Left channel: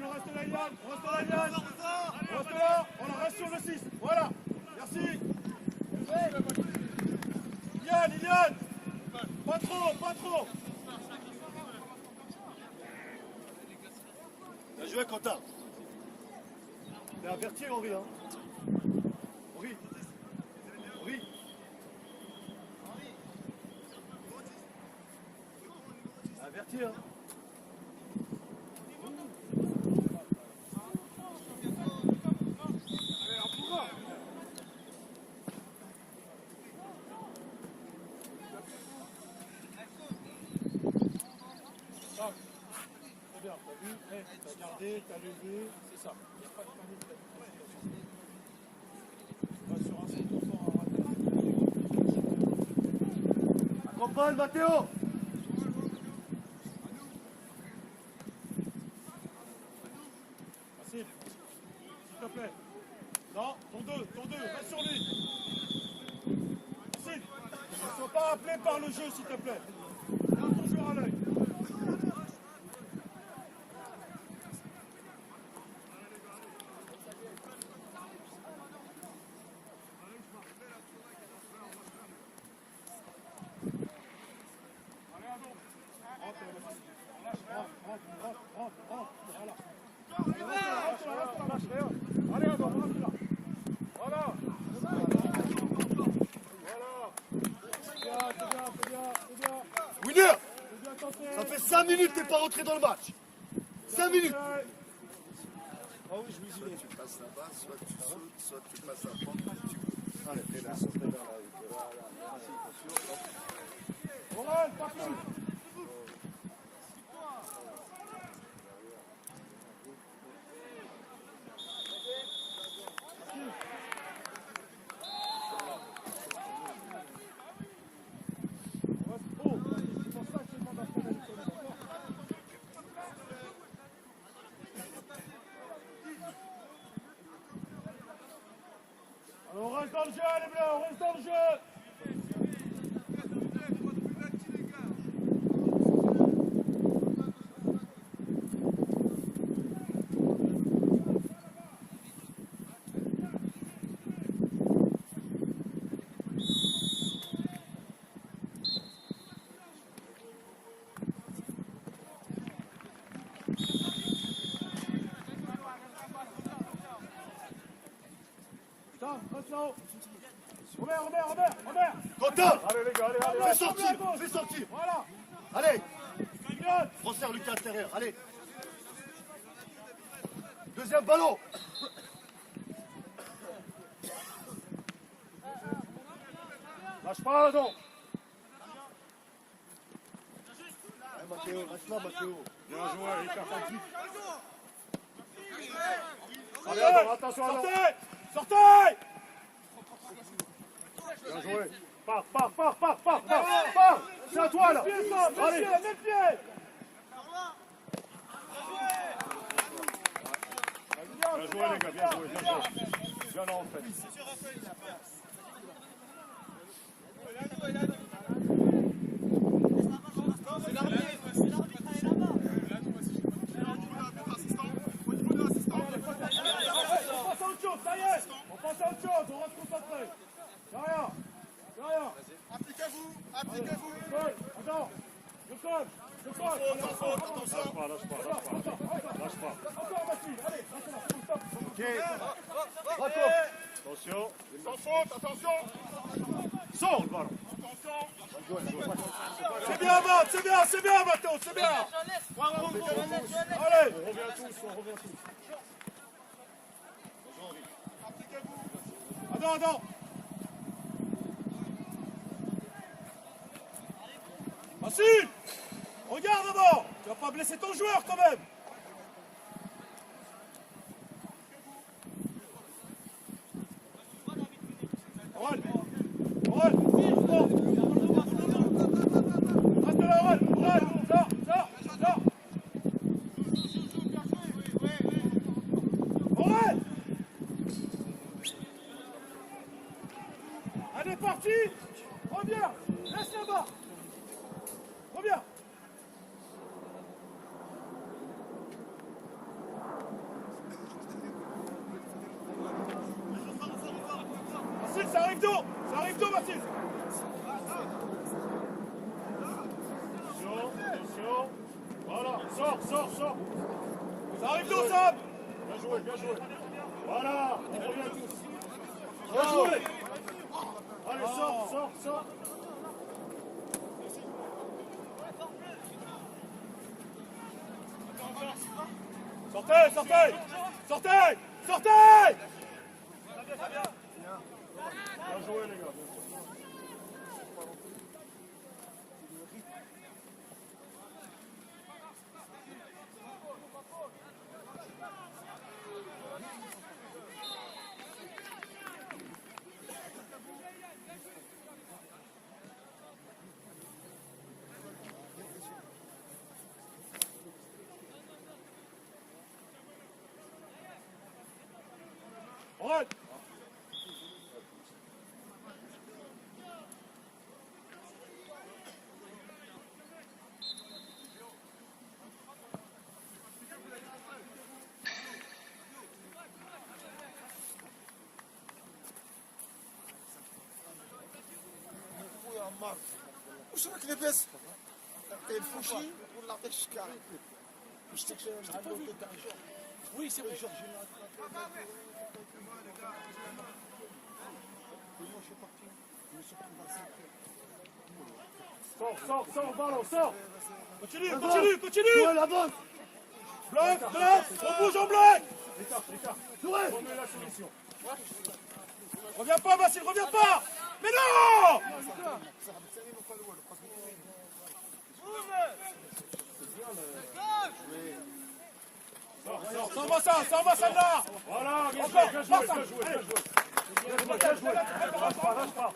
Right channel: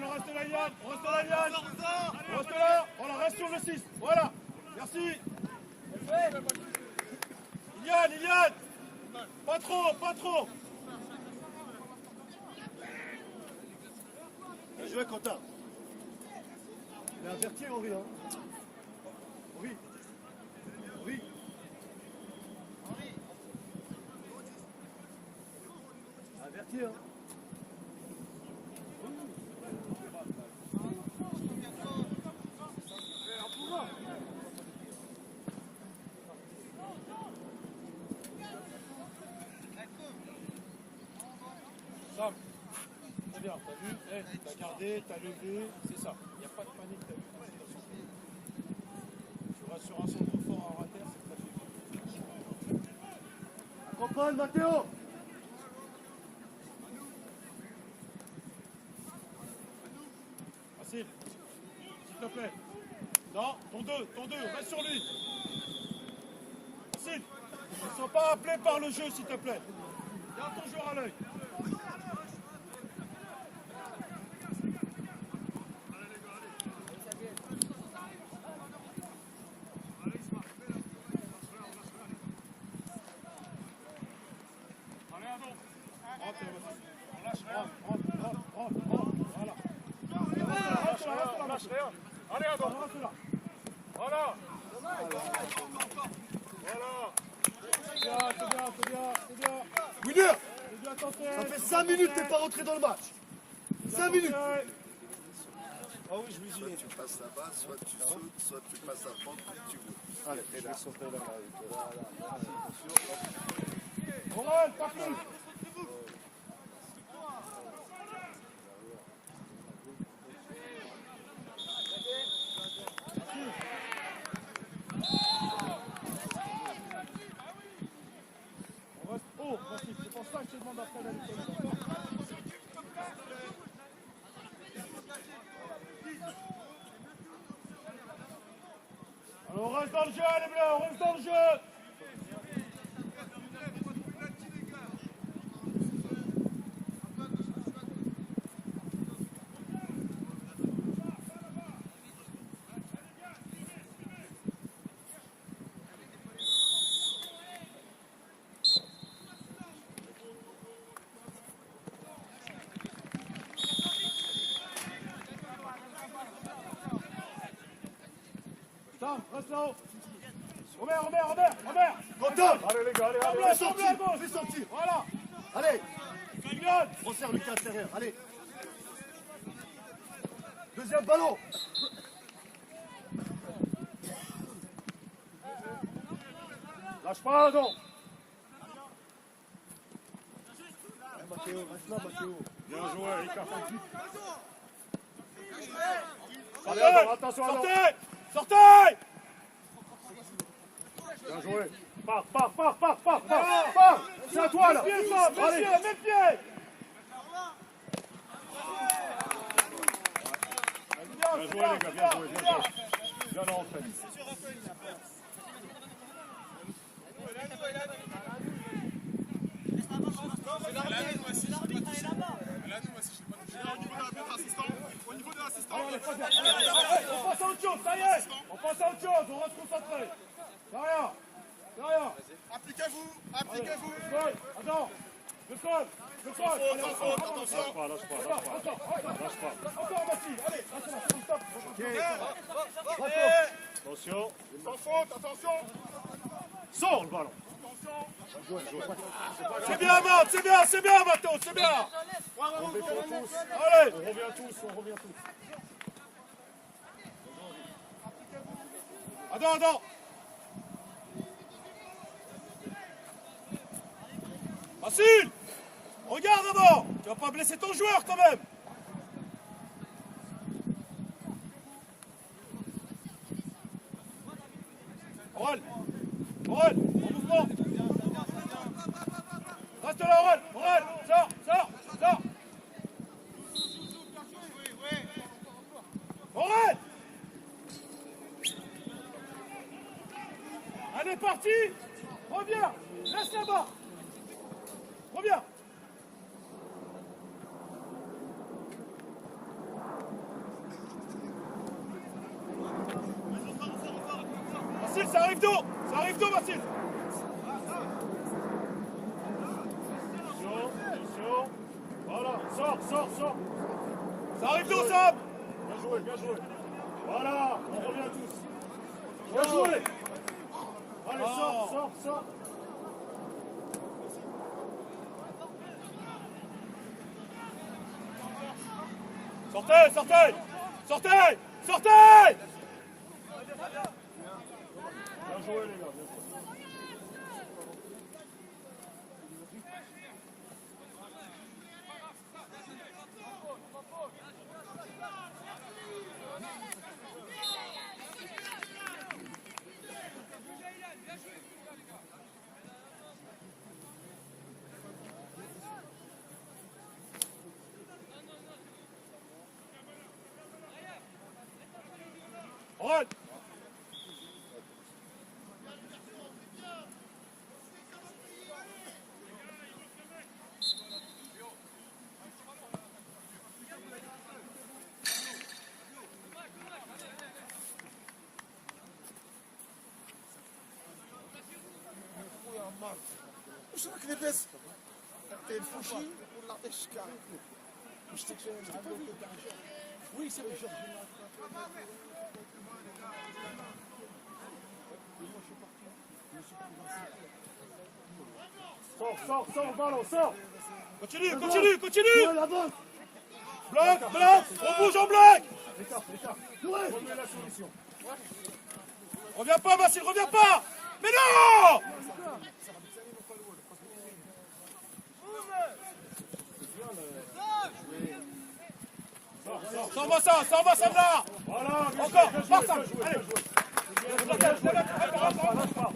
Yann, on reste là, Yann. On reste là, Yann. On reste là. On reste sur le 6. Voilà. Merci. Yann, Yann. Pas trop, pas trop. Bien joué, Quentin. Il a averti, Henri. Hein. Henri. Henri. Il a averti, hein. Très bien, t'as vu, t'as gardé, t'as levé, c'est ça. Il n'y a pas de panique. Tu vas sur un centre fort à rater. Accompagne, Mathéo. Facile, s'il te plaît. Non, ton 2, reste sur lui. Facile. Ne sois pas appelé par le jeu, s'il te plaît. Garde ton joueur à l'œil. Winner, ça fait 5 minutes que t'es pas rentré dans le match. 5 minutes. Ah oui, je vous dis. Tu passes là-bas, soit tu sautes, soit tu passes à prendre. Allez, là. Roland, pas plus. On reste dans le jeu, les bleus, on reste dans le jeu. Reste là-haut. Robert. Quentin. Allez les gars, allez. Fais sortir. Voilà. Allez. Yann. Resserre le pied intérieur, allez. Deuxième ballon. Lâche pas, non. Mathéo, reste là, Mathéo. Bien joué, Ricard. Allez, Adam, attention, Adam. Sortez. Bien joué. Pars. C'est à toi, là. Allez. Même pied. Bien joué, les gars, bien joué. Bien rentré. On passe à autre chose, on reste concentré. Derrière. Appliquez-vous. Attends, le sol. Lâche pas. Encore Mathilde, allez, stop. Attention. Sans faute, attention. Sors le ballon. C'est bien, Matt, c'est bien, Mato, c'est bien. Allez. On revient tous. Attends. Facile. Regarde d'abord. Tu vas pas blesser ton joueur quand même. Reste là, sors. Allez, parti. Reviens. Reste là-bas. Reviens. arrive d'où, Mathis? Attention. Voilà, sors. Ça arrive d'où, Sam? Bien joué. Voilà, on revient tous. Bien joué. Allez, sors. Sortez! Bien joué, les gars, bien joué. On! وش راك لاباس؟ الفوشي ولا عطيك الشكار؟ واش تقول وي سي جورج Sors, ballon, sors! Continue. la bonne. Bloc, On bouge en bloc. Écart. Remets la solution. Reviens pas, Mathis, reviens pas. Mais non. Sors. Ça va, ça là. Voilà, bien Encore, joué. Lâche pas.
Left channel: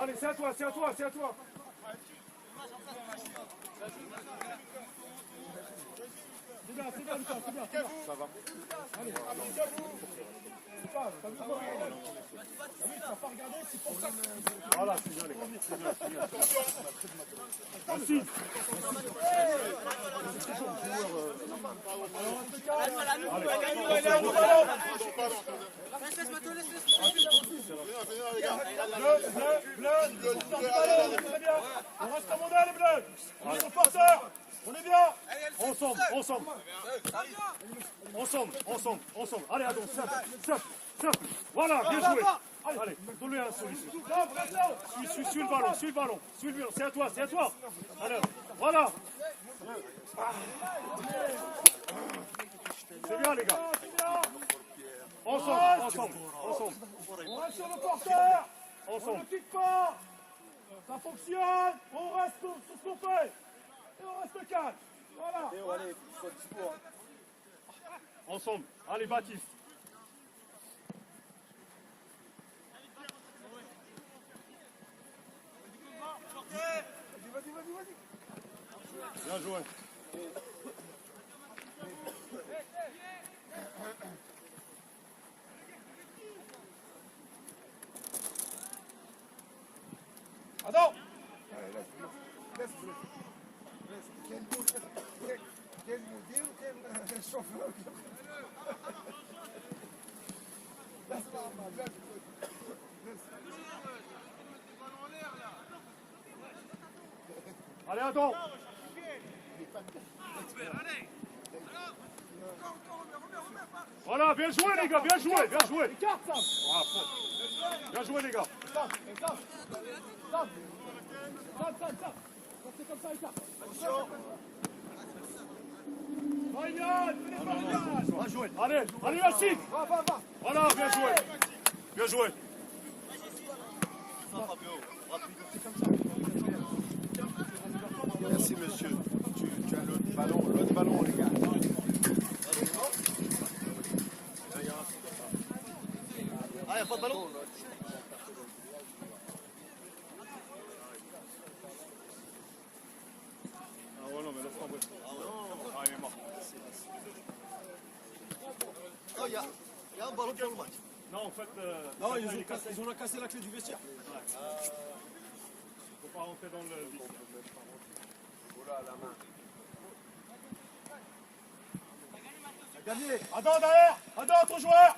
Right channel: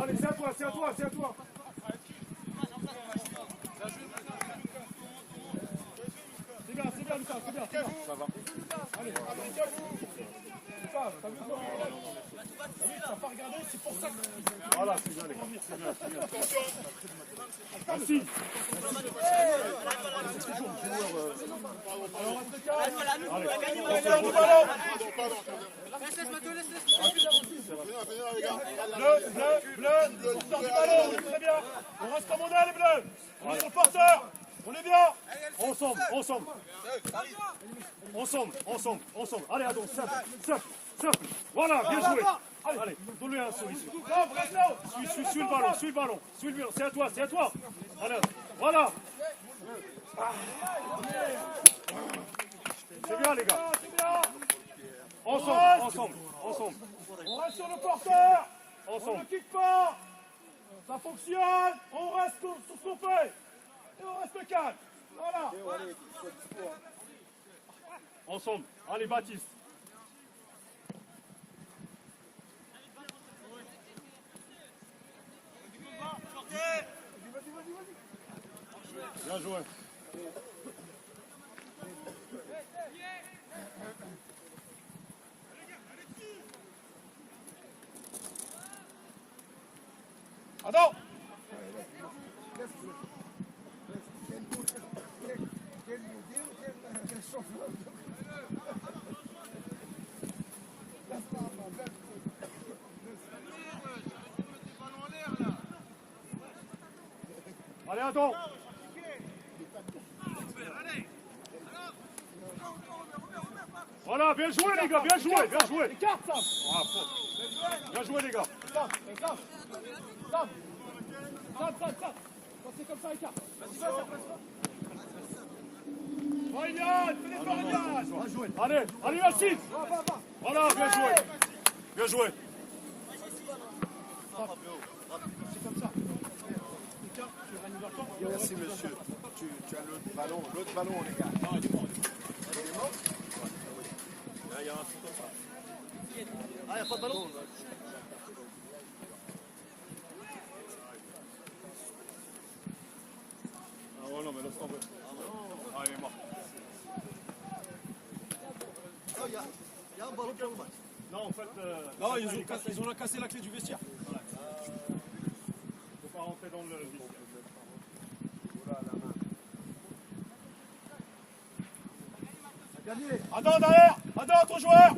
Allez, c'est à toi. C'est bien, Lucas, c'est bien. Ça va. Allez. T'as pas regardé, c'est pour ça que... Voilà, c'est bien, les gars. C'est bien. Merci. Bleu, très bien. On reste commandé, les bleus. On est sur le porteur. On est bien. Ensemble. Allez, Adon, stop. Voilà, bien joué. Allez, donne-lui un solution. Suis le ballon. C'est à toi. Allez, voilà. C'est bien, les gars. Ensemble. On reste sur le porteur. Ensemble. On ne quitte pas. Ça fonctionne. On reste sur ce qu'on fait. Et on reste calme. Voilà. Ensemble. Allez, Baptiste. Bien joué. Attends. Allez, Adam. Voilà, bien joué, les gars, bien joué. Écarte, Sam. Bien joué, les gars. Sam. Quand c'est comme ça, écarte. Allez, Yacine. Voilà, bien joué. Merci monsieur. Tu as l'autre ballon, les gars. Allez, faut ballon. Ah ouais, non, mais laisse tomber. Ah, il est mort. Oh, il y a un ballon pour le match. Non, en fait... Non, ils ont cassé la clé du vestiaire. Faut pas rentrer dans le vestiaire. Attends, derrière. Attends, ton joueur.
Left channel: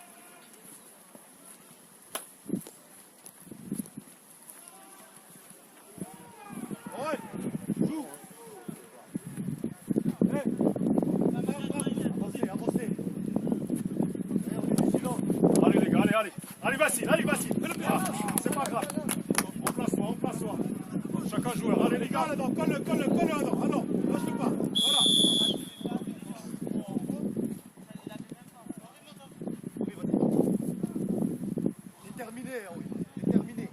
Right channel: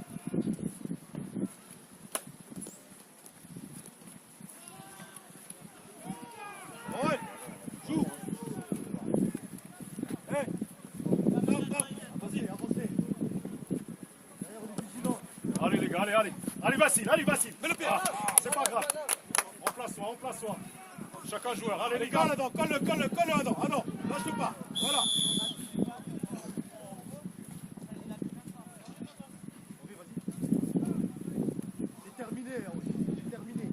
Allez, Vassil, allez, Vassil. Ah, c'est pas grave. Remplace-toi. Chacun joueur. Allez, les gars. Colle-le, là-dedans. Ah non, lâche pas. Voilà. C'est terminé, c'est terminé.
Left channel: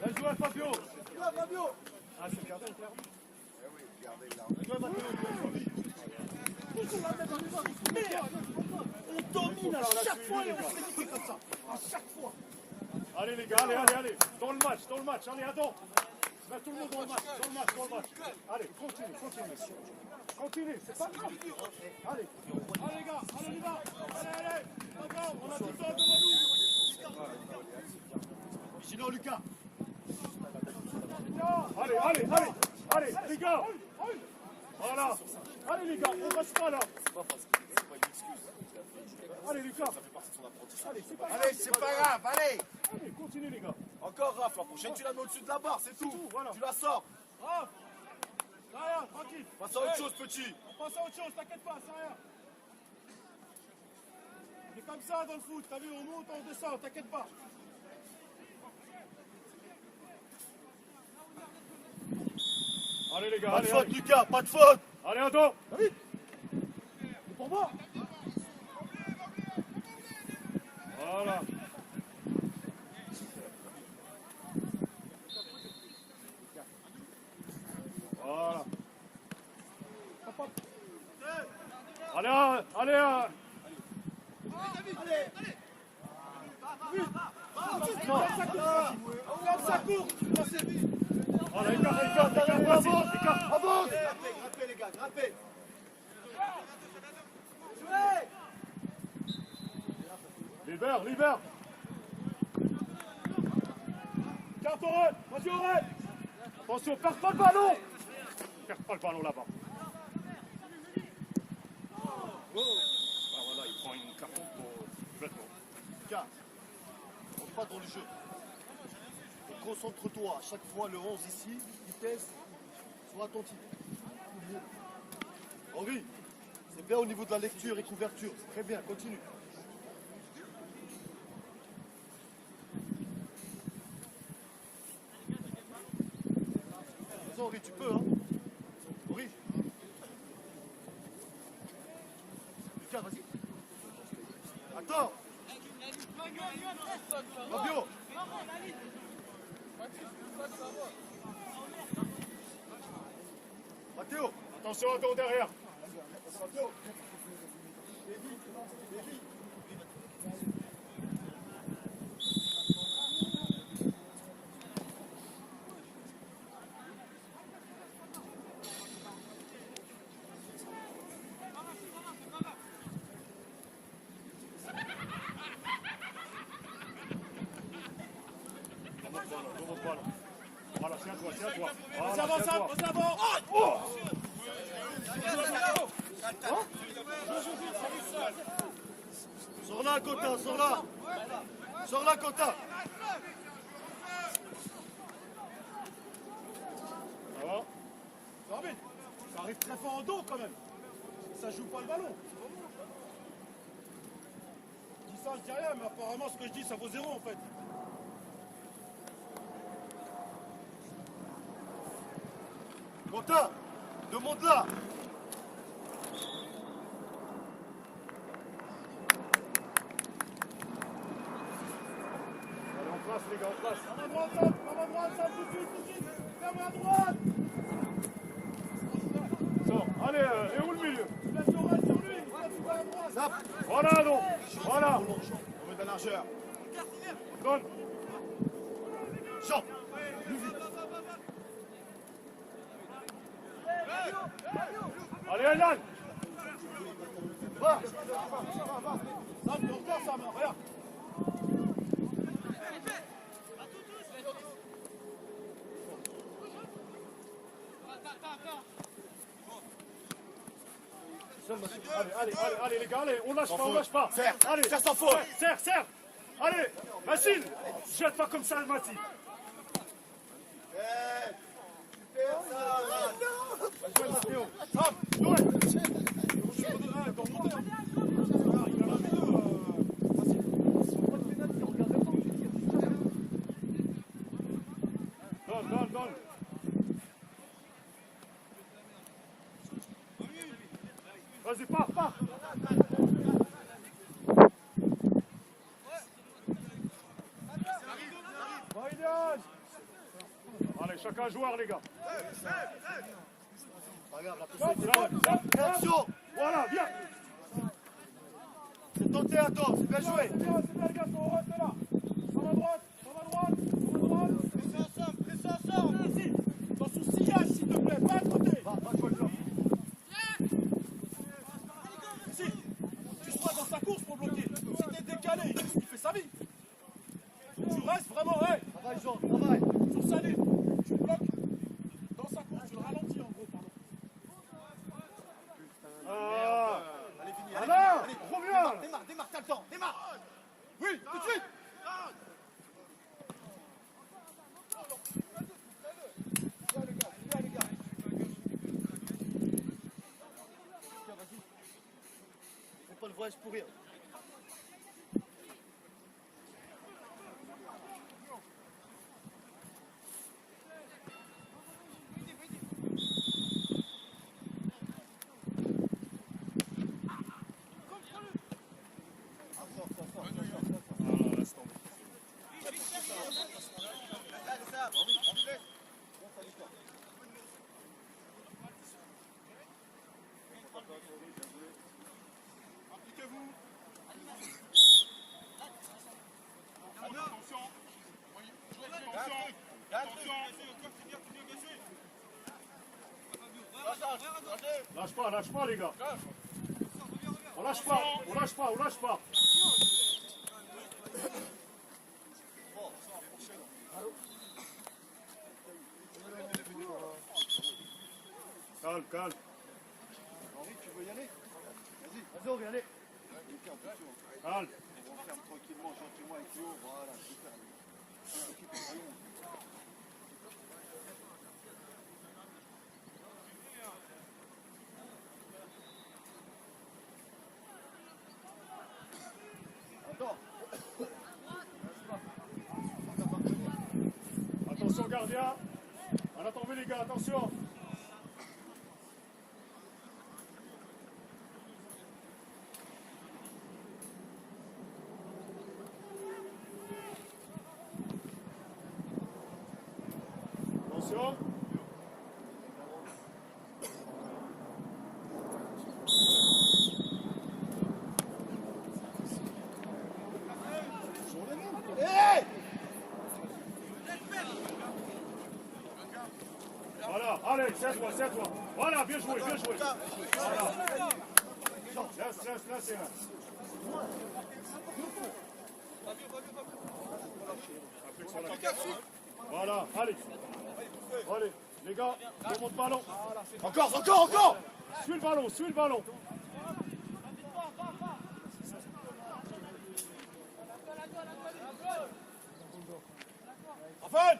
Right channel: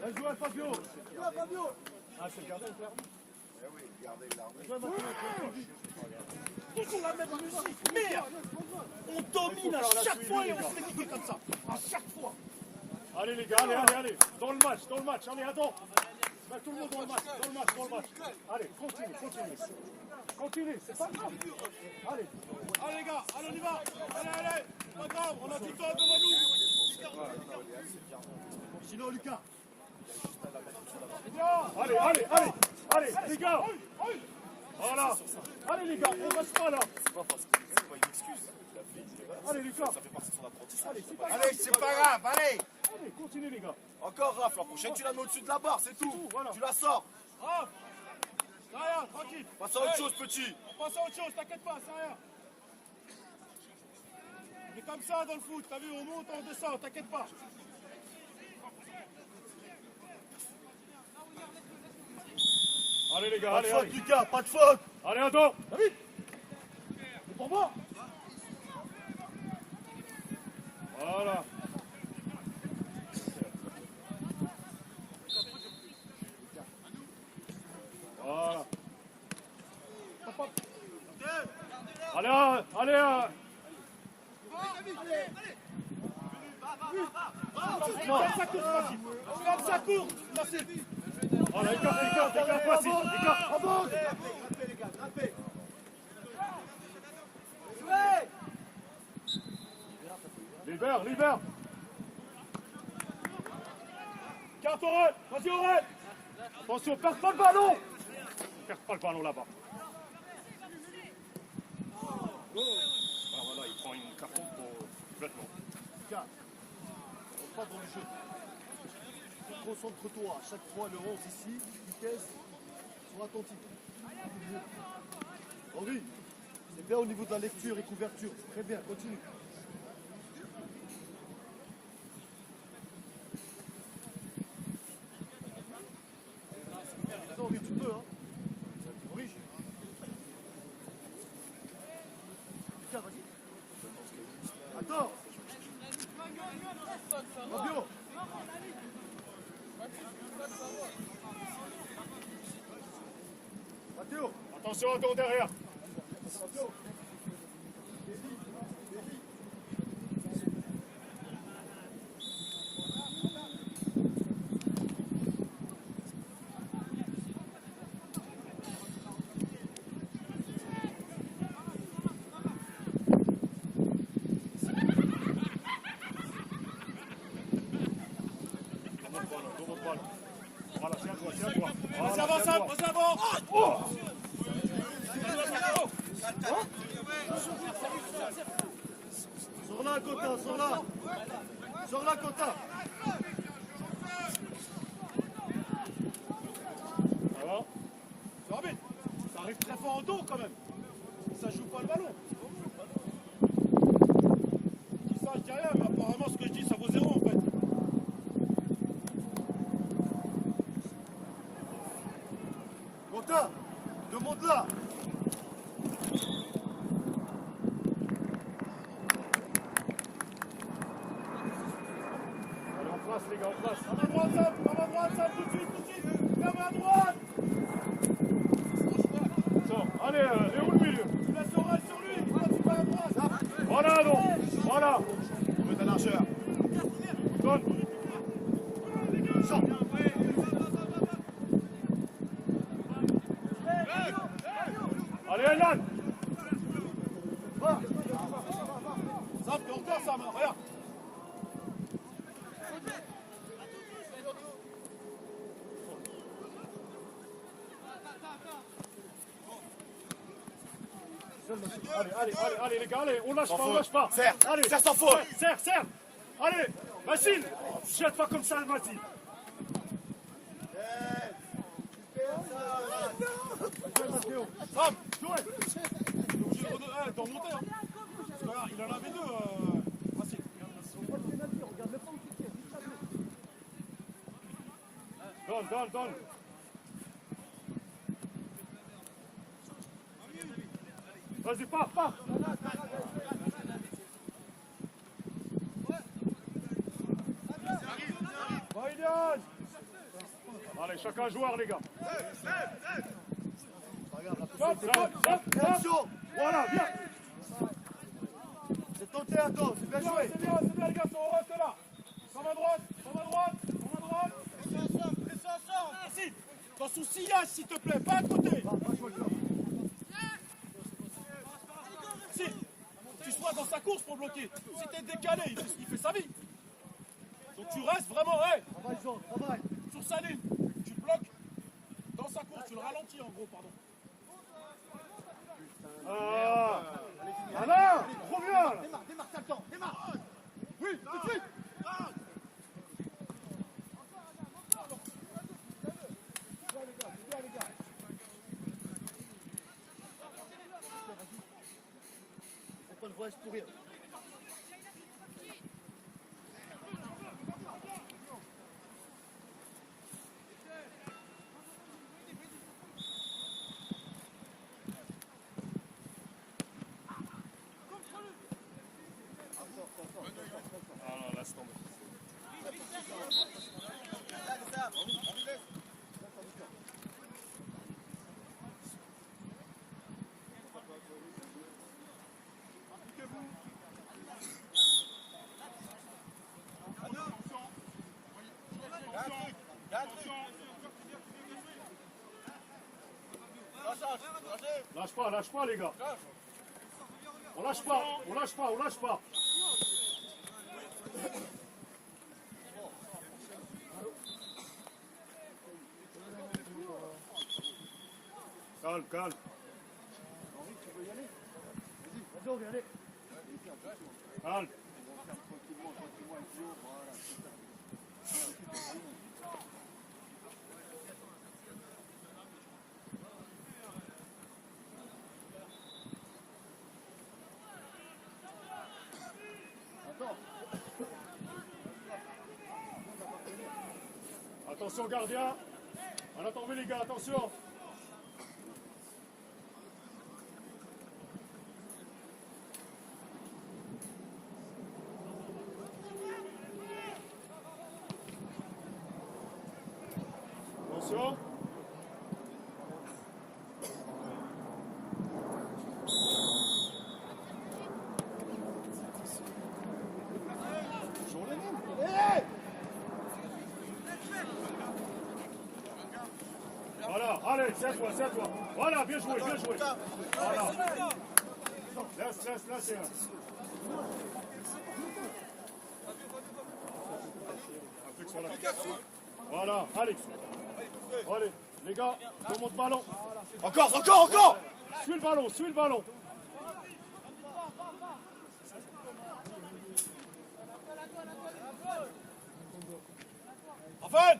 Elle joue à Fabio. Ah, c'est le gardien, clairement. Eh oui, regardez là. Merde, on domine à chaque fois et on se fait comme ça. À chaque fois. Allez, les gars, allez. Dans le match. Allez, attends. Mets tout le monde dans le match. Allez, continue. C'est pas grave. Allez. Allez les gars, allez on y va. Allez. Pas grave, on a tout le temps devant nous. Sinon Lucas. Allez, les gars. Voilà. Allez, les gars, on reste pas là. Allez, Lucas. Allez, c'est pas grave. Allez, c'est pas grave, allez. Allez, continue, les gars. Encore Raph, la prochaine tu la mets au-dessus de la barre, c'est tout. Voilà. Tu la sors. Raph, c'est rien, tranquille. Passe à autre chose, petit. On passe à autre chose, t'inquiète pas, c'est rien. On est comme ça dans le foot, t'as vu, on monte, on descend, t'inquiète pas. Allez, les gars, Pas de allez. faute, Lucas, pas de faute. Allez, attends. Ah oui. C'est pour moi. Voilà. Allez. Non. Comme ça court. Voilà, écarte, vas-y, écarte. Avance. Grappez les gars, grappez. Libère. Carte Aurel, vas-y Aurel. Attention, perds pas le ballon. Perds pas le ballon là-bas. Ah, voilà, il prend une carton pour vêtement. Lucas, on rentre pas dans le jeu. Concentre-toi, à chaque fois le 11 ici, vitesse, sois attentif. Henri, c'est bien au niveau de la lecture et couverture. Très bien, continue. Vas-y Henri, tu peux, hein. Henri. Lucas, vas-y. Attends. Fabio. Matteo. Attention, attends derrière. Fabio. Voilà, tiens-toi. Vas-y, avant. Oh! Sors là, Cotin, sors là. Sors là, Cotin. Ça va? Ça arrive très fort en dos quand même. Ça joue pas le ballon. C'est ça, je dis rien, mais apparemment ce que je dis, ça vaut 0 en fait. Cotin, demande-la. Allez, en place, les gars, en place. À droite, ça, tout de suite. Ferme à droite. Allez, et où le milieu? Tu vas sur lui, tu vas à droite. Voilà, donc. Voilà. On met de la largeur. Donne. Sors. Sam, hein, regarde. Allez, les gars, allez, on lâche pas. Serre, Allez, serre sans faute. Serre. Allez, Massine, jette pas comme ça, Massine. Sam, Jouez. t'en montais. Il a la facile. Donne. Vas-y, pars. Allez, chacun joueur, les gars. Attention. Voilà, viens. Faut tenter à tort. Bien joué. C'est bien, les gars, on reste là. Sur ma droite. Pressez ensemble. Merci. Dans son sillage, s'il te plaît, pas à côté. Merci. Touche-moi dans sa course pour bloquer. Si t'es décalé, il fait sa vie. Donc tu restes vraiment, Travaille, Jean, travaille. sur sa ligne. Tu bloques dans sa course, tu le ralentis en gros, pardon. Alain, reviens là. Démarre, t'as le temps. Démarre. Oui, tout de suite. On peut le voyage pour rien. Laisse tomber. Lâche pas les gars. On lâche pas. Calme. Vas-y, on vient aller. Calme. Attention gardien. On a tombé les gars, attention. Attention. Voilà, allez, c'est toi. Voilà, bien joué. Voilà. Laisse, c'est un. Applique sur la tête. Voilà, allez. Allez, les gars, remonte ballon. Encore. Suis le ballon. Raphaël.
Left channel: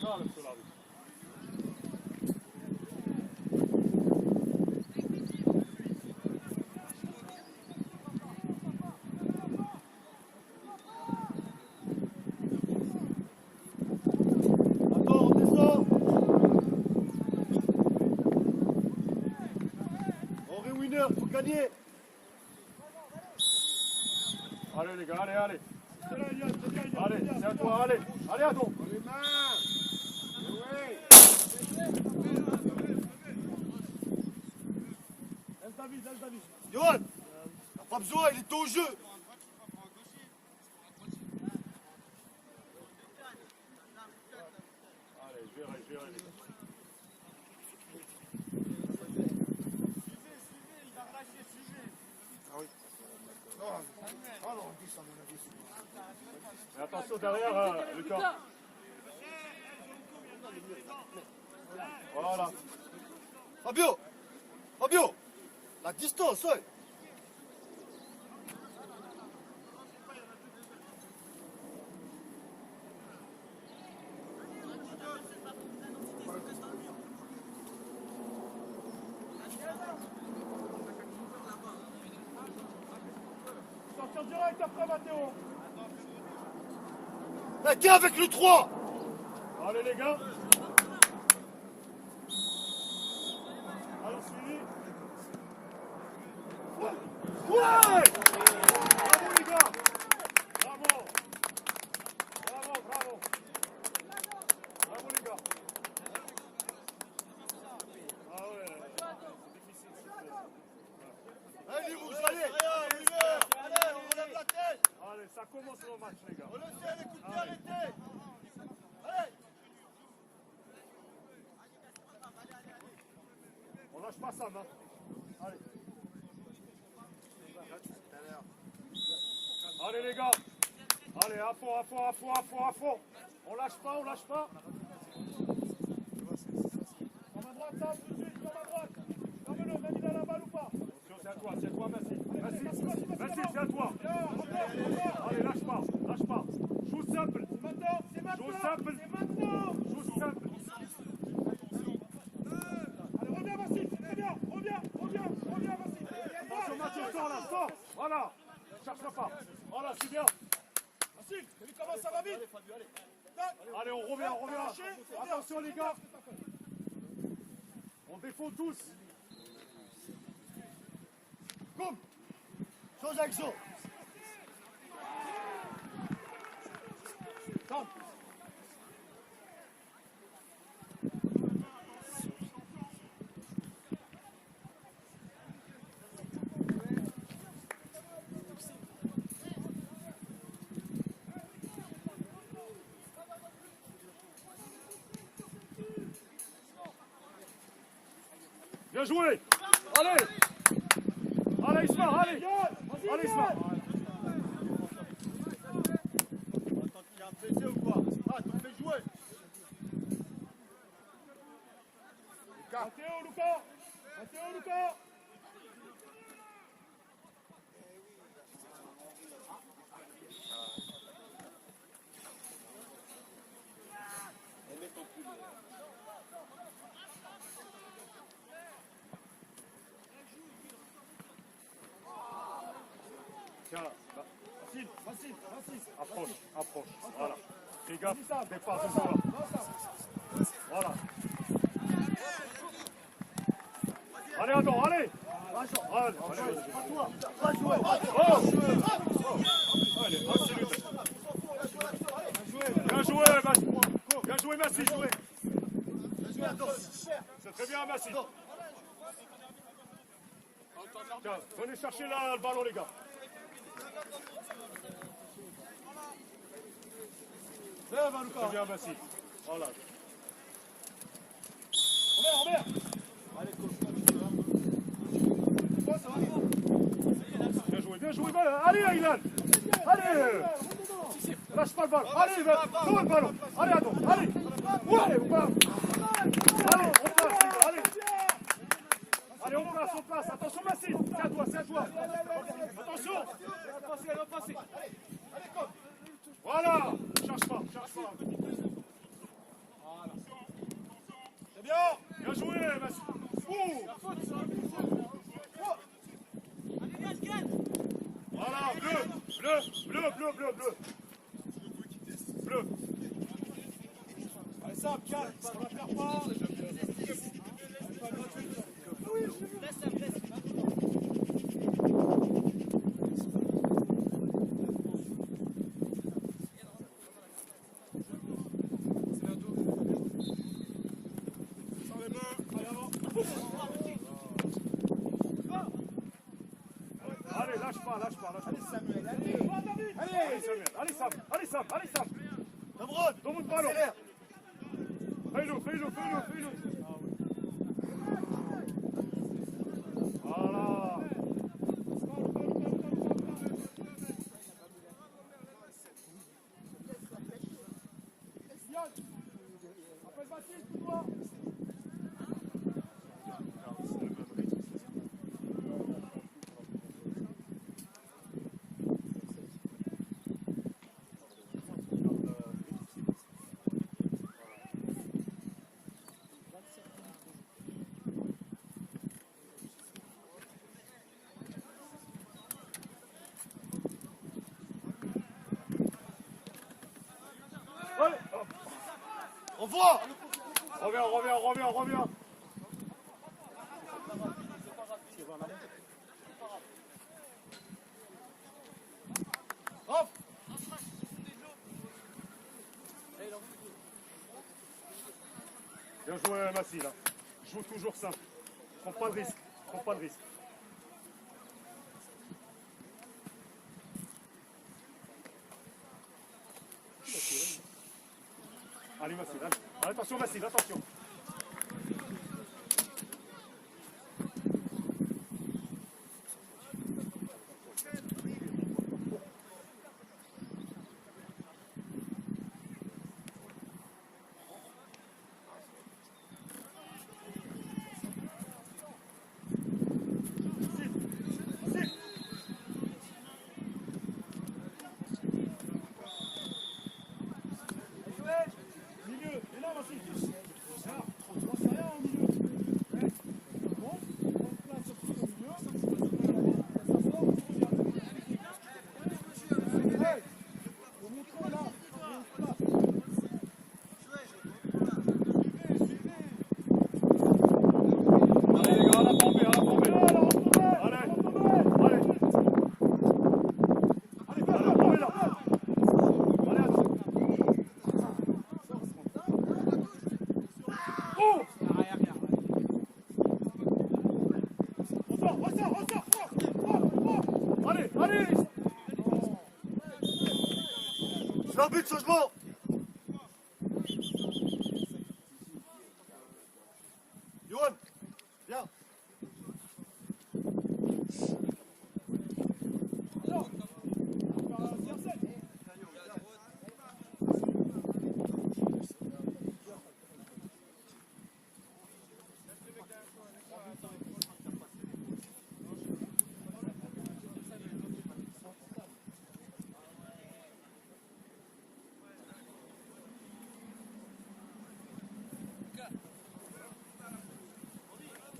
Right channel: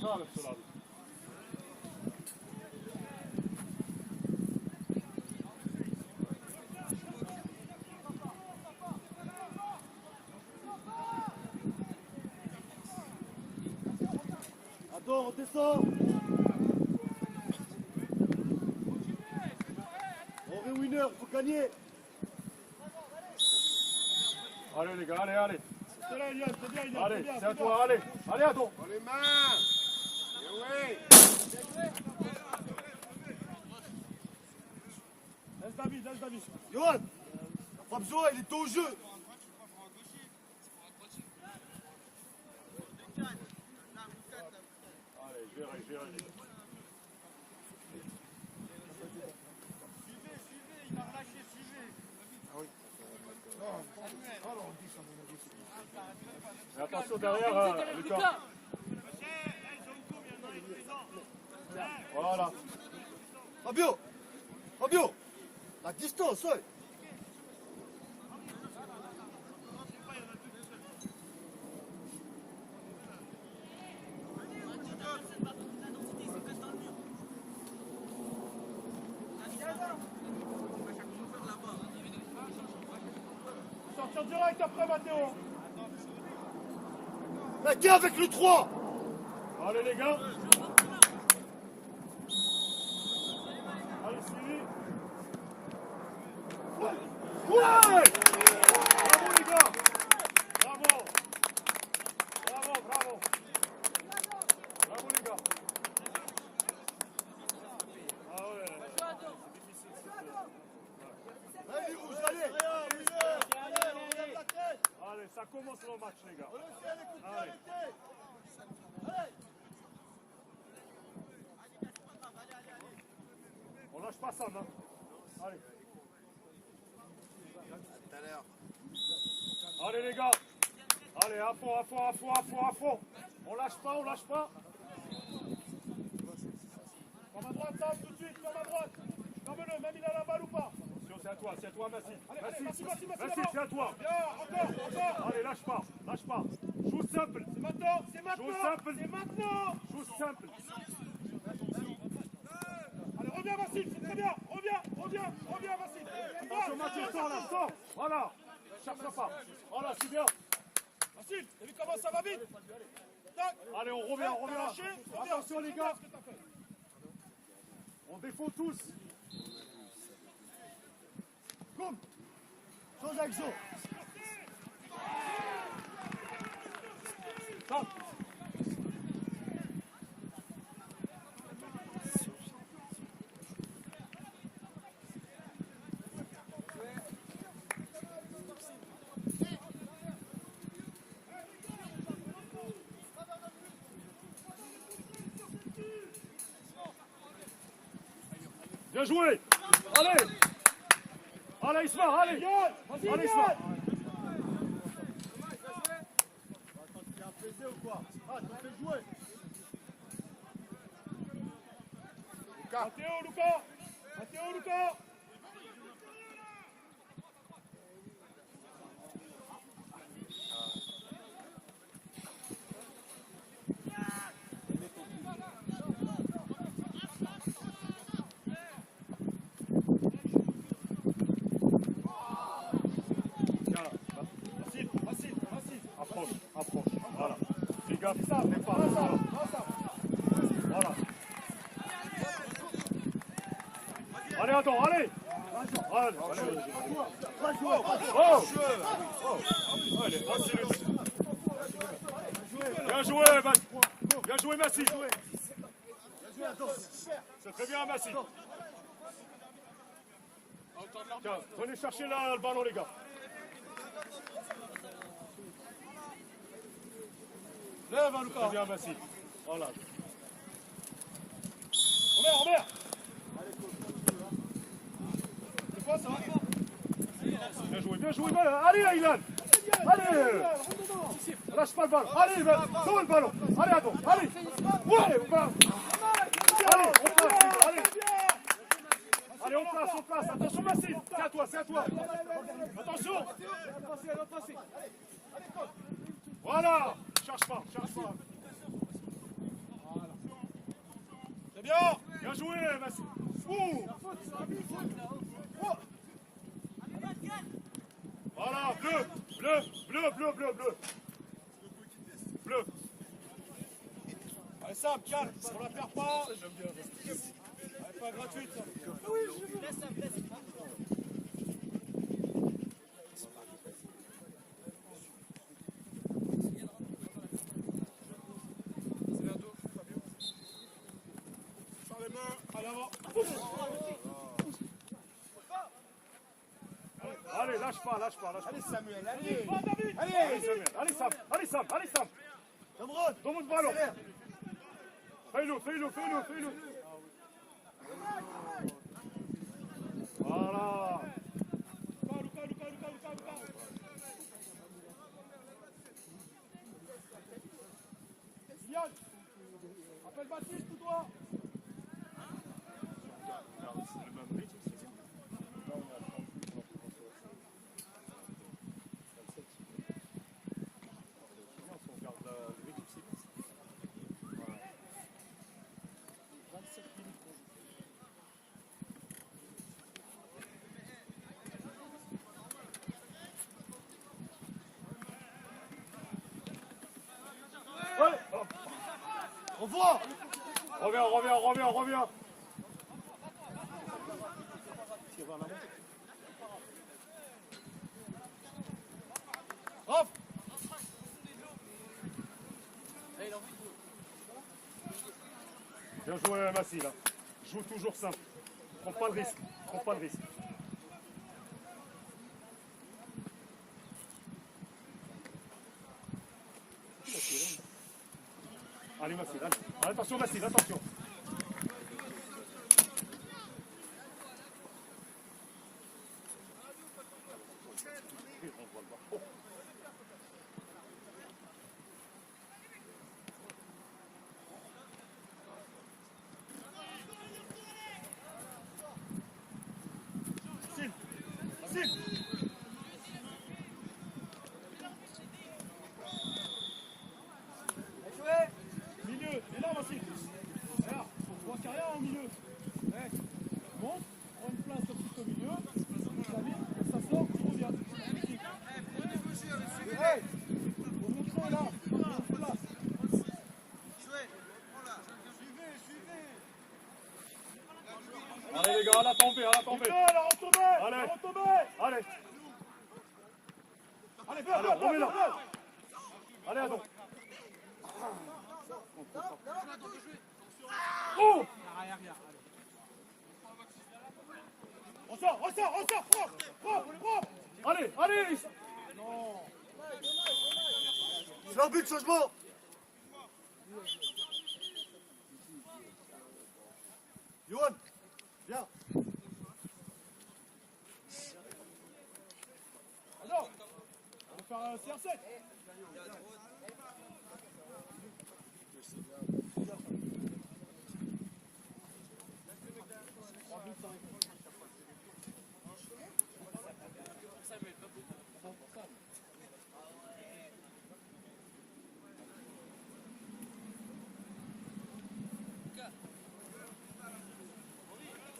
Calme, Solavi. Attends, on descend. On réunit. Seigneur, faut gagner. Allez les gars, allez, allez. C'est là, Elias, c'est bien, Elias, Allez, bien, c'est à bien. toi, allez. Allez, Adon. Les mains. Oui. Laisse David, laisse David. Johan, pas besoin, il est au jeu. Allez, gérez, gérez les gars. Mais attention derrière, Lucas. Voilà. Fabio, Fabio, la distance, ouais. Sortir direct après maintenant. Là, qui est avec le 3? Allez les gars. Allez, suivi. Ouais. Bravo les gars. Bravo. Bravo, bravo. Bravo les gars. Ah ouais. Allez, rouge, allez. Allez, ça commence le match les gars. Allez. On lâche pas ça, hein. Allez. Allez les gars. Allez, à fond, à fond, à fond, à fond, à fond. On lâche pas, on lâche pas. Comme à droite, ça, tout de suite, comme à droite. Comme m'a mis dans la balle ou pas? Attention, c'est à toi, Massy. Massy, Massy, c'est à toi. Encore. Allez, lâche pas, lâche pas. Joue simple. C'est maintenant, c'est maintenant. Joue simple. C'est maintenant. Joue simple. Allez, reviens, Vassil, c'est très bien. Reviens, Vassil. Attention, Mathieu, sors là, sors. Voilà. Cherche pas. Voilà, c'est bien. Vassil, t'as vu comment ça va vite? Allez, on revient. Attention, les gars. On défaut tous. Boum. Change d'action. Stop. Bien joué. Allez. Allez, Isma, allez. Vas-y, Allez, Isma. Matteo, Luca. Tiens là. Facile. Approche. Voilà. Fais gaffe, fais pas, ils sont là. Voilà. Allez, Adam, allez. Allez. Oh. Allez, accélère. Bien joué, Massy. Bien joué, Massy. C'est très bien, Massy. Tiens, venez chercher là, le ballon, les gars. Lève, Luca. Très bien, Massy. Voilà. Omer. C'est quoi ça? Bien joué. Allez, Aylan. Allez. Lâche pas le ballon. Allez, donne le ballon. Allez, Adam. Allez. Ouais, on passe. Allez, on passe. Allez, on place. Attention, Massy. C'est à toi. Attention. Voilà. Cherche pas. C'est bien. Bien joué, Massy. Ouh. Voilà, bleu. Allez, ça, calme, on la perd pas. Elle est pas gratuite. lâche pas, lâche pas. Allez Samuel, allez. Allez Samuel, allez Sam, allez Sam, allez Sam. Cameron, Dans votre ballon. accélère. Fais-le. Voilà. Appelle Baptiste, pour toi. Allez, hop. Revois. Reviens. Off. Bien joué Massi là. Joue toujours simple. Prends pas de risque. Allez Massi, allez. Attention Massi, attention. Milieu, énorme aussi. Voilà, tu vois, c'est rien au milieu. Ouais. Bon, prends une place tout de suite au milieu. Ça sort, tu reviens. Hey, faut montrer là. Il y a une place. Allez les gars, à la tombée. Allez, Allez, là. Allez, à droite. Oh! Ressort. Allez! C'est l'arbitre, changement. Johan, viens.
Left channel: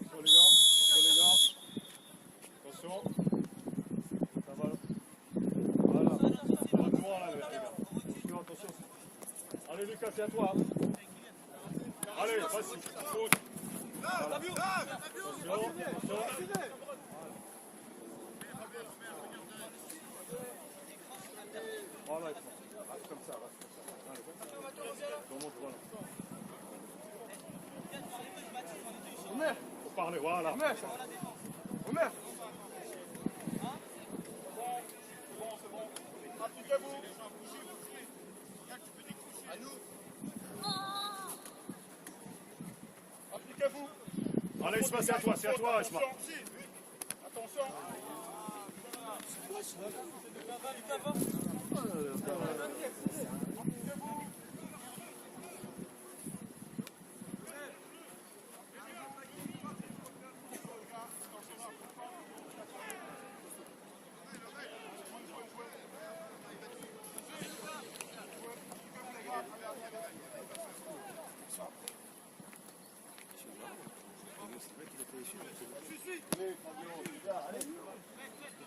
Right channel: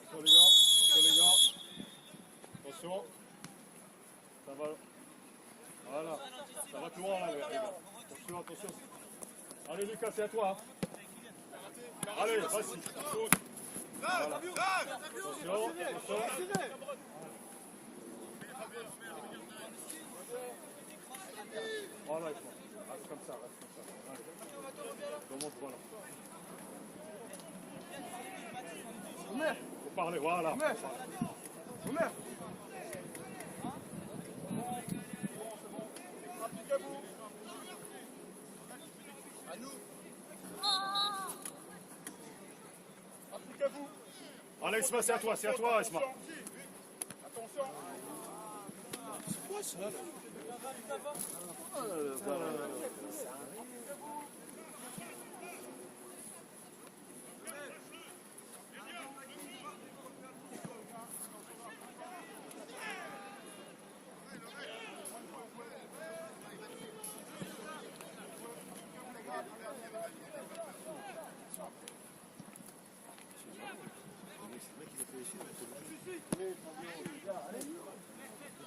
Attention les gars. Attention. Ça va. Voilà. Ça va droit là les gars. Attention. Allez Lucas, c'est à toi. Allez, vas-y. Voilà. Attention. Voilà, avec moi. Reste comme ça. Allez. Dans mon ballon. Faut parler, voilà. Omer. À nous. Appliquez-vous. Allez, Isma, c'est à toi, Isma. Attention.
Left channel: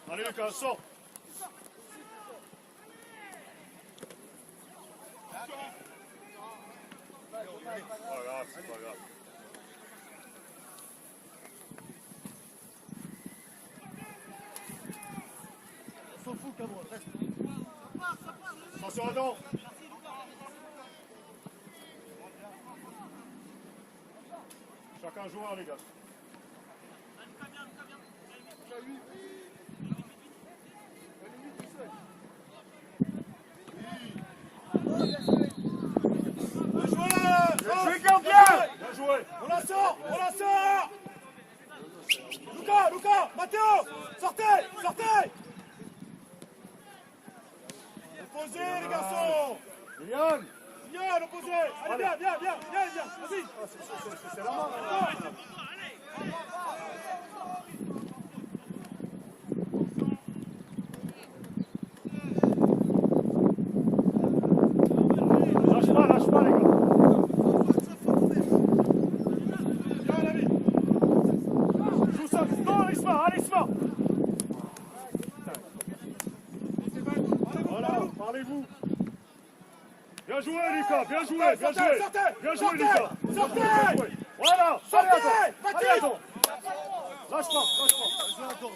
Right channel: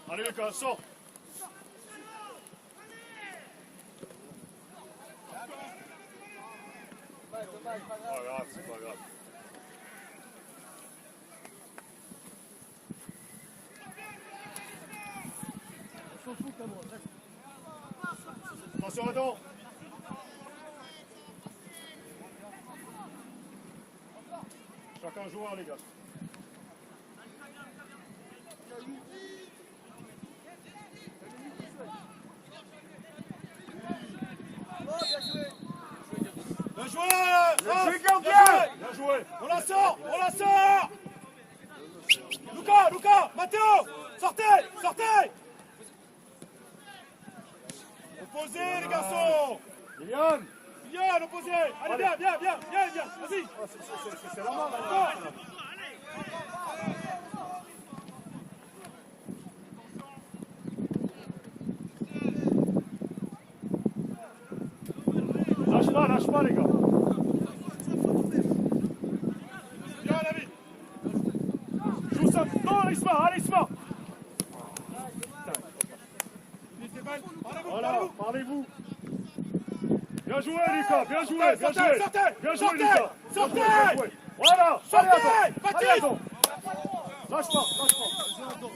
Allez, Lucas, sors. C'est pas grave. On s'en fout, Cameron. Attention, Adam. Chacun joueur, les gars. joué. On la sort, on la sort. Lucas, Matteo, sortez. Opposé les garçons. Kylian. Viens, opposé. Allez, viens. Vas-y. C'était la main, là. Lâche pas, les gars. Viens, l'ami. Joue ça. Non, allez, Isma. Voilà, parlez-vous. Bien joué, Lucas, bien joué, Lucas. Sortez. Voilà, Sortez, allez, attends. Lâche pas.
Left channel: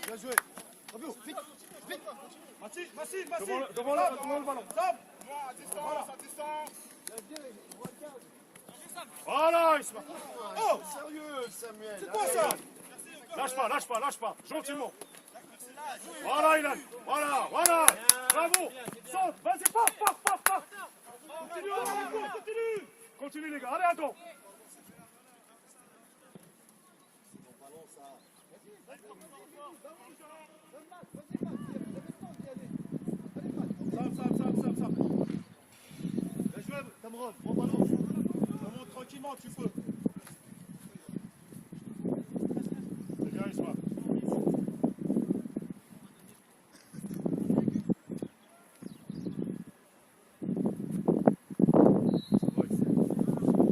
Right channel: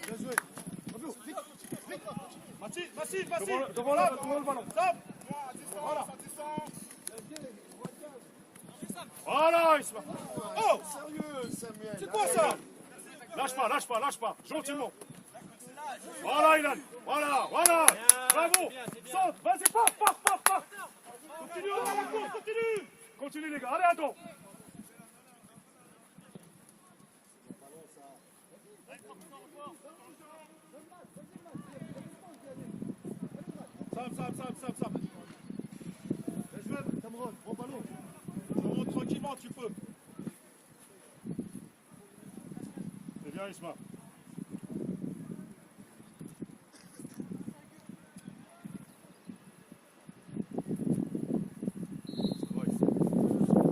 Bien joué. Bravo. Vite. Massif. Devant le ballon. Stop. Voilà. Voilà, Isma. Oh, Sérieux, Samuel. c'est quoi ça? Lâche pas, gentiment. Voilà, Ilan. Voilà. Bravo. Saute, vas-y, pars. Continue. Continue, les gars. Allez, attends. Sam. Bien joué, Cameron, bon ballon. Cameron, tranquillement, tu peux. C'est bien, Isma.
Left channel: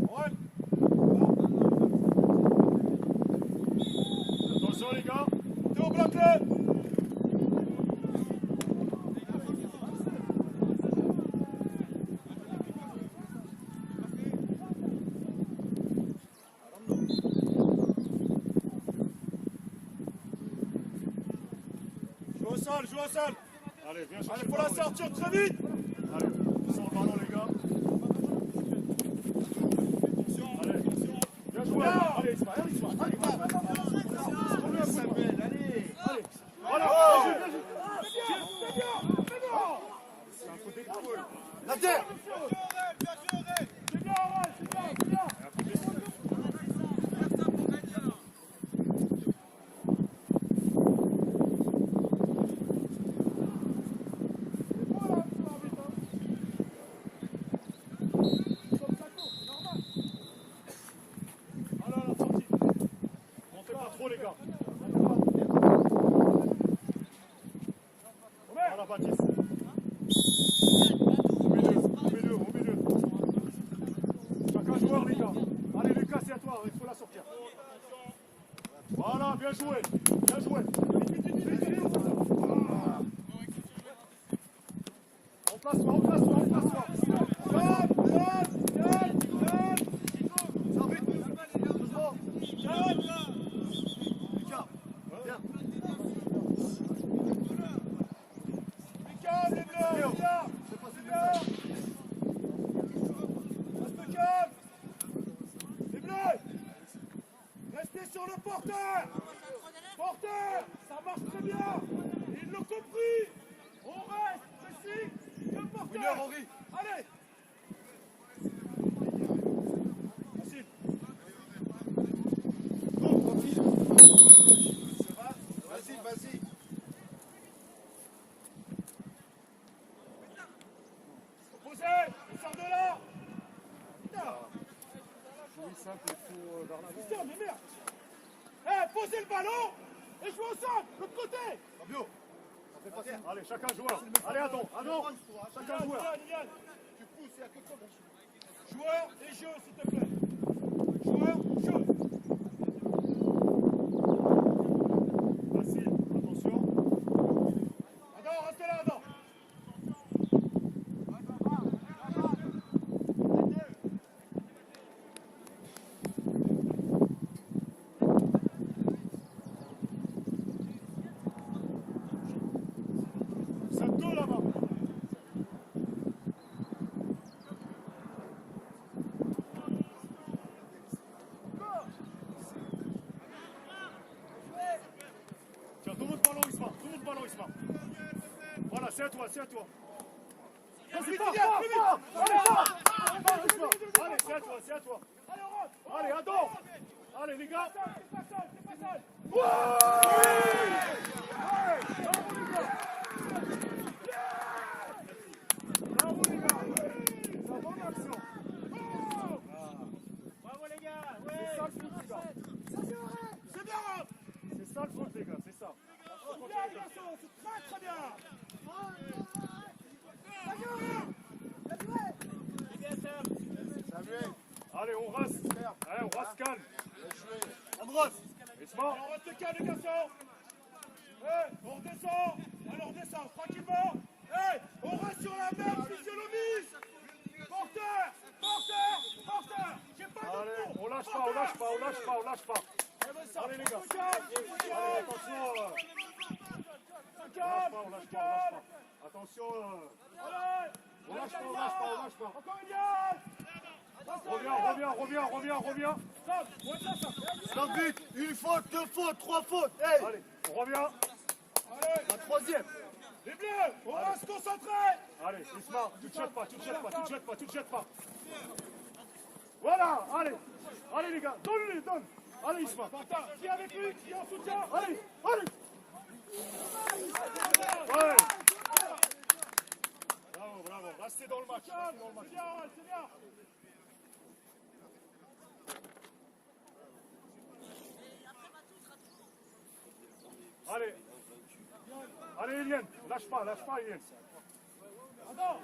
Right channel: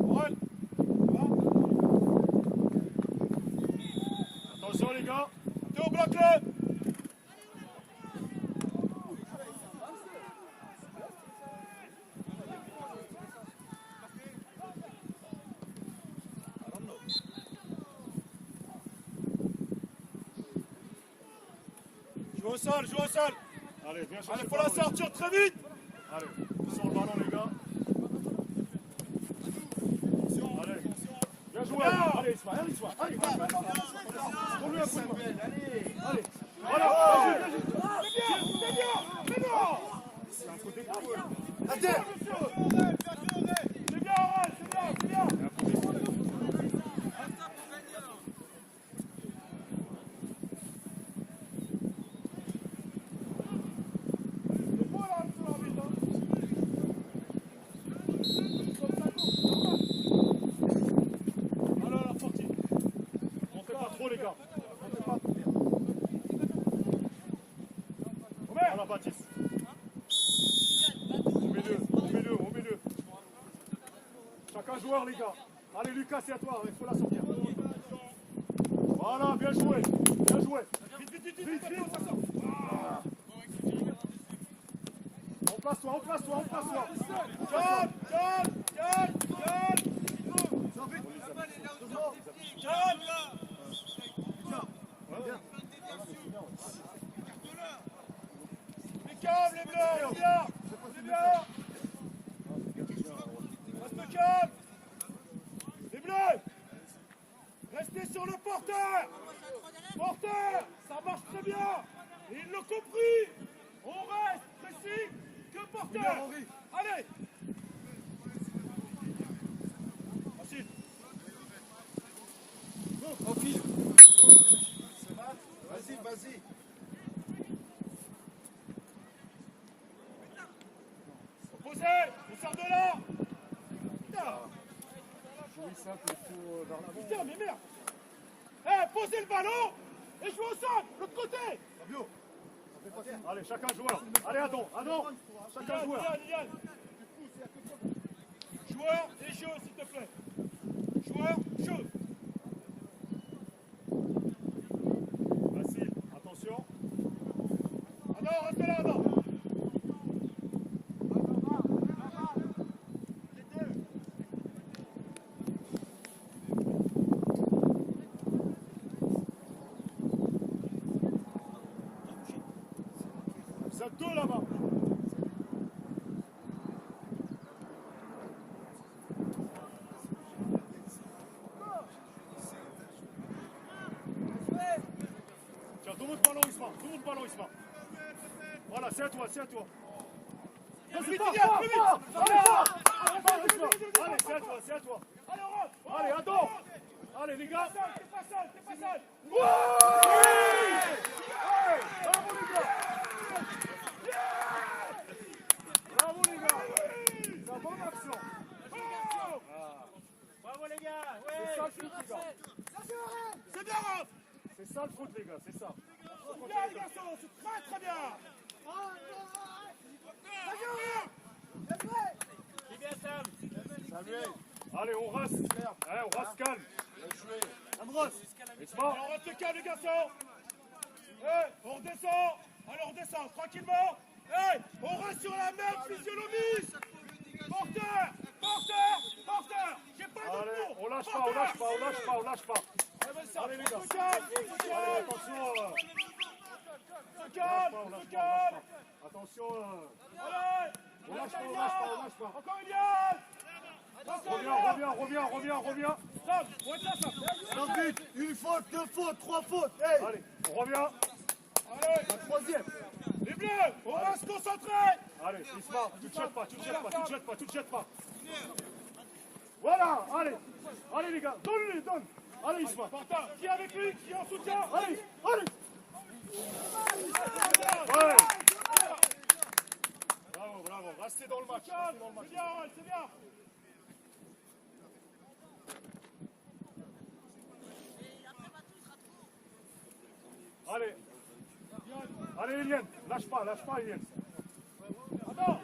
Ouais. Attention, les gars. Théo, bloque-le. Joue au sol. Allez, viens sur Allez, le faut la ballon. sortir très vite. Allez, sur le ballon, les gars. Allez, bien joué. Allez, Isma. Allez. Prends-lui un coup de main. Samuel, allez. Allez. Voilà, vas-y. C'est bien. C'est un coup d'épaule. Attends. C'est bien. Montez pas trop, les gars. Montez pas. Voilà, Baptiste. Au milieu. Chacun joueur, les gars. Allez, Lucas, c'est à toi. Il faut la sortir. Voilà, bien joué. Vite. Remplace-toi. Restez sur le porteur. Ça marche très bien. Ils l'ont compris. On reste précis. Le porteur. Allez. Vas-y. Opposé. On sort de là. Putain. Oui, simple, il faut vers l'avant. Putain, mais merde. Posez le ballon et jouez au sol. L'autre côté. Fabio. Allez, chacun joueur. Allez, Adam. Chacun joueur. Joueur et jeu, s'il te plaît. Joueur, jeu. Facile, attention. Adam, restez là, Adam. C'est deux là-bas. Tiens, tout le monde ballon, Isma. Voilà, c'est à toi. Vas-y, pars. Allez, Isma. Allez, c'est à toi. Allez, rentre. Allez, attends. Allez, les gars. T'es pas seul, t'es pas seul. Ouais! Bravo, les gars. Bravo, les gars. C'est une bonne action. Bravo les gars. C'est ça le foot, les gars. C'est bien, Rob. C'est ça le foot, les gars, c'est ça. Bien, bien, c'est très très bien. Samuel. Allez, on reste. Allez, on reste calme. Esma. Alors, on reste calme, les garçons. Ouais, on redescend. Alors, on descend tranquillement. Hey, on reste sur la même physionomie. Porteur, porteur, porteur. J'ai pas de Allez, tour. on lâche pas, on lâche pas, on lâche pas, on lâche pas. Allez, les gars. Allez, attention. On lâche pas, on lâche pas, on lâche pas. Attention. On lâche pas, on lâche pas, on lâche pas. Encore une liane. Reviens. Stop, ouais, ça. Un but, une faute, deux fautes, trois fautes. Hey, Allez, on revient. Allez, la troisième. les bleus, on reste concentrés. Allez, Isma, tu te jettes pas. Voilà, allez les gars, donne. Allez Isma. Martin, qui est avec lui, qui est en soutien. Allez. Ouais. Bravo, restez dans le match. C'est bien. Allez Eliane, lâche pas Eliane. Attends.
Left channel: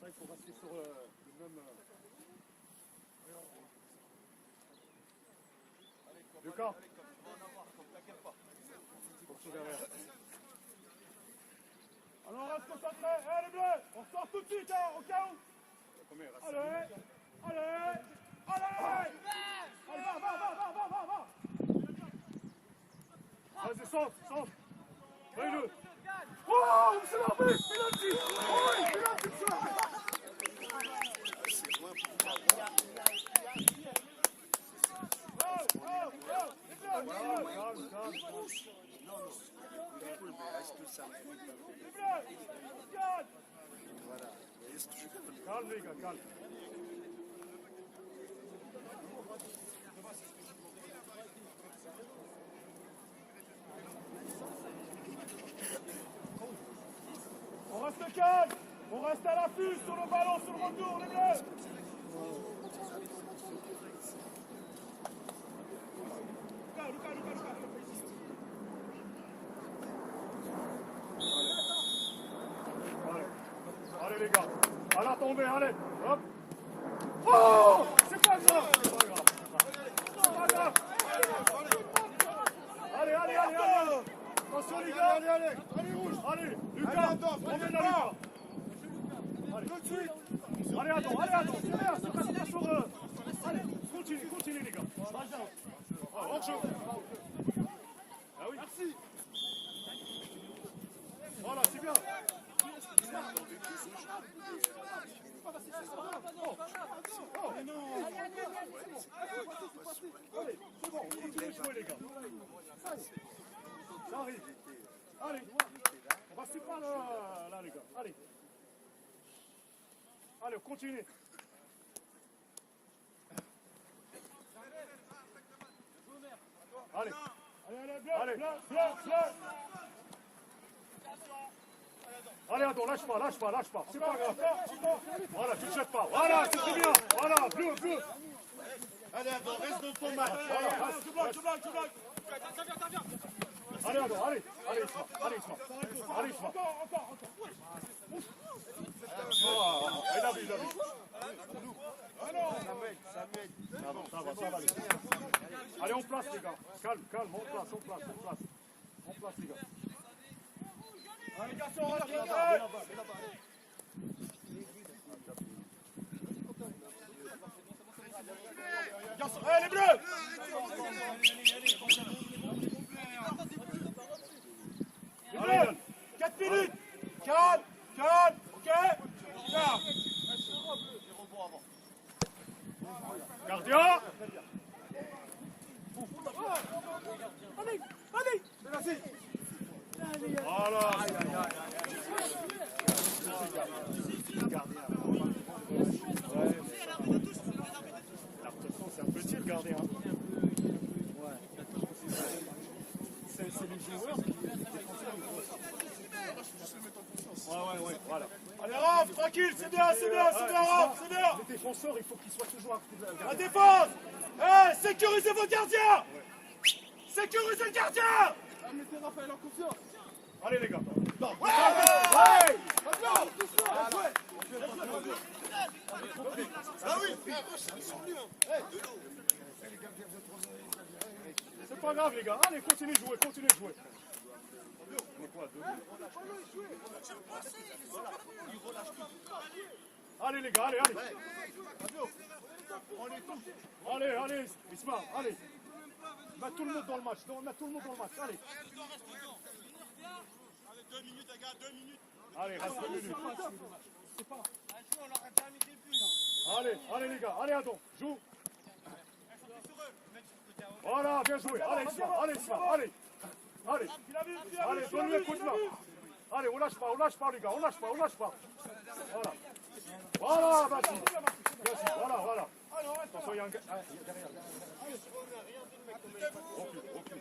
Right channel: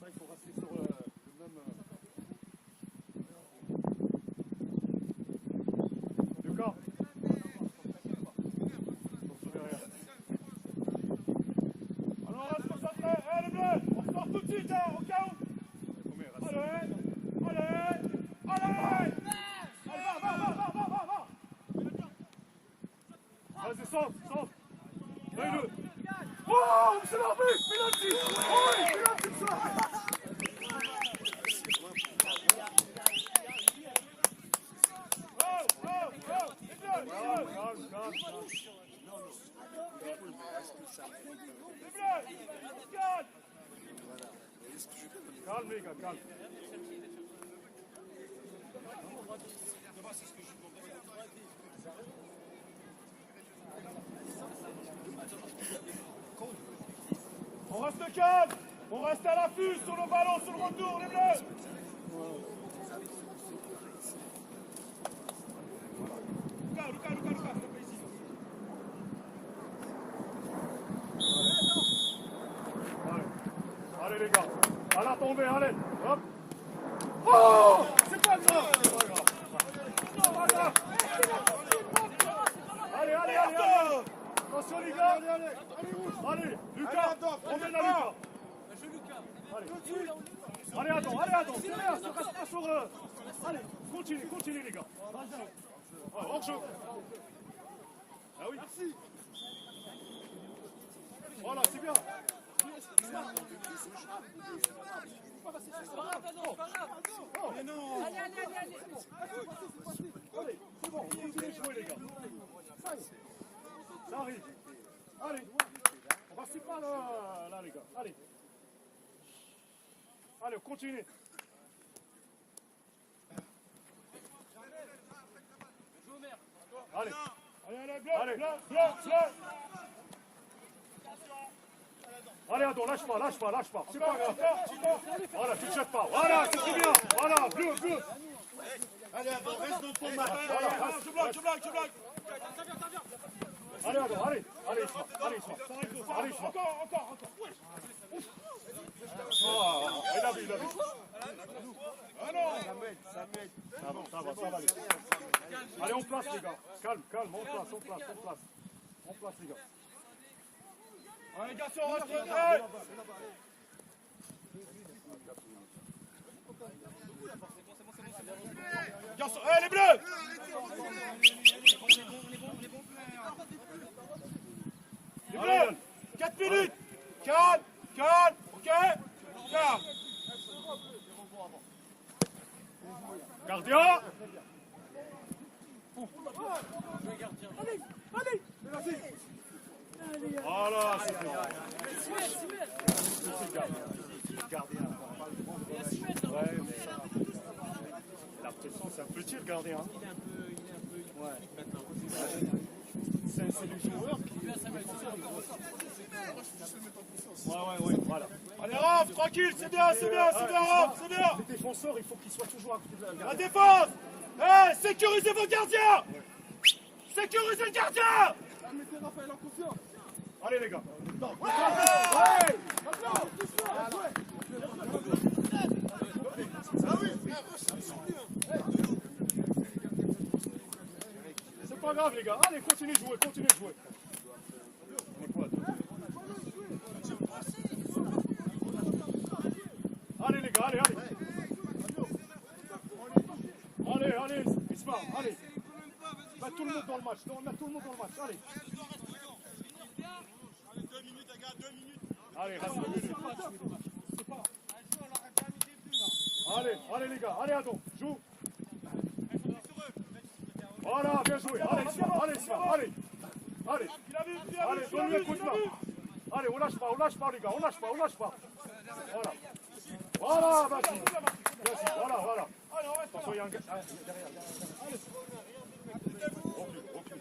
Ça, il faut rester sur le même... Lucas. Attention derrière. Alors, on reste concentrés. Allez, les bleus, on sort tout de suite, hein, au cas où. Allez. Va. Vas-y, centre. Allez, oh, c'est l'arbitre, penalty. Oh, penalty, ça. Calme, les gars, calme. On reste calme. On reste à l'affût sur le ballon, sur le retour, les bleus. Lucas. Allez les gars, à la tombée, allez, hop. Oh, c'est pas grave. Allez. Attention les gars. Allez, Lucas, on met là Lucas. Allez, attends, c'est bien, se casse pas sur... Allez, continue les gars. Hors-jeu. Ah oui. Merci. Voilà, c'est bien. Allez, c'est bon, on continue de jouer les gars. Ça arrive. Allez, on va se pas là les gars. Allez, on continue. Allez, Blanc. allez, attends, lâche pas, c'est pas grave. Voilà, tu ne jettes pas. Voilà, c'est très bien. Voilà, bleu. Allez, Adam, reste dans ton match. Voilà, Je bloque. allez, Isma. Allez, Isma. Encore. Il a vu. Samuel. Ça va, les gars. Allez, on place, les gars. Calme, on place, les gars. Allez, les garçons, on reste concentrés. Garçons, les bleus. Allez, 4 minutes. Calme, ok. Calme. gardien. Voilà. Gardien. La pression, c'est un peu dessus le gardien. Ouais. C'est des joueurs qui défenseurs de gauche. Ouais, voilà. Allez, Raph, tranquille, c'est bien, Raph, c'est bien. Les défenseurs, il faut qu'ils soient toujours à côté de la La gardien. défense. Sécurisez vos gardiens. Sécurisez le gardien. Mettez Raphaël en confiance. Allez les gars. C'est pas grave les gars. Allez, continuez de jouer, Allez les gars, allez. Allez, Isma, allez. Mets tout le monde dans le match, allez. Allez, 2 minutes, les gars, 2 minutes. Allez, reste 2 minutes. Allez les gars, allez Adon, joue. Voilà, bien joué. Allez, Isma, allez. Allez, donne-lui un coup de main. Allez, on lâche pas les gars, on lâche pas. Voilà, vas-y. Voilà. Attention, il y a un gars. Derrière. Recule.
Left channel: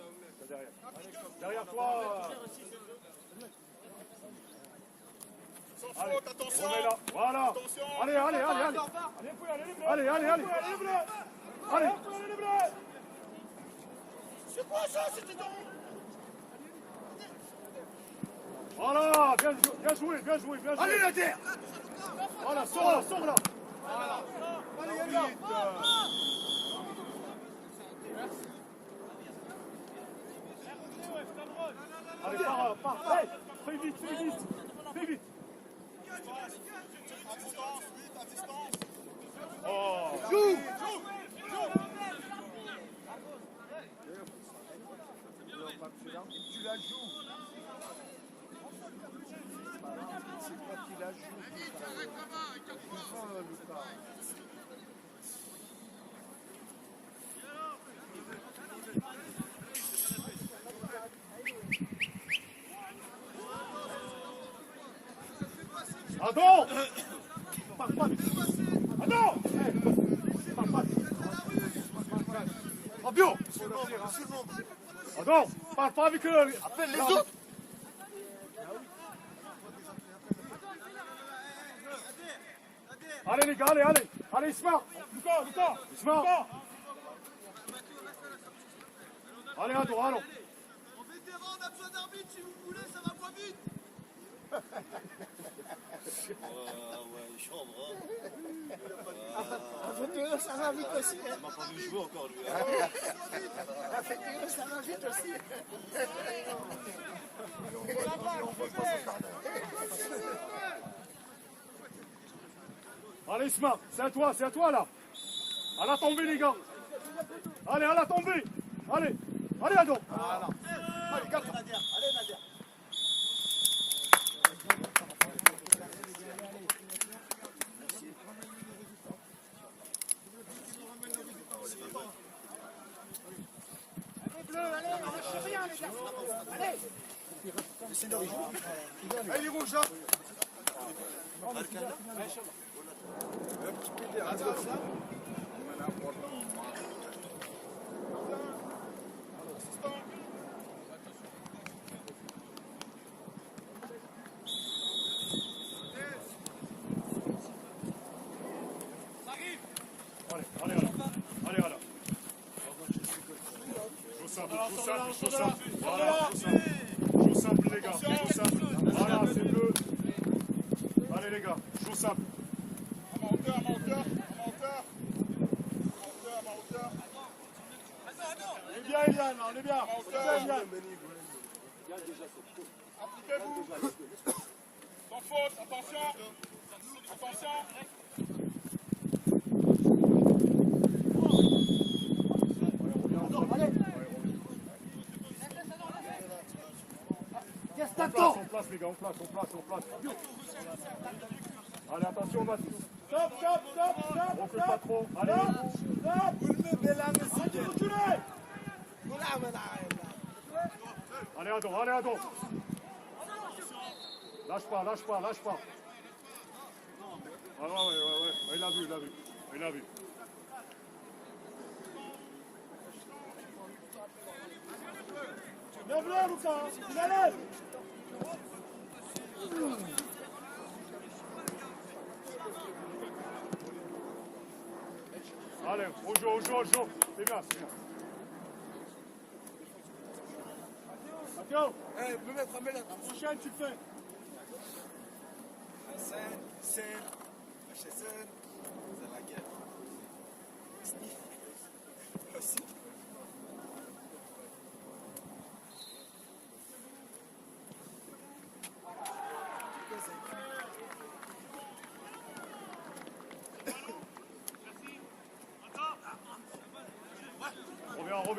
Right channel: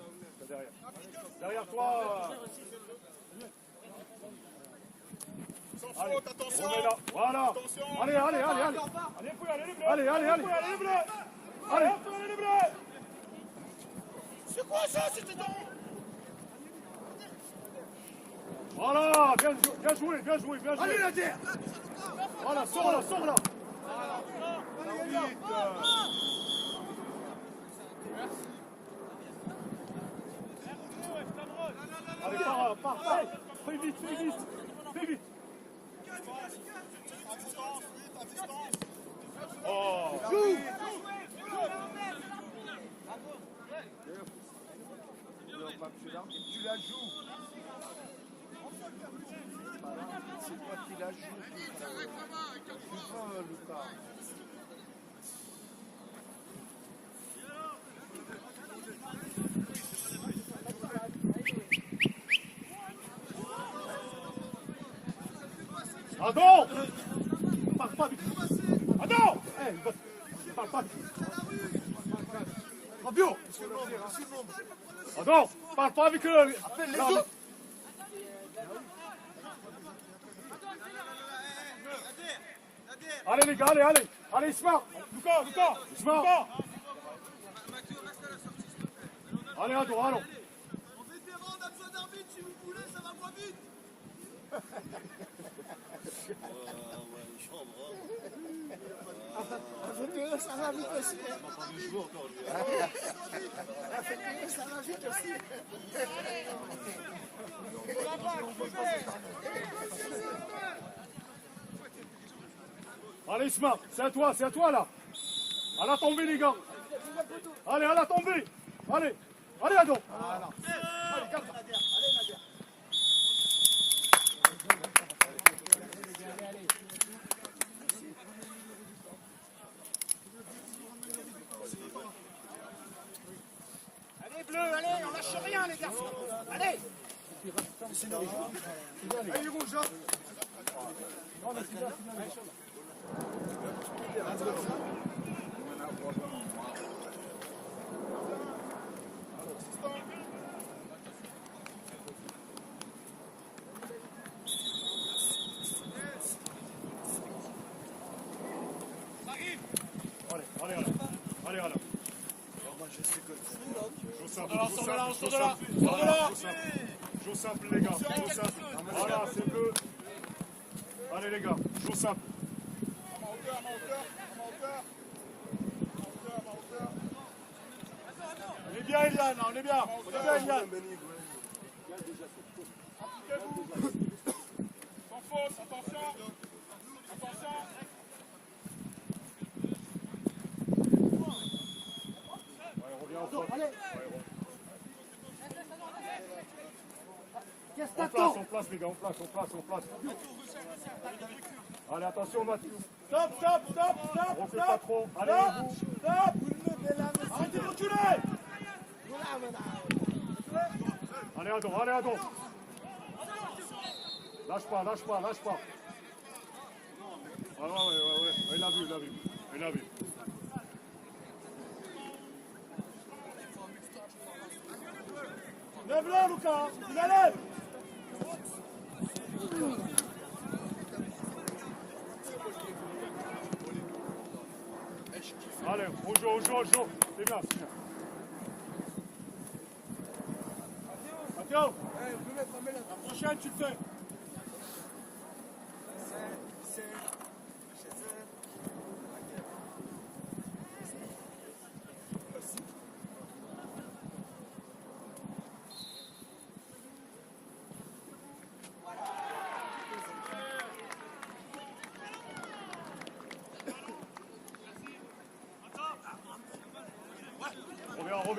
Derrière toi. Sans Allez, faute, attention. on est là. Voilà. Attention. Allez. Allez. C'est quoi ça? C'était dans... Voilà, bien joué. Allez, la terre. Voilà, sors là. Allez, pars. Fais vite. À distance. Oh. Tu la joues. C'est toi qui la joues. Défends, Lucas. Adon. Pars pas. Adon. Pars pas. Fabio. Adon, parle pas avec eux. Appelle les autres. Allez les gars, allez, Isma. Lucas. Allez, Adon. En vétéran, on a besoin d'arbitre si vous voulez, ça va moins vite. Avec ça va vite aussi. Avec ça va vite aussi. Allez, Isma, c'est à toi là. À la tombée, les gars. Allez, à la tombée. Allez, Adon. Allez, on lâche rien, les garçons. Allez. Allez, rouge. Allez. Joue simple. Voilà, joue simple les gars. Joue simple. Voilà, c'est bleu. Allez les gars, joue simple. On est bien, Eliane, on est bien. Eliane. Sans faute, attention. Ouais, reviens en faute. On place les gars, on place. Allez, attention Mathieu. Stop. On recule pas trop. Allez. Stop. Arrêtez de reculer. Allez, Adon, allez, Adon. Lâche pas, lâche pas, lâche pas. Ah ouais, il a vu, il a vu. Il a vu. Lève-le, Lucas. Il la lève. Allez, on joue. C'est bien, c'est bien. Attention. La prochaine, tu te fais.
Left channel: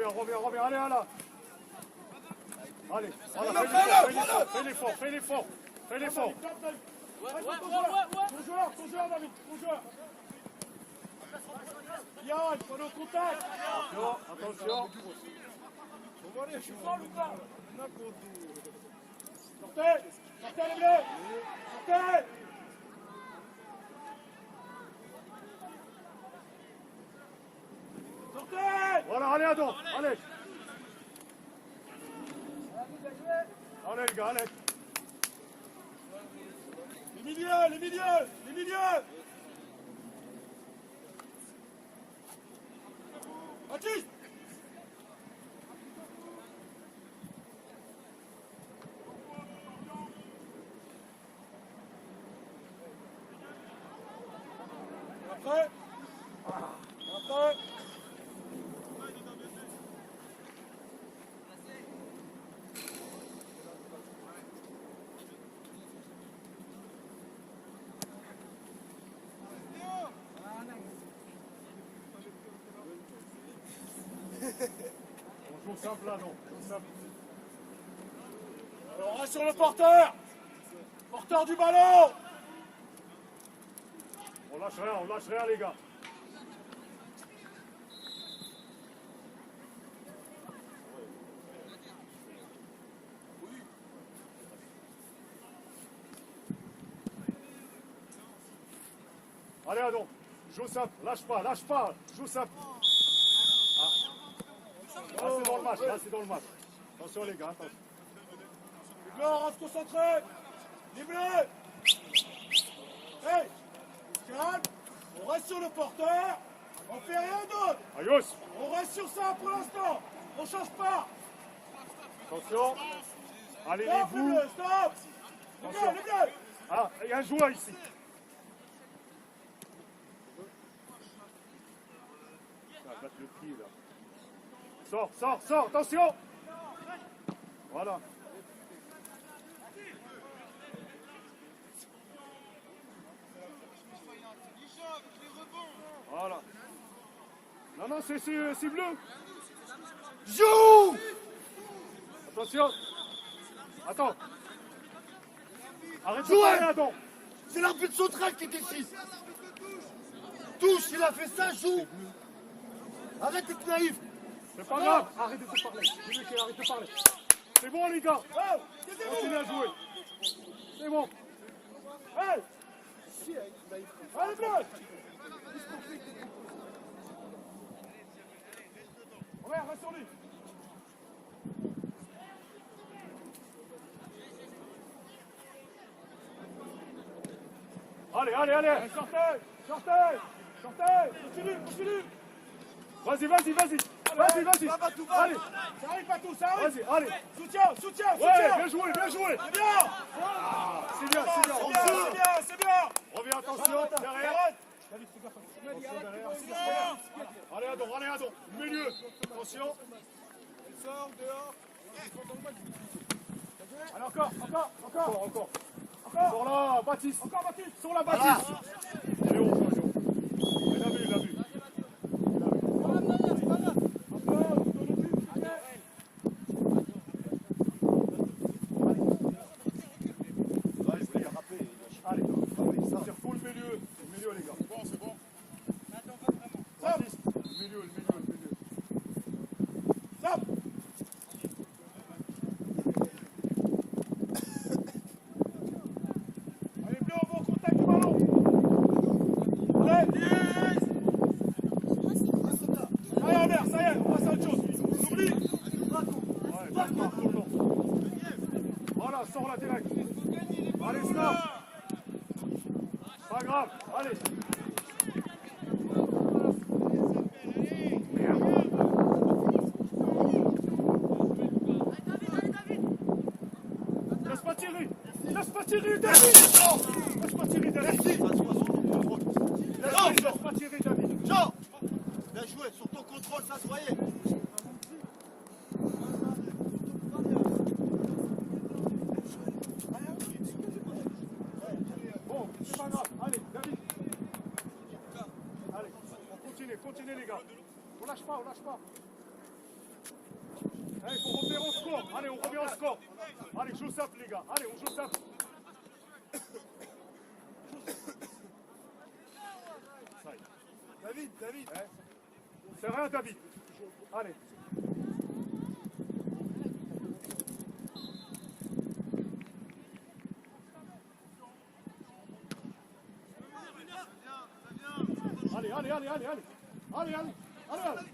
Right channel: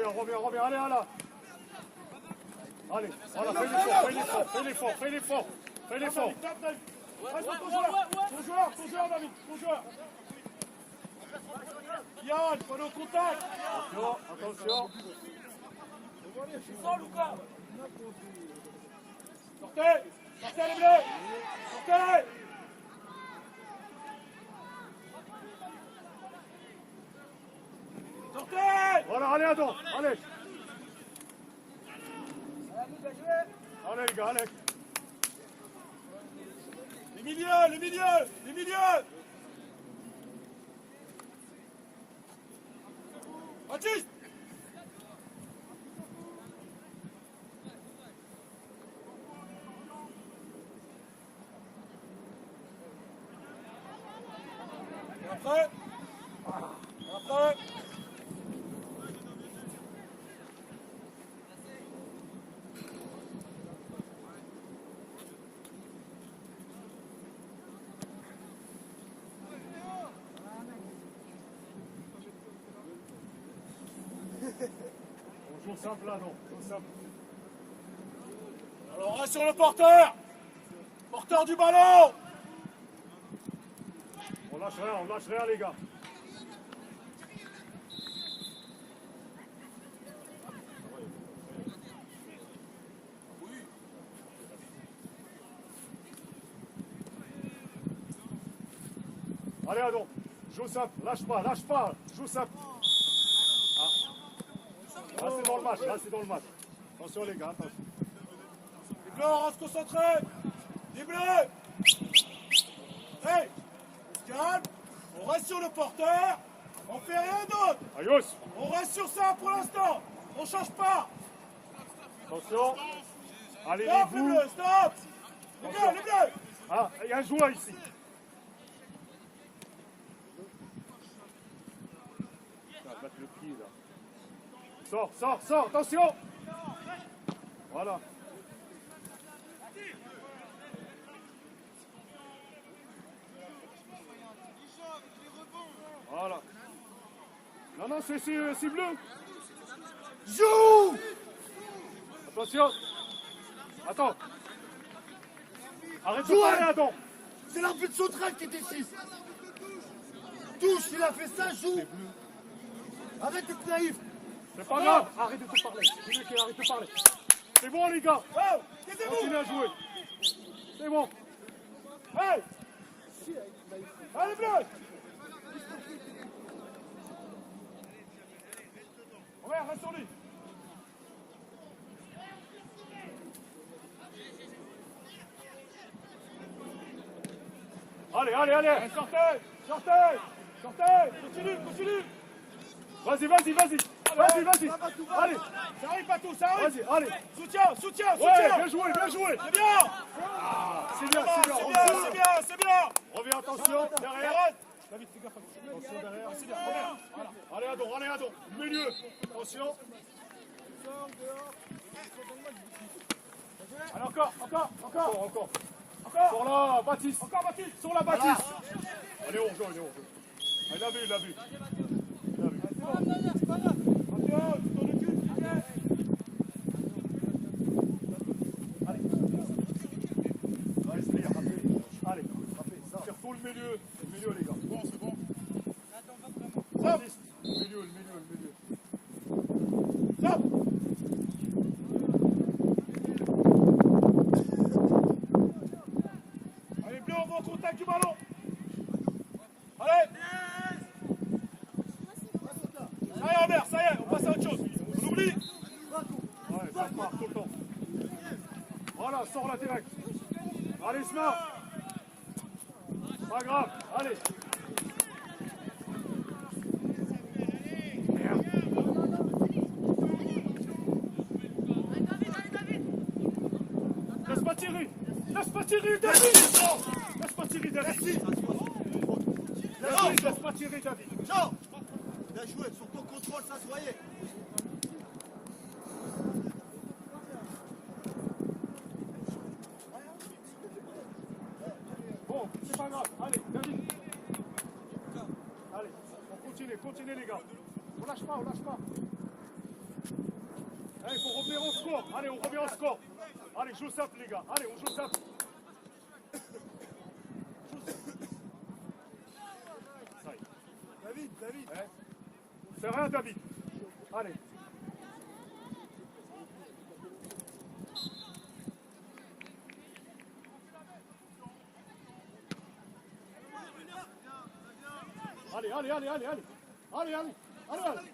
Reviens, allez, là. Allez, voilà, fais l'effort. Ton joueur, David, ton joueur. Yann, on est au contact. Attention. C'est ça, Lucas. Sortez les bleus. Sortez. Sortez. Voilà, allez, Adon, allez. Allez, les gars, allez. Les milieux. Baptiste. Après. On joue simple là, non. Joue simple. Alors, reste sur le porteur. Porteur du ballon. On lâche rien, les gars. Allez, Adon, joue simple, lâche pas, joue simple. Là, c'est dans le match, Attention, les gars, attention. Les bleus, on reste concentrés. Les bleus. Hey, calme. On reste sur le porteur. On fait rien d'autre. Ayos, On reste sur ça pour l'instant. On change pas. attention. Allez, les Stop, les bouts. bleus, stop. Les bleus. Ah, il y a un joueur ici. Tiens, battre le pied, là. Sors, attention. Voilà. Voilà. Non, c'est bleu. Joue! Attention. Attends. Arrête de Joue! parler, Adam. C'est l'arbitre central qui est ici. Touche, il a fait ça, joue. Arrête d'être naïf. C'est pas grave. Arrête de te parler. Arrête de parler. C'est bon, les gars. Oh, Continue à jouer. C'est bon. hey. Allez, bleus. Regarde, reste sur lui. Allez. Sortez. Continue. Vas-y. Allez. Ça arrive pas tout, ça arrive. Vas-y, allez. Soutien. Ouais, bien joué. C'est bien. C'est bien. C'est bien. Reviens, attention, derrière. David, fais gaffe. Attention, derrière. Allez, Adon. Milieu. Attention. Allez, encore. Encore là, Baptiste. Encore, Baptiste. Sur la Baptiste. Allez, on joue. Il a vu. Allez, tire tout le milieu, les gars. Bon, c'est bon. Baptiste, le milieu. Stop. Voilà, sors là direct. Allez, snap. Pas grave, allez. Laisse pas tirer. Laisse pas tirer, David. Laisse pas tirer, David. Laisse pas tirer, David. Jean, bien joué, sur ton contrôle, ça se voyait. Bon, c'est pas grave. Allez, David. Allez, on continue, continuez les gars. On lâche pas, on lâche pas. Allez, il faut revenir au score. Allez, on revient au score. Allez, joue simple les gars. Allez, on joue simple. Ça y est. David, David. C'est rien, David. Allez. Allez, allez, allez, allez, allez. Allez, allez, allez, allez.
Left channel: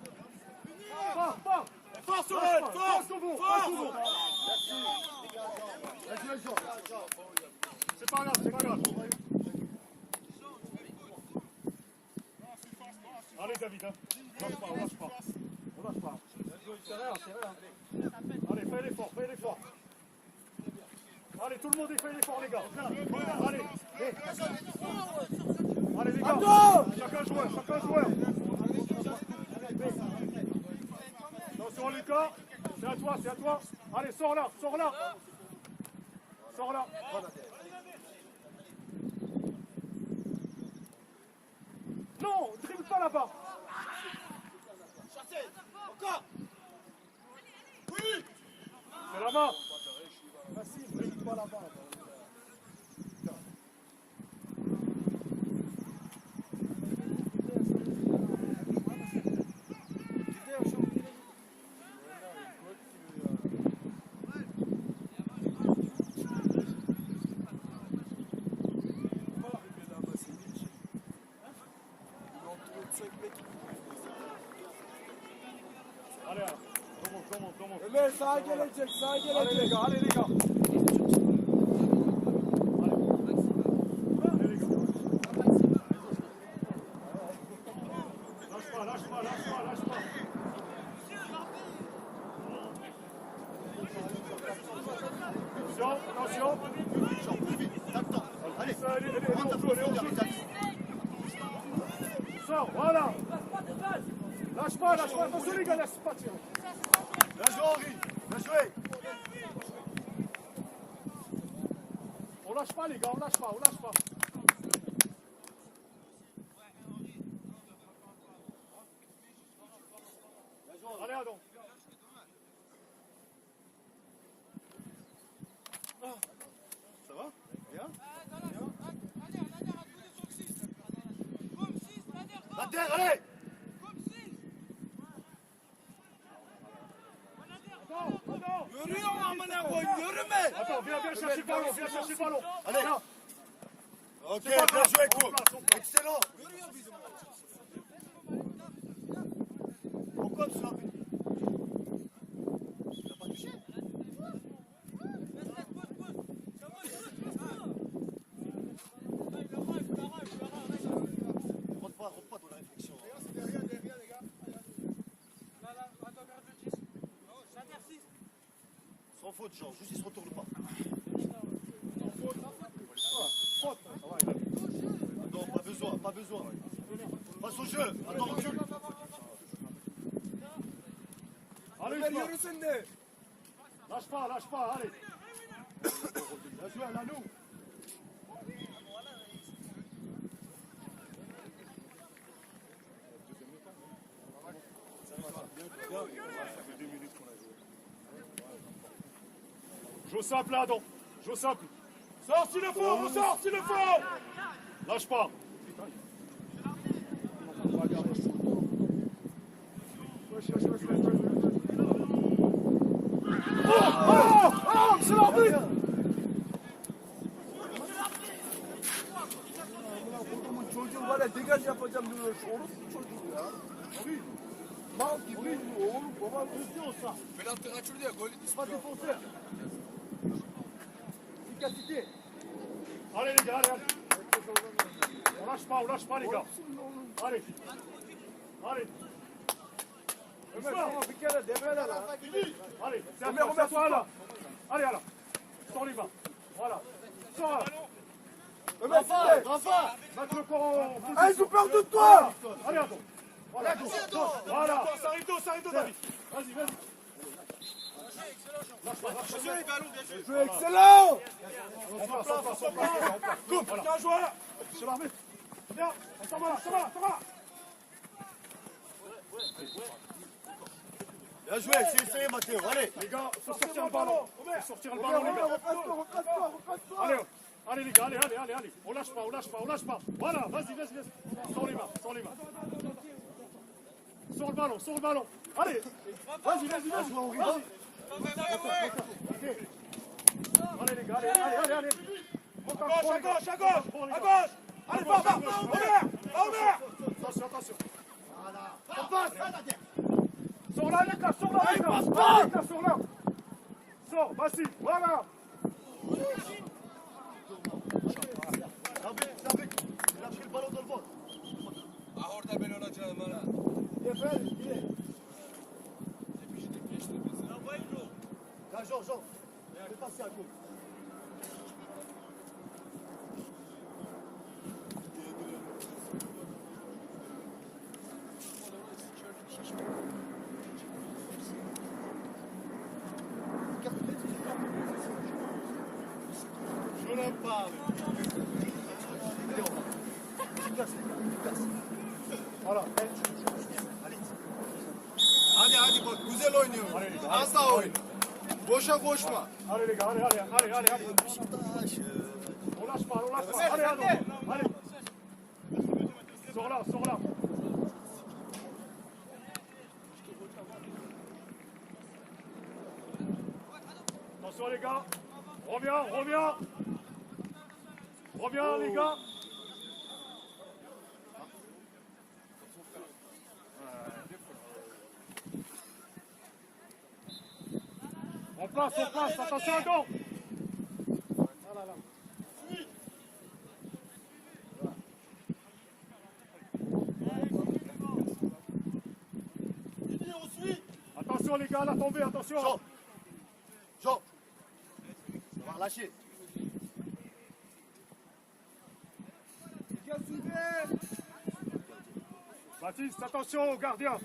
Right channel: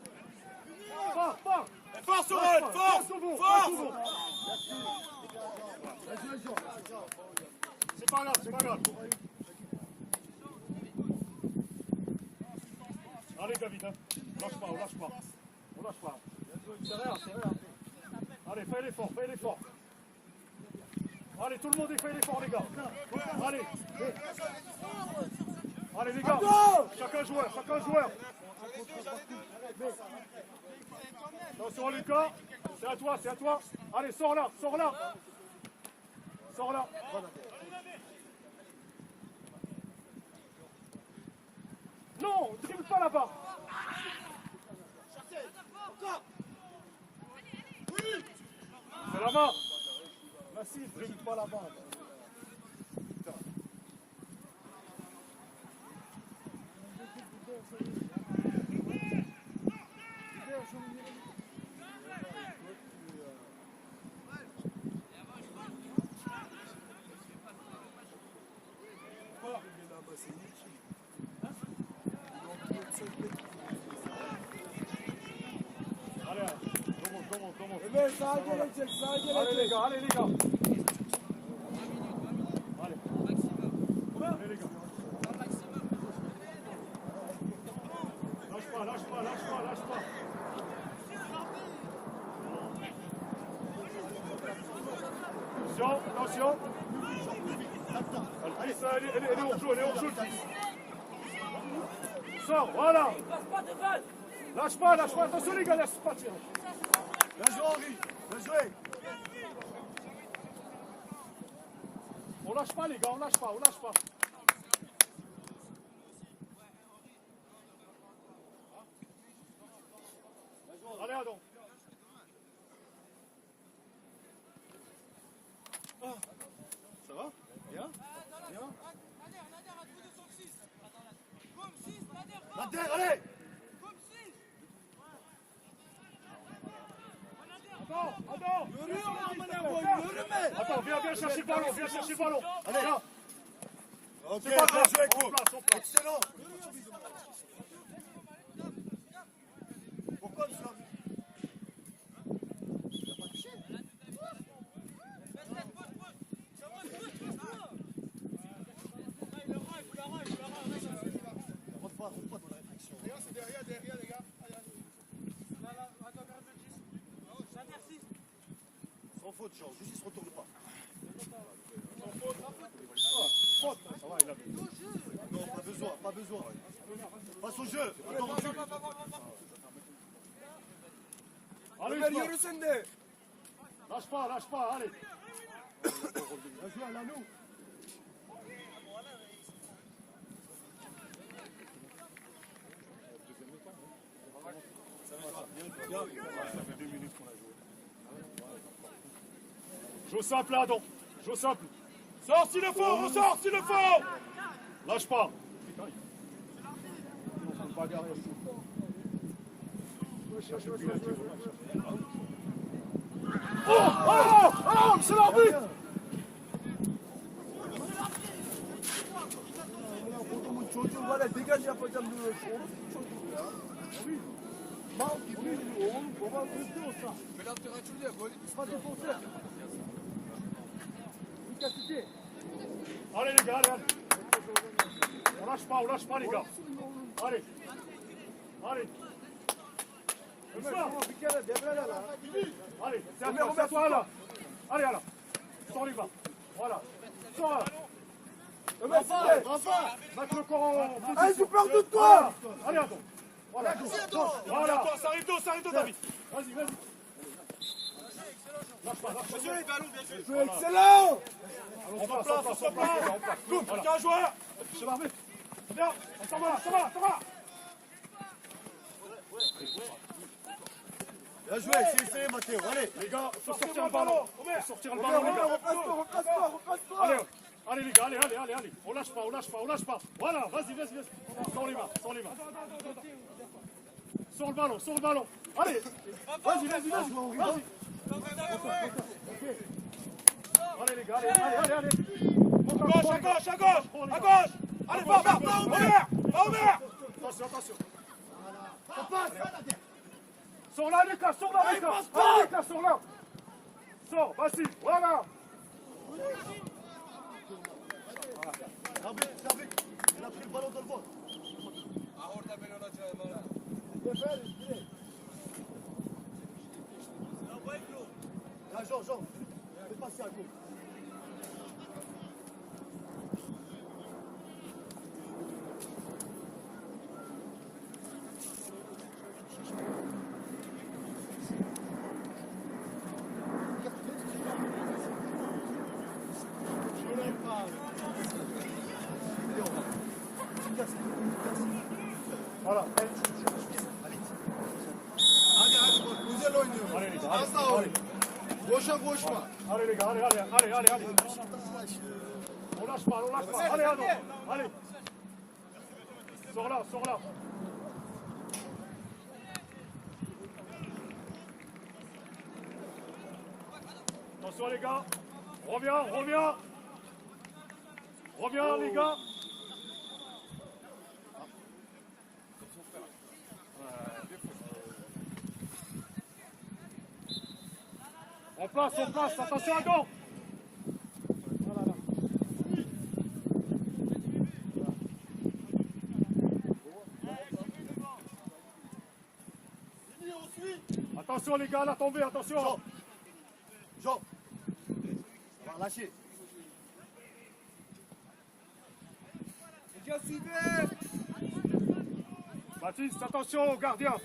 Pars, pars. Force au Lâche vol, pas, force, passe au vent, passe au vent. C'est pas grave, c'est pas grave. Allez, David, hein. Lâche pas, on lâche pas. On lâche pas. C'est rien, c'est rien. Allez, fais l'effort, fais l'effort. Allez, tout le monde fait l'effort, les gars. Allez. Allez, les gars. Chacun joueur, chacun joueur. Attention, Lucas. C'est à toi, c'est à toi. Allez, sors là, sors là. Sors là. Non, dribble pas là-bas. C'est là-bas. Massif, ne joue pas là-bas. Putain. Allez, remonte. Ömer sağa gelecek, sağa gelecek. Allez les gars, allez les gars. Allez. Allez les gars. Lâche pas, lâche pas, lâche pas, lâche pas. Attention, attention. Allez, ça, allez, on joue. Sors, voilà. Lâche pas, attention les gars, laisse pas tirer. Bien joué, Henri. Bien joué. On lâche pas les gars, on lâche pas. Allez, Adam. Ça va? Bien? La terre, allez. Attends, viens chercher le ballon, Allez, là. Ok, C'est pas bien grave, joué, on coach. place. Excellent. Pourquoi ça? Rentre pas dans la réflexion. Sans faute, Jean, juste il se retourne pas. Faute. Ça va, il a vu. Non, pas besoin. Passe au jeu. Attends, Allez, lâche pas, allez. Vas-y, à nous. Joue simple, Adam. Joue simple. Sors s'il le faut, on sort s'il le faut. Lâche pas. Oh, c'est l'arbitre. çocuğu var ya degaj yapacağım diyor. Orası çocuğu ya. Mal gibi oğlum babam. efficacité. Allez les gars, allez, allez. On lâche pas les gars. Allez. Allez. Doucement. Allez, c'est à toi là. Allez, là. Sors les mains. Voilà. Sors là. Mets le corps en position. Allez, je perds de toi. Allez, attends. Voilà. Voilà. Ça arrive tôt, David. Vas-y. Lâche pas. Bien joué les ballons, bien joué. Jeu excellent. On passe. Coupe, Voilà. bien joué. C'est l'armée. Viens, on s'en va. Bien joué, c'est essayé, Mathieu. Allez. Les gars, faut sortir le ballon. Faut sortir le ballon, les gars. Allez les gars, allez. On lâche pas. Voilà, vas-y. Sors les mains. Sors le ballon. Allez. Vas-y. Allez les gars, allez. À gauche. Allez, va. Omer. Attention. Sors là les gars. Sors là. Sors, vas-y, voilà. Il a pris le ballon de le vol. Là, Jean, fais passer à gauche. Voilà. Hadi güzel oynuyor. Allez les gars, Az daha oyun. Boşa koşma. Allez les gars, allez. On lâche pas. Allez. Sors là. Attention les gars. Reviens les gars. On passe, attention à dos. Voilà. Attention les gars, la tombée, attention. Jean, on va relâcher. Baptiste, attention au gardien.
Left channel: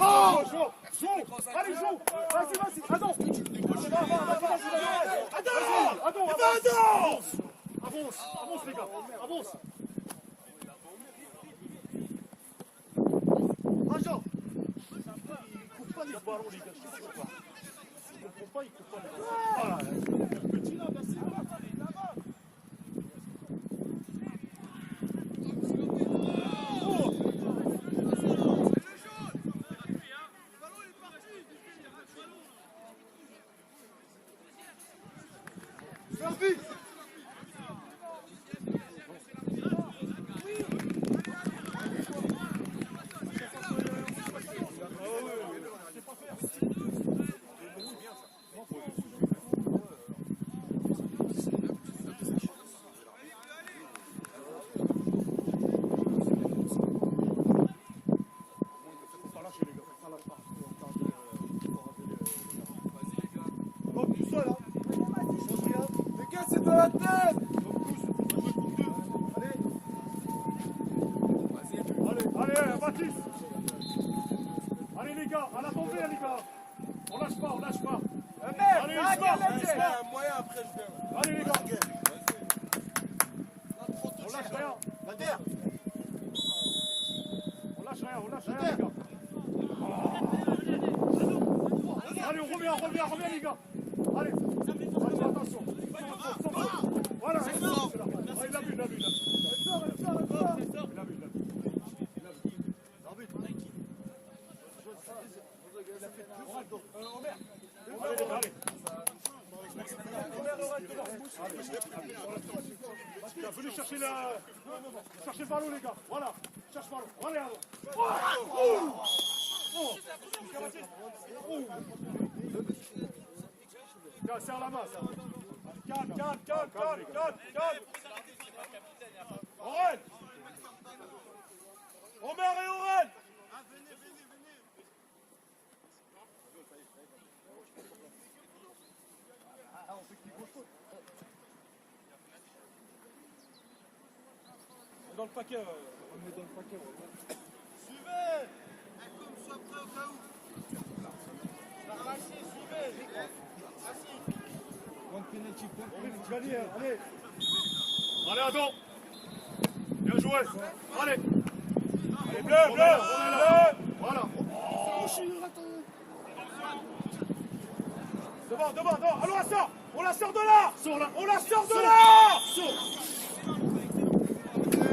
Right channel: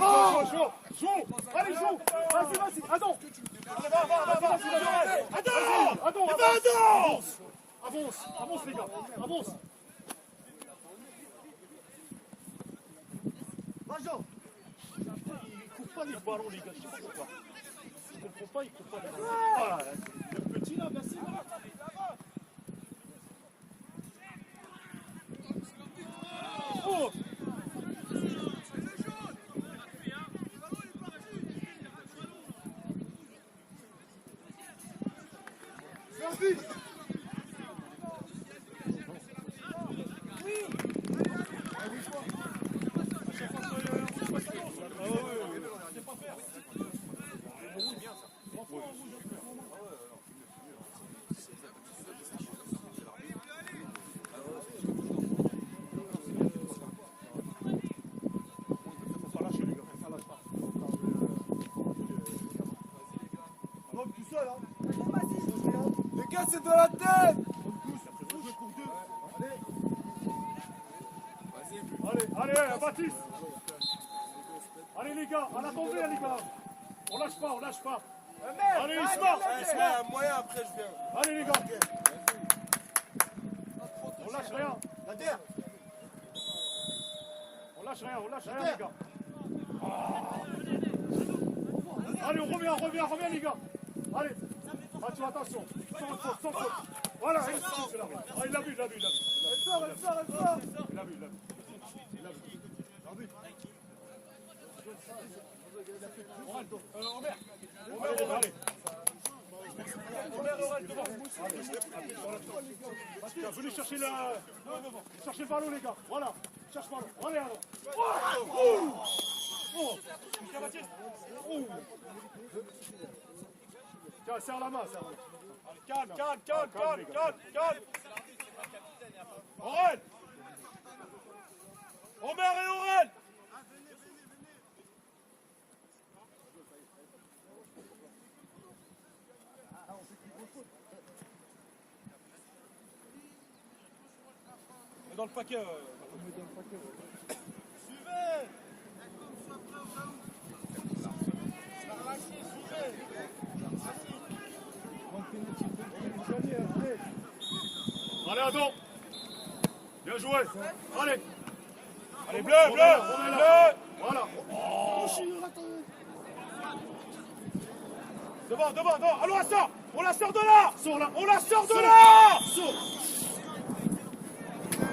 Non, joue. Allez, joue. Vas-y. Attends. Avance les gars. Avance. Jean, il coupe pas les ballons, les gars. Il comprend pas, il coupe pas les ballons. Le petit là, merci. C'est de la tête. Allez, Baptiste. Allez les gars, à la tombée les gars. On lâche pas. Allez, Isma. Moyen après, je viens. Allez les gars. On lâche rien les gars. Allez, on revient les gars. Allez, attention. Sans faute. Voilà, il a vu. Allez les gars, allez. Tiens, venez chercher le ballon les gars. Voilà. Cherche le ballon. Allez, allez. Tiens, serre la main, serre la main. Calme. Aurel. Omer et Aurel. On est dans le paquet. Suivez. Relâchez, suivez. Merci. Allez, Adam. Bien joué. Allez. Allez, bleu. Voilà. Devant. Allons, on la sort de là. Sors-la. On la sort de là.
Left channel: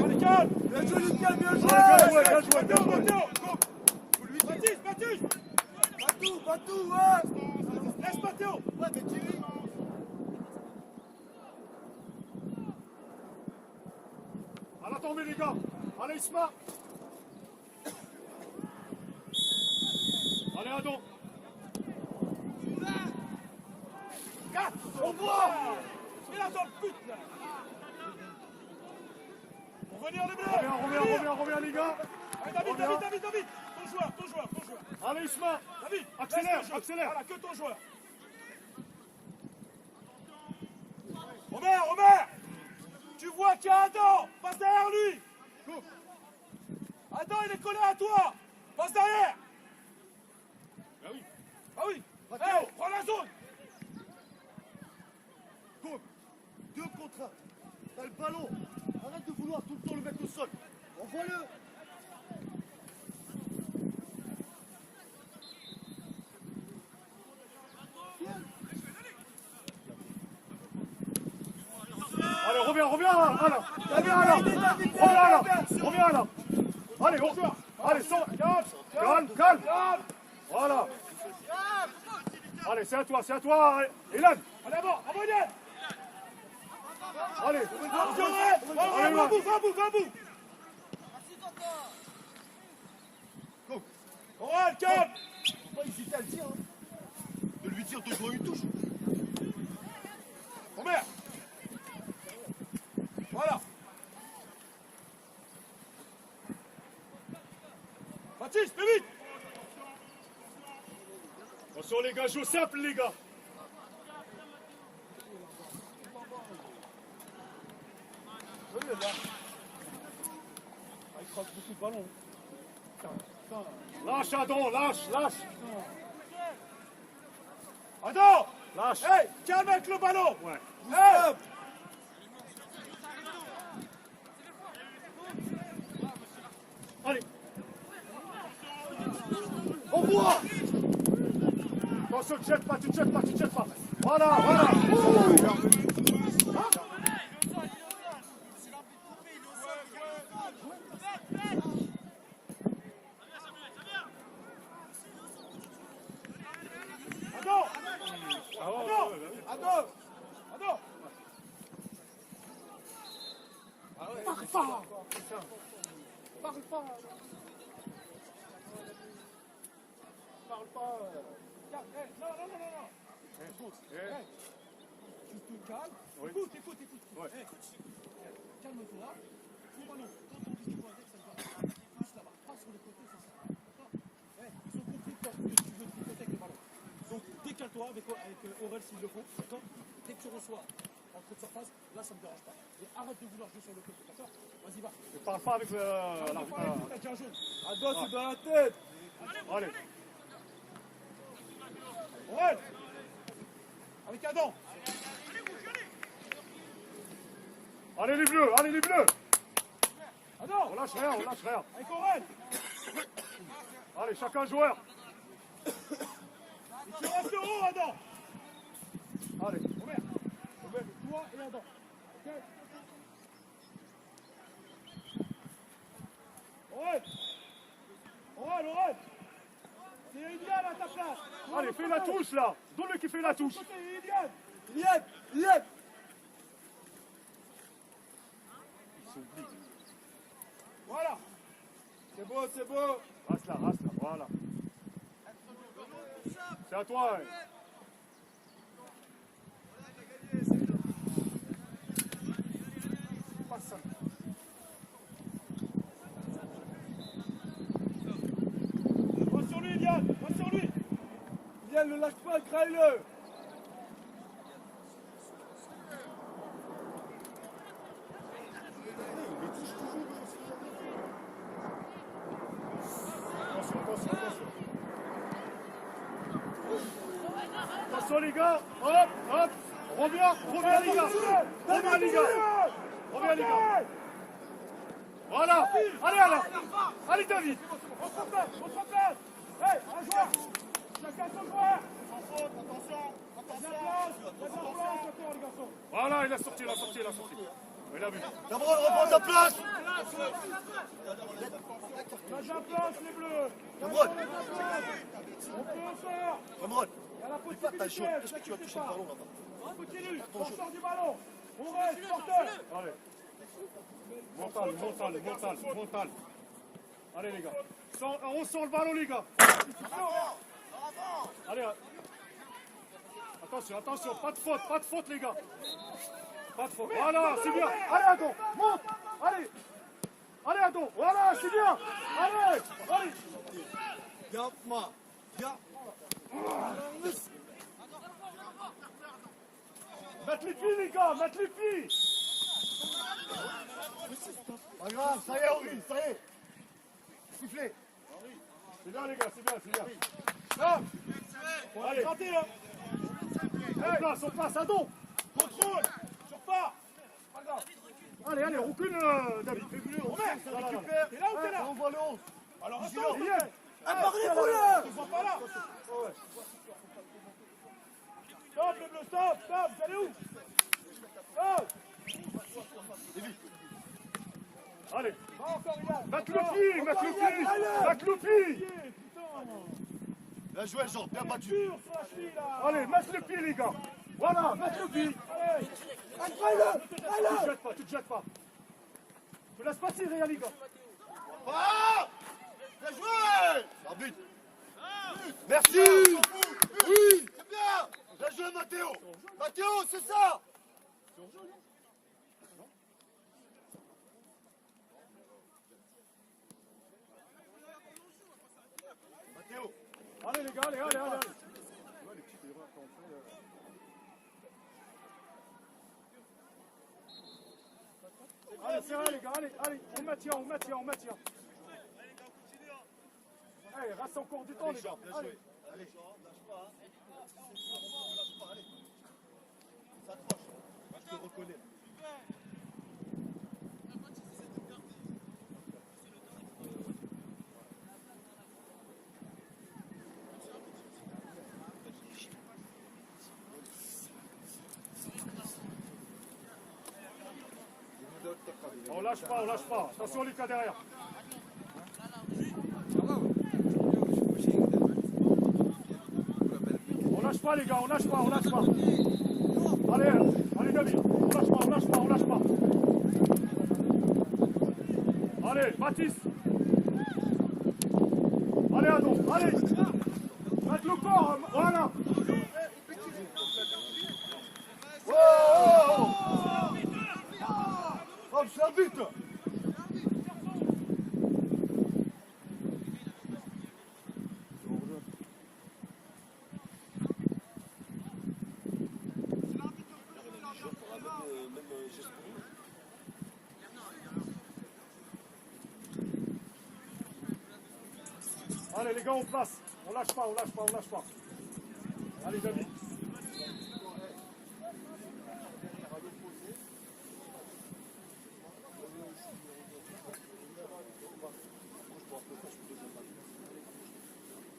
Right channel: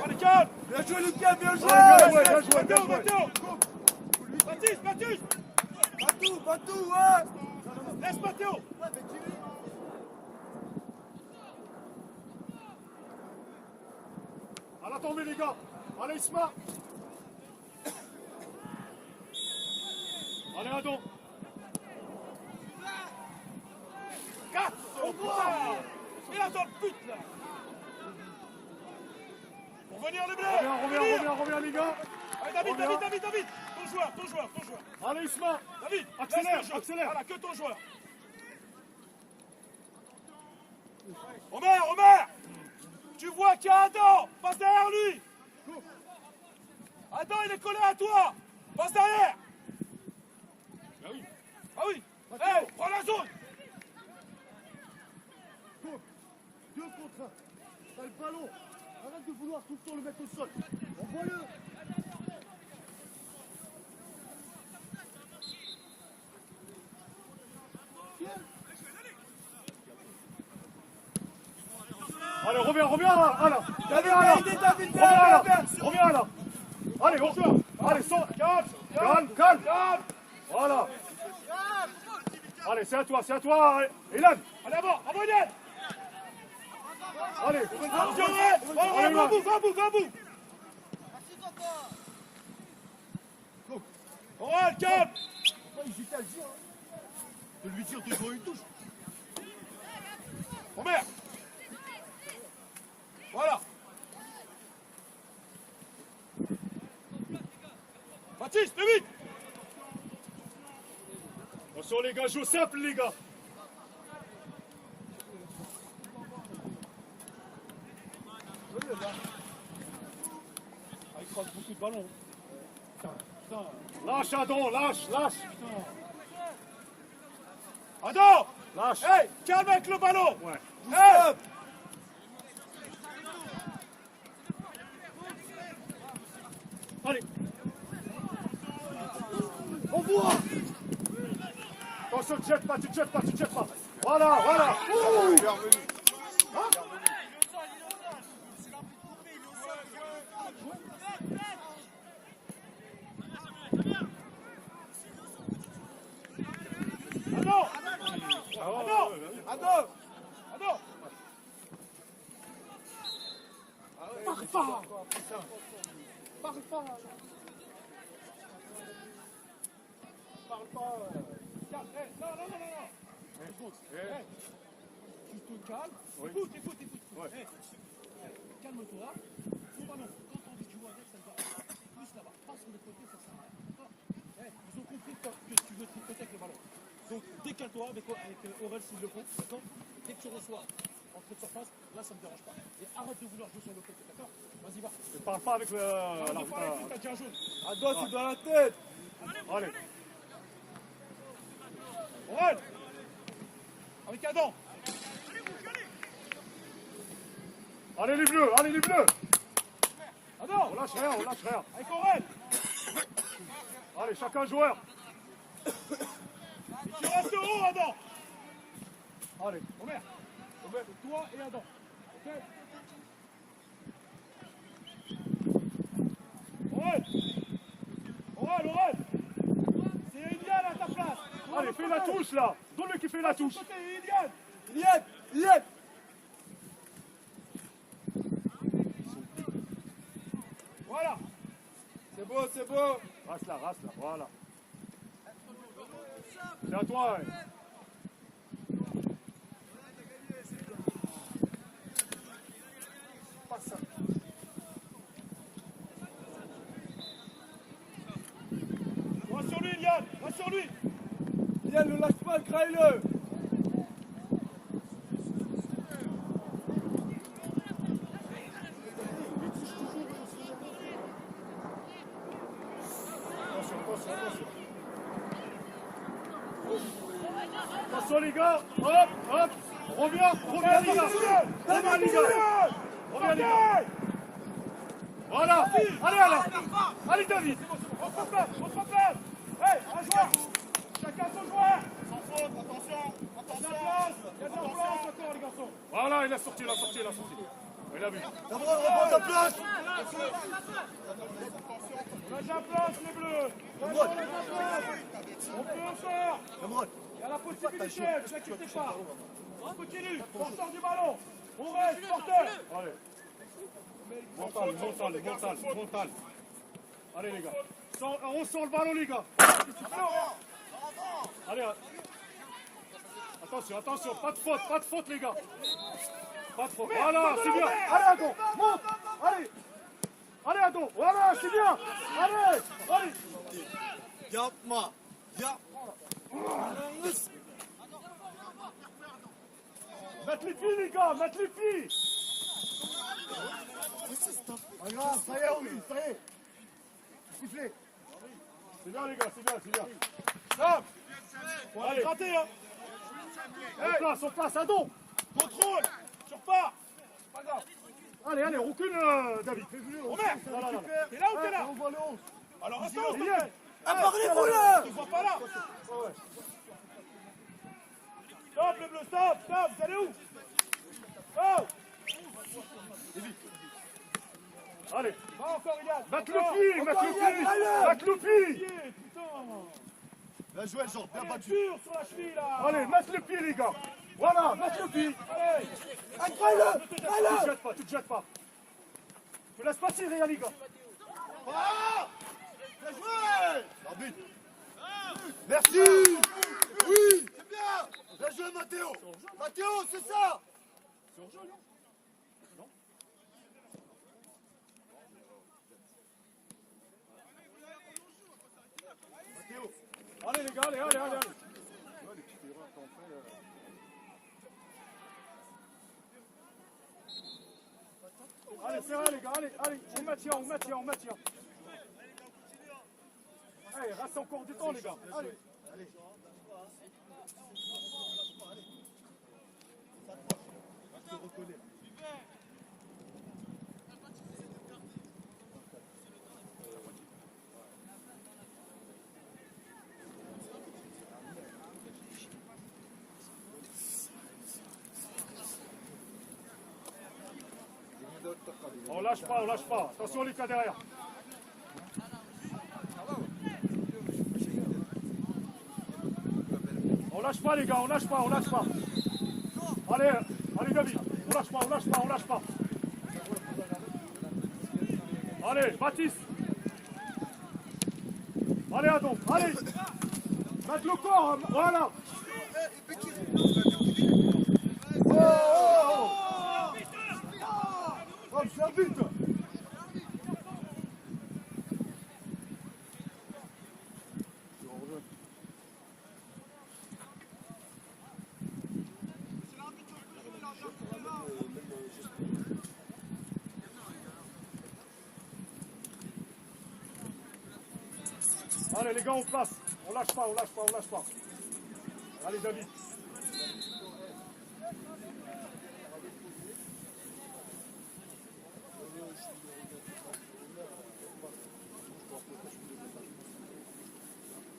Allez, calme. Bien joué, Lucas, bien joué. Allez, bien joué. Baptiste. Batou, ouais. Laisse Mathéo. À la tombée les gars. Allez Isma. Allez Adam. Ah, on voit. Il a dans le but, là. Pour venir les bleus. Reviens les gars. Allez, David. Ton joueur. Allez Isma. David, Accélère. Voilà, que ton joueur. Omer. Tu vois qu'il y a Adam. Passe derrière lui. Adam, il est collé à toi. Passe derrière. Ah oui. Hey, prends la zone. Deux contre un. T'as le ballon. Arrête de vouloir tout le temps le mettre au sol. Envoie-le. Allez, reviens là. Reviens là. Allez, sors. Calme. Voilà. Allez, c'est à toi. Elan. Allez, avant, Elan. Allez. Va bout. Aurel, calme. Il hésitait à le dire. De lui dire, toujours une touche. Omer. Voilà. Baptiste, plus vite. Attention les gars, joue simple les gars. Il croise beaucoup de ballons. Lâche Adam, lâche. Adam. Lâche. Hey, calme avec le ballon. Ouais. Hey. Allez. On voit. Attention, tu te jettes pas. Voilà. Adam. Parle pas. Non. Écoute. Tu te calmes. Oui. Écoute. Ouais. Calme-toi. C'est pas non. Quand on dit jouer avec, ça va. Passe là-bas. Passe sur les côtés, ça sert à rien. D'accord. Ils ont compris que tu veux peut-être le ballon. Donc décale-toi avec Aurel s'il le faut. D'accord. Dès que tu reçois entrée de surface, là ça me dérange pas. Et arrête de vouloir jouer sur le côté. D'accord. Vas-y, va. Ne parle pas avec l'arbitre. T'as déjà un jaune. Adam, c'est dans la tête. Allez. Aurel. Avec Adam. Allez les bleus. Adam. On lâche rien. Avec Aurel. Allez, chacun joueur. Tu restes haut, Adam. Allez. Omer, toi et Adam. Ok. Aurel. C'est idéal à ta place. Allez. Allez, fais la touche là. Donne-le qui fait la touche. Iliad. Voilà. C'est beau, c'est beau. Reste là, voilà. C'est à toi. Hein. Passe ça. Va sur lui, Iliad. Va sur lui. Iliad, ne lâche pas, graille-le. Attention les gars, hop, reviens les gars, voilà, allez David, On se place. Ouais, un joueur. Chacun son joueur. Attention. Il y a de la place encore, les garçons. voilà, il a sorti, il a vu. Cameron, reprends ta place. Lâche la place, les bleus. On peut en faire. Cameron, Il y a la possibilité, ne vous inquiétez pas. On continue, on sort du ballon. On reste, porteur. Allez, mental. Allez les gars, on sort le ballon les gars. Allez, attention, pas de faute les gars. Pas de faute, voilà, c'est bien. Allez Adon, monte, allez Adon, voilà, c'est bien. Allez. Yapma. Mettre les pieds les gars, Pas grave, ça y est, Oli, ça y est. Soufflez. C'est bien les gars, c'est bien. Non. On va Allez. gratter, hein. On place, Adon. Contrôle. Sors pas. Pas grave. Allez, recule David. Omer, t'es là ou t'es là? On voit le 11. Alors restons. Iliad. Apparez-vous là. Tu vois pas là. Ouais. Stop les bleus, stop. Vous allez où? Stop. Allez, Va encore, Iliad. mettre le pied. Putain. Bien joué, Jean, bien battu. Tire sur la cheville là. Allez, mettre le pied les gars. Voilà, mettre le pied. Allez. Tu te jettes pas. Tu laisses pas tirer les gars. Bien joué. Arbitre. Merci. Oui. Bien joué, Mathéo. Mathéo, c'est ça. Mathéo. Allez les gars, allez. Ouais, les petites erreurs qu'on fait. Allez, c'est vrai les gars, allez, on maintient. Allez, reste encore du temps les gars, allez. Je te reconnais. On lâche pas. Attention les cas derrière. On lâche pas les gars, on lâche pas. Allez David, on lâche pas. Allez, Mathis. Allez Adon, allez. Mettre le corps, voilà. Oh, c'est un but. Allez les gars, on place. On lâche pas. Allez David.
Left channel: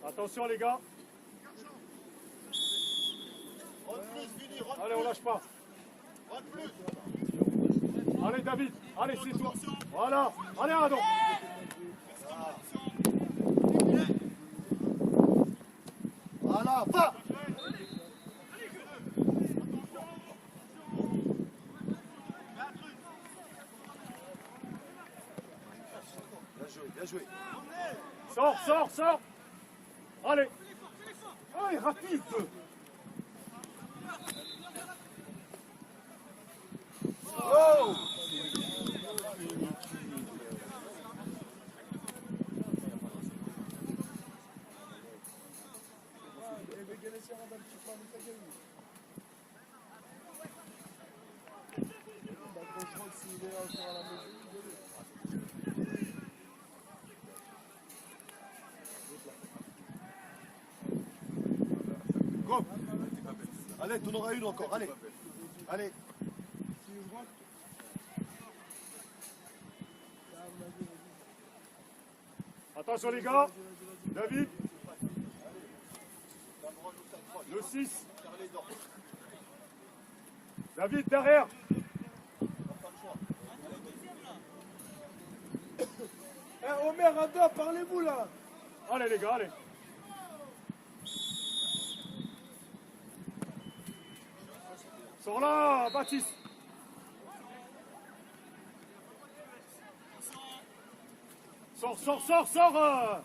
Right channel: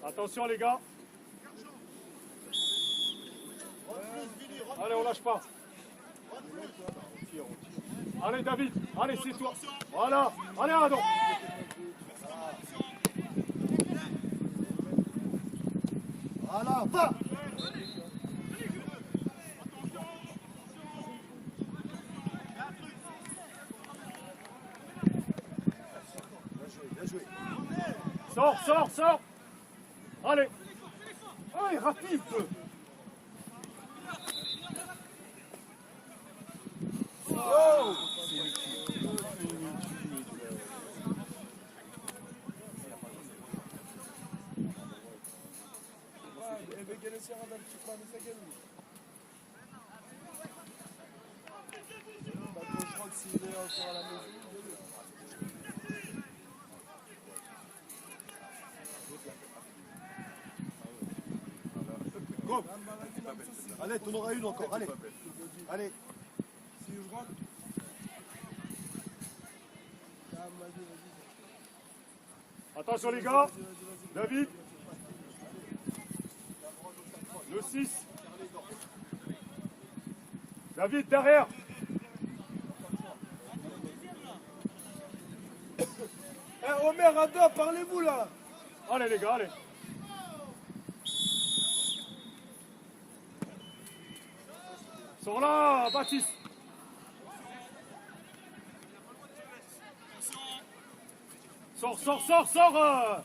Attention les gars. Allez, on lâche pas. Allez David, allez c'est toi. Voilà, allez Adon. Voilà, va. Bien joué. Sors, sors, sors. Allez. Ah, il rapide. Oh. Go. Allez, t'en auras une encore, allez. Allez. Attention les gars. David. Le 6. David derrière. Omer, Ada, parlez-vous là. Allez les gars, allez. Sors là, Baptiste. Sors, sors, sors, sors.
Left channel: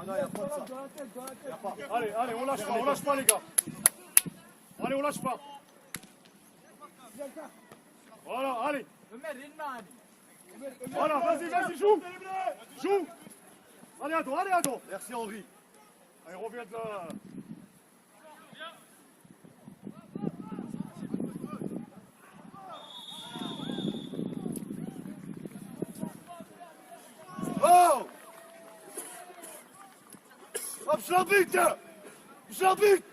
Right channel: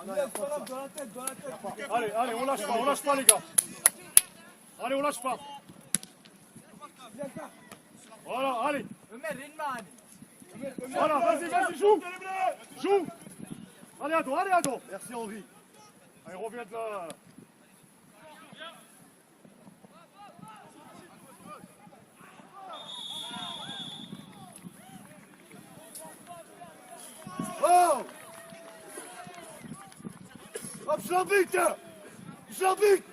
Ah non, il n'y a pas de ça. Dans la tête. Allez, allez, on lâche pas les gars. Allez, on lâche pas. Voilà, allez. Voilà, vas-y, joue. Joue. Allez, à dos. Merci Henri. Allez, reviens de là. Oh. Hop, je l'habite. Je l'habite.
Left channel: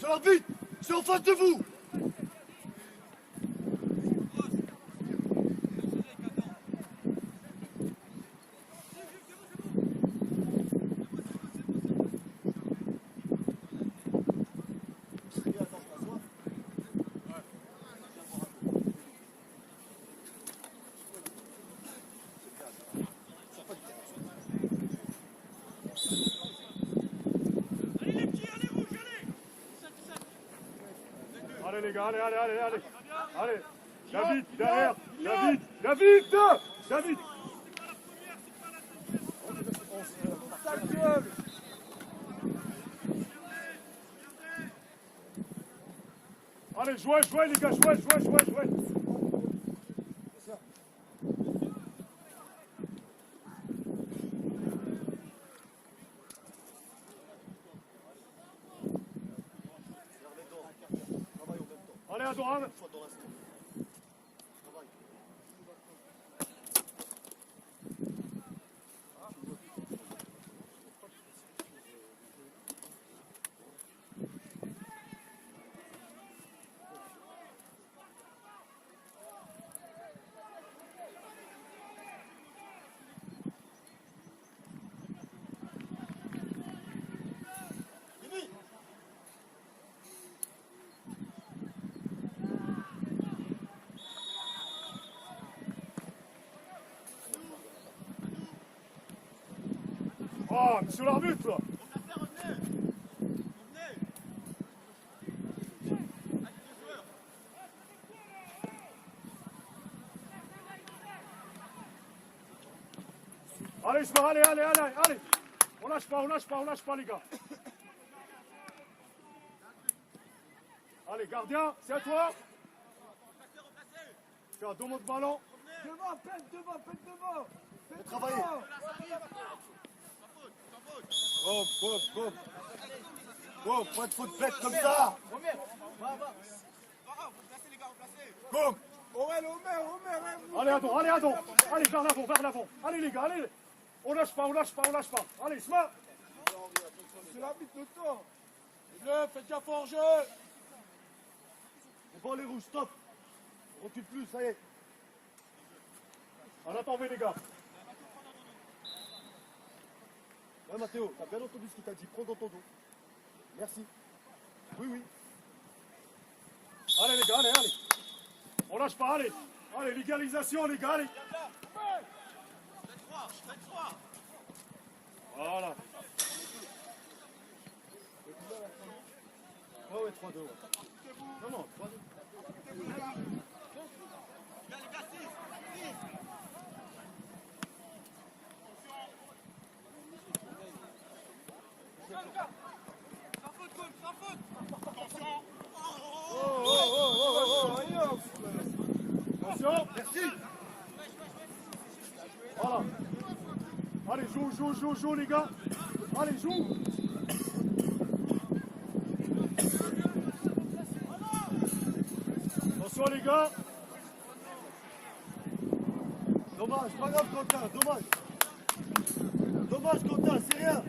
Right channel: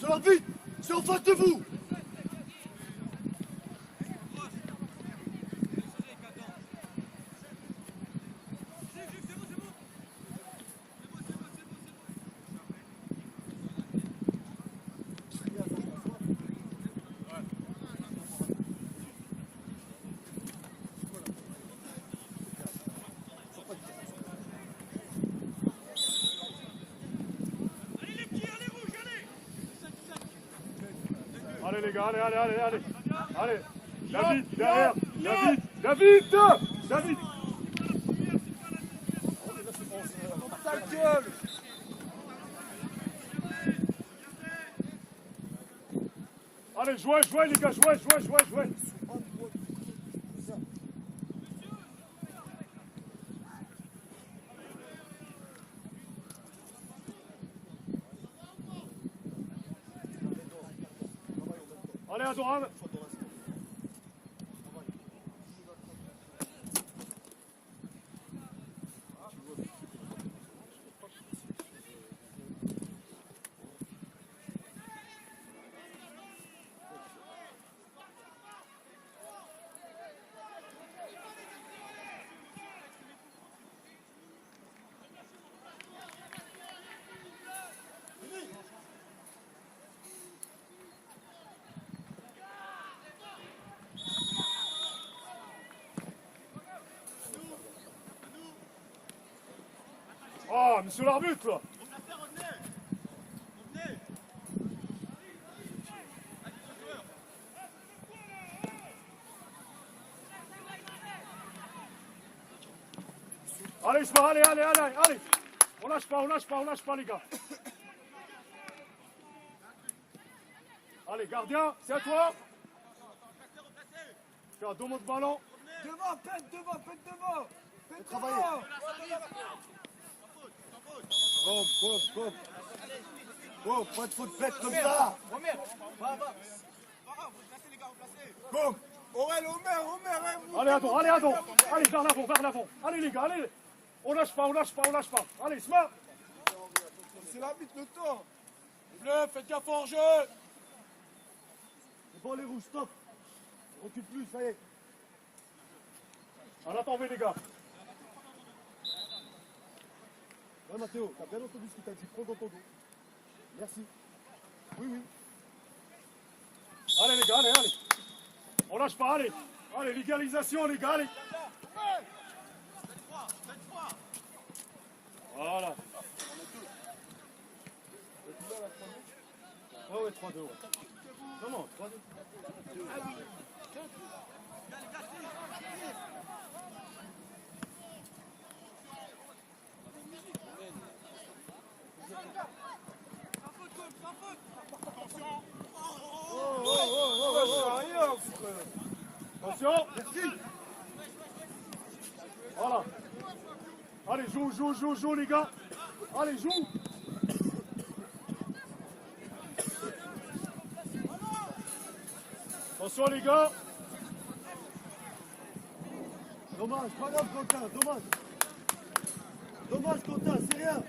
Je l'habite. C'est en face de vous. Allez les gars, allez. Allez. David, derrière. David. Ta gueule. Allez, jouez les gars, jouez. Allez, à droite. Oh, monsieur l'arbitre là. Allez, allez. On lâche pas les gars. Allez, gardien, c'est à toi. Tiens, donne mon ballon. Devant, pète devant. Pète travailler. devant. Bon, pas de faute bête comme ça. Bon. Omer. Allez, à dos. Allez, vers l'avant. Allez les gars, allez. On lâche pas. Allez, Sma. C'est l'arbitre le temps. Faites gaffe en jeu. Bon, les rouges, stop. On tue plus, ça y est. On a tombé les gars. Ouais, Mathéo, t'as bien entendu ce qu'il t'a dit. Prends dans ton dos. Merci. Oui, oui. Allez les gars, allez, allez. On lâche pas, allez. Allez, l'égalisation les gars, allez. Voilà. Ouais, ouais, 3-2, ouais. Non, non, 3-2. Attention. Merci. Voilà. Allez, joue les gars. Allez, joue. Attention les gars. Dommage, pas grave, Quentin, dommage. Dommage, Quentin, c'est rien.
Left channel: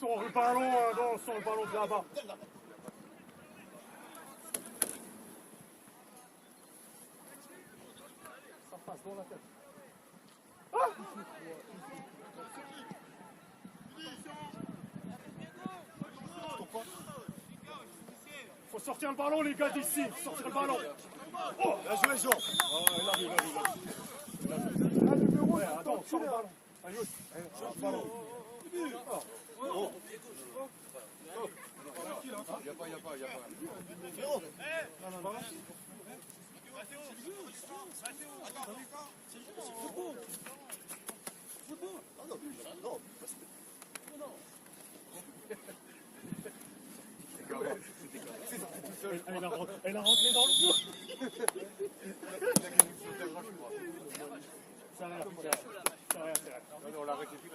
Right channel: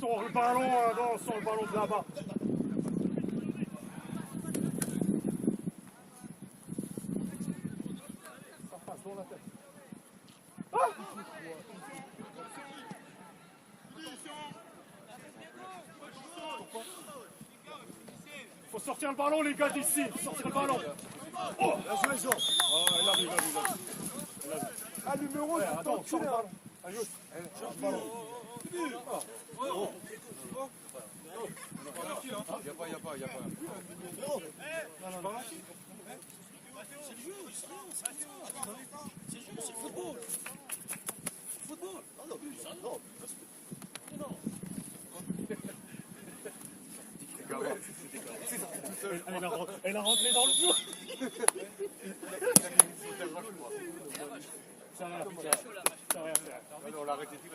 Sans le ballon, non, sans le ballon de là-bas. Ça passe dans la tête. Ah! Faut sortir le ballon les gars d'ici, faut sortir le ballon. Oh! Bien joué, Jean. Il arrive. Ah, numéro, attends, sors le ballon. Allez, sors le ballon. Elle a rentré dans le jeu. Ça va, on l'a arrêté tout.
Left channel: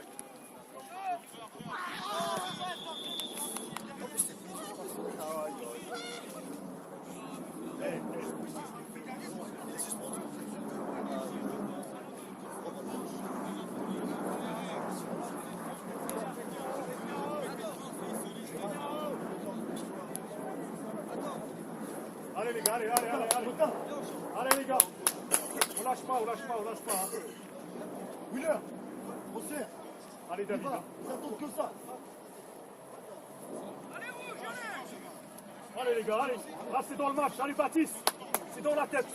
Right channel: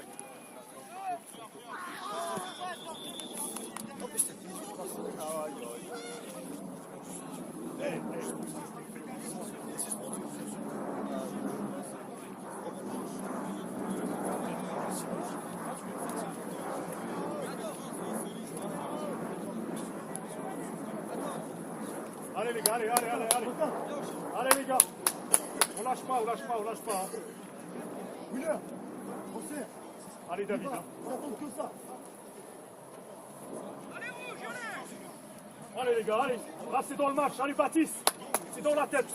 Allez les gars, allez. Allez les gars. On lâche pas. Hein. Wheeler, on sert. Allez David. Hein. On attend que ça. Allez les gars, allez. Là c'est dans le match. Allez Baptiste. C'est dans la tête.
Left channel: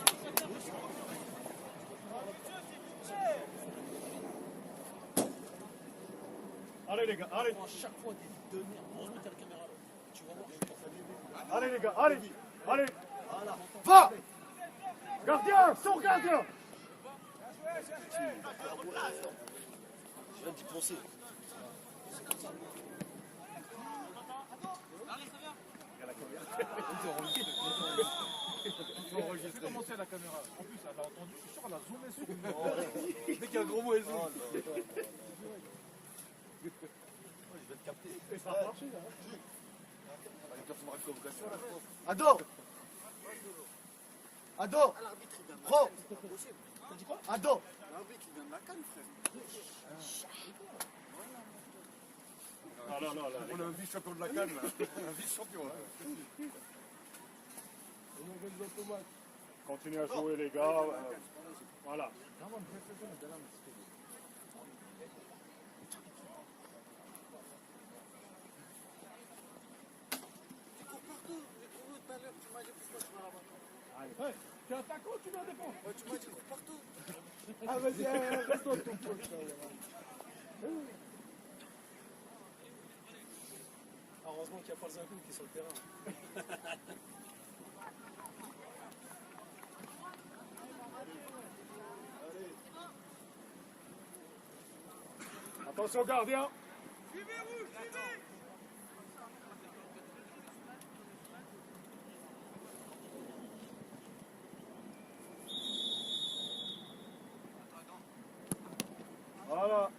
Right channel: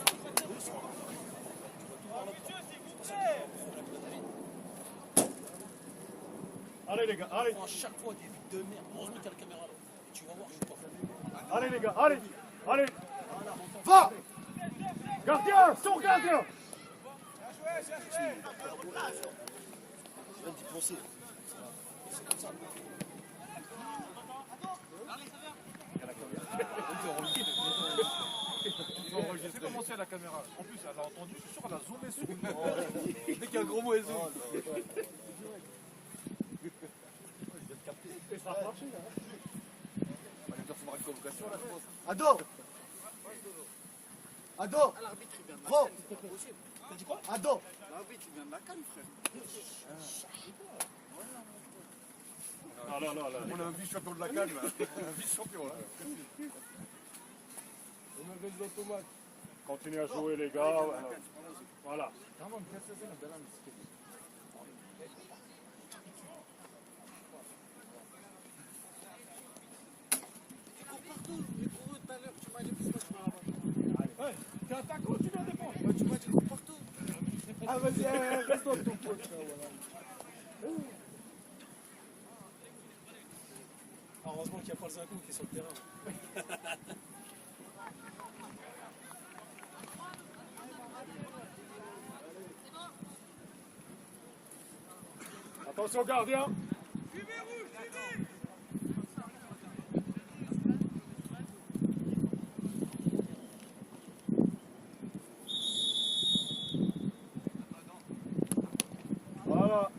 Allez les gars, allez. Chaque fois des buts de merde. Heureusement qu'il y a la caméra. Tu vas voir, je suis pas fan. Allez les gars, allez. Va. Gardien, son gardien. Je viens d'y penser. C'est commencé à la caméra. En plus, elle a entendu, je suis sûr qu'elle a zoomé sur nous. Dès qu'il y a un gros mot, elle zoome. Et ça a marché là. Ado. Pro. Ado. On a un vice-champion de la Cannes là. Un vice-champion là. Continuez à jouer les gars. Voilà. T'es attaquant, tu viens défendre. Tu m'as dit cours partout. Ah, vas-y, reste dans ton poste. Heureusement qu'il n'y a pas le Zinco qui est sur le terrain. Attention gardien. Voilà.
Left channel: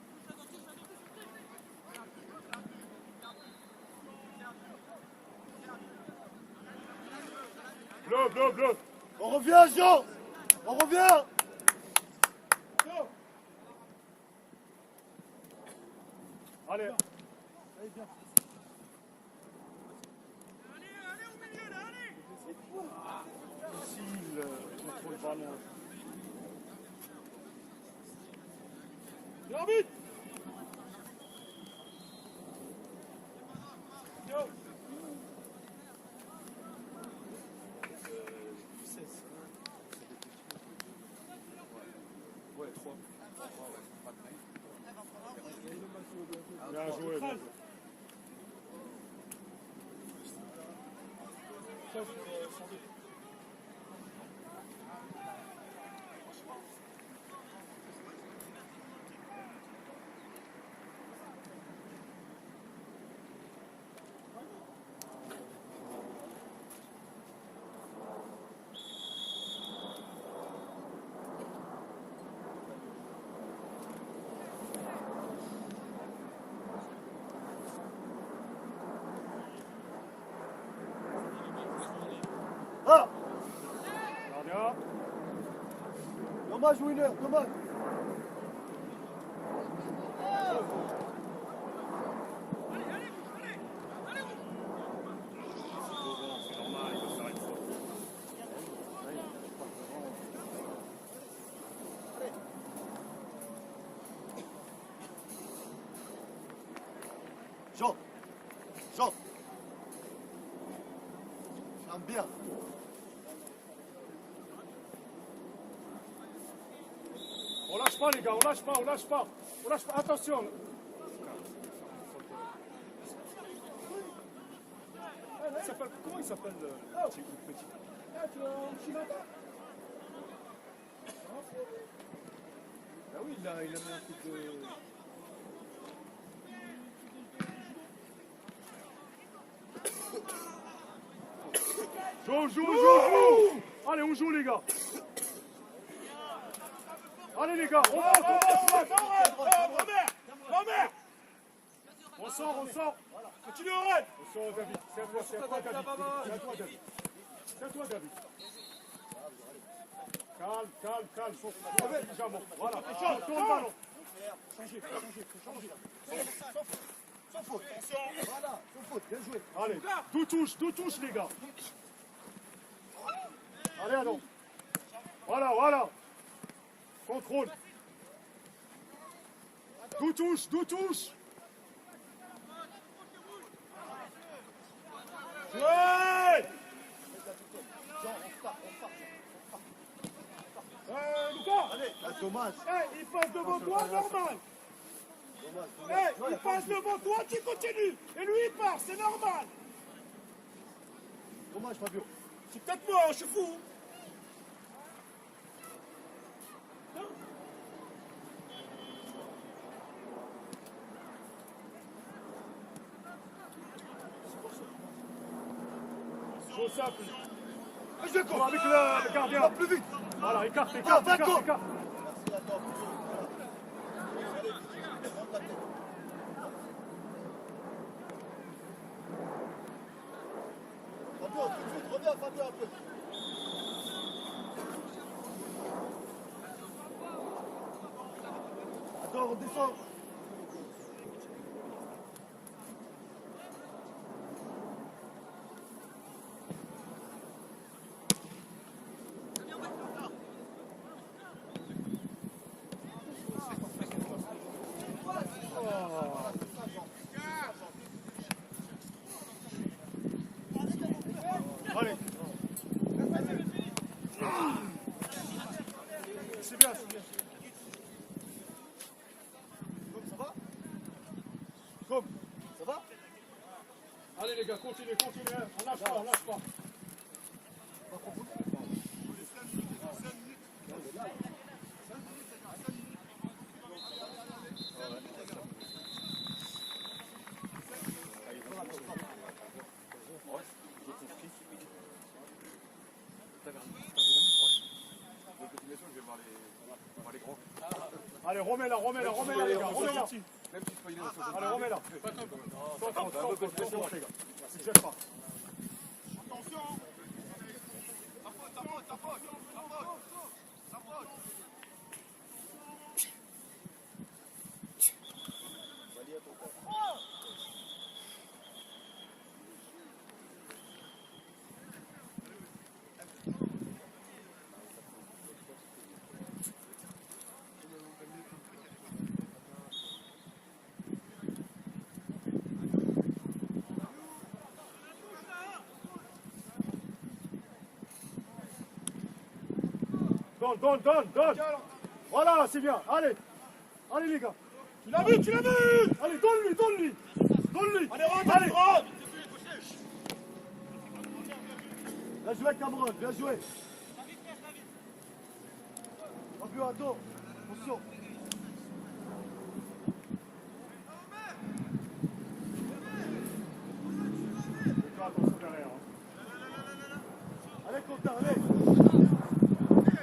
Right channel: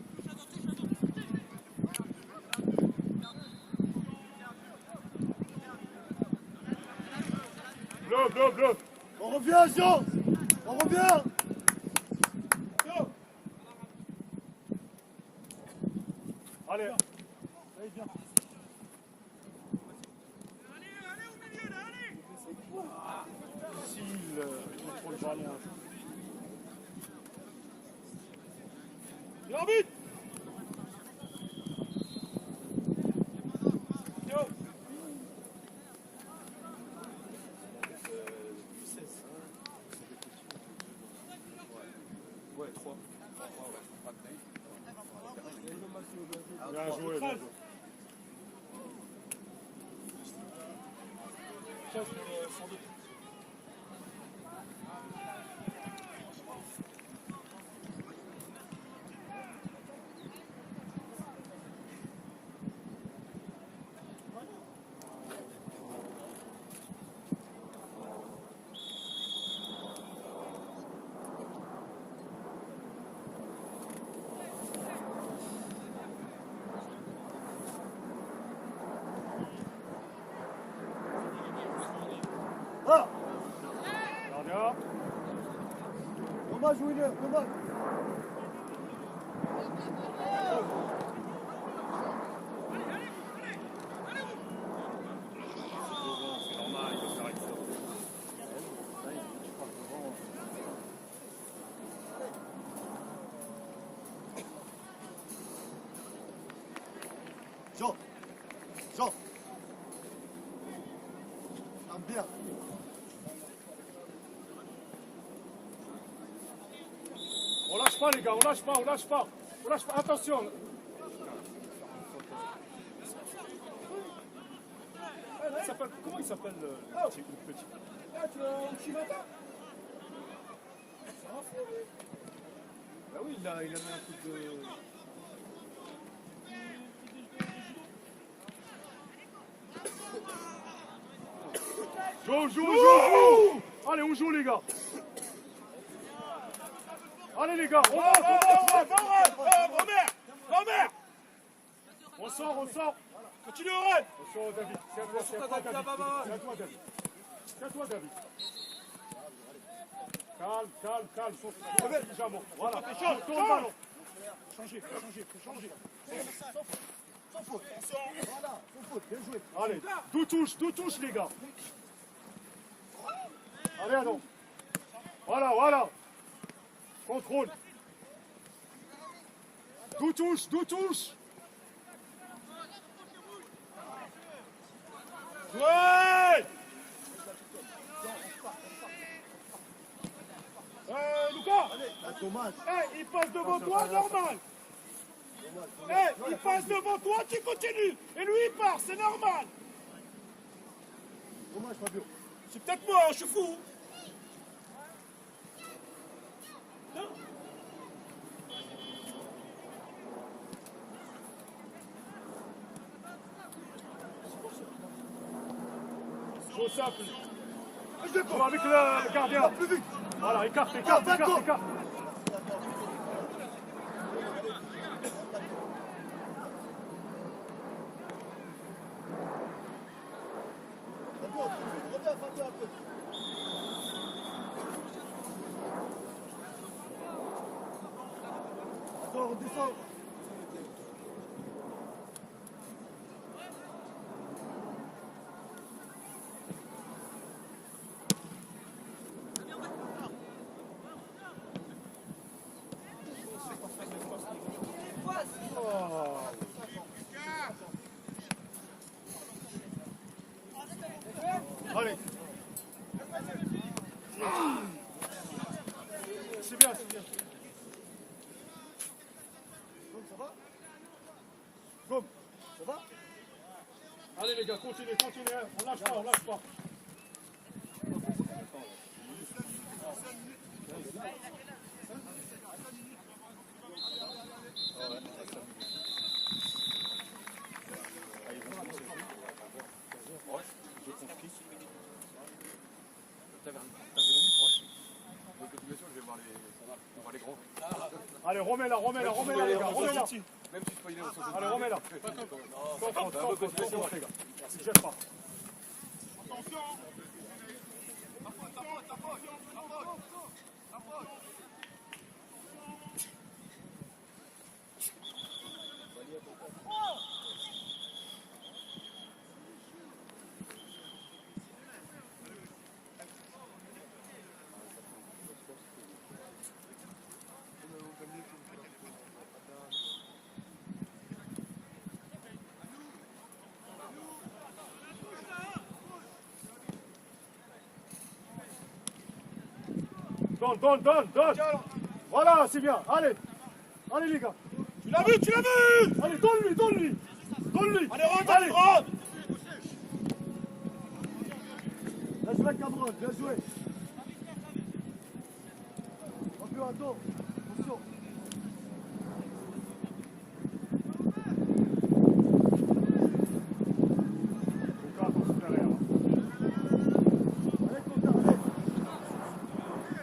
Bleu. On revient. revient, Jean. On revient. Allez. Il contrôle le ballon. L'arbitre. Ouais, 3. Bien joué, bien joué. Ah, Gardien. dommage, Winner, dommage. Jean, Jean. Ah, bien. On lâche pas les gars, on lâche pas, on lâche pas. On lâche pas, attention. Comment il s'appelle le petit? Bah oui, il a mis un truc de... Joue. Allez, on joue les gars. Allez les gars, on monte. Robert. On sort. Continue au run. On sort David. Tiens-toi David. Tiens-toi David. Calme. Voilà. Tourne le ballon. Changez. Sans faute. Voilà, sans faute, bien joué. Allez, d'où touche les gars. Allez, Adam. Voilà. Contrôle. D'où touche. Ouais. Lucas. Ah, dommage. Il passe devant toi, normal. Il passe devant toi, tu continues. Et lui, il part, c'est normal. Dommage, Fabio. C'est peut-être moi, je suis fou. Trop simple. Vas-y, Bon, avec le gardien. plus vite. Voilà, écarte. D'accord. Reviens, Fabio, un peu. Attends, on descend. Allez. C'est bien. Comme. Ça va? Allez les gars, continuez. On lâche pas. Allez, remets-la, les gars, remets-la. Allez, remets-la. Sans faute, les gars. Tu te jettes pas. Attention. Donne. Voilà, c'est bien. Allez les gars. Tu l'as vu, tu l'as vu. Allez, donne-lui. Allez, rentre. Bien joué, Cameron, bien joué. Un peu à dos. Attention. Attention derrière. Allez, Quentin, allez. Donne-lui.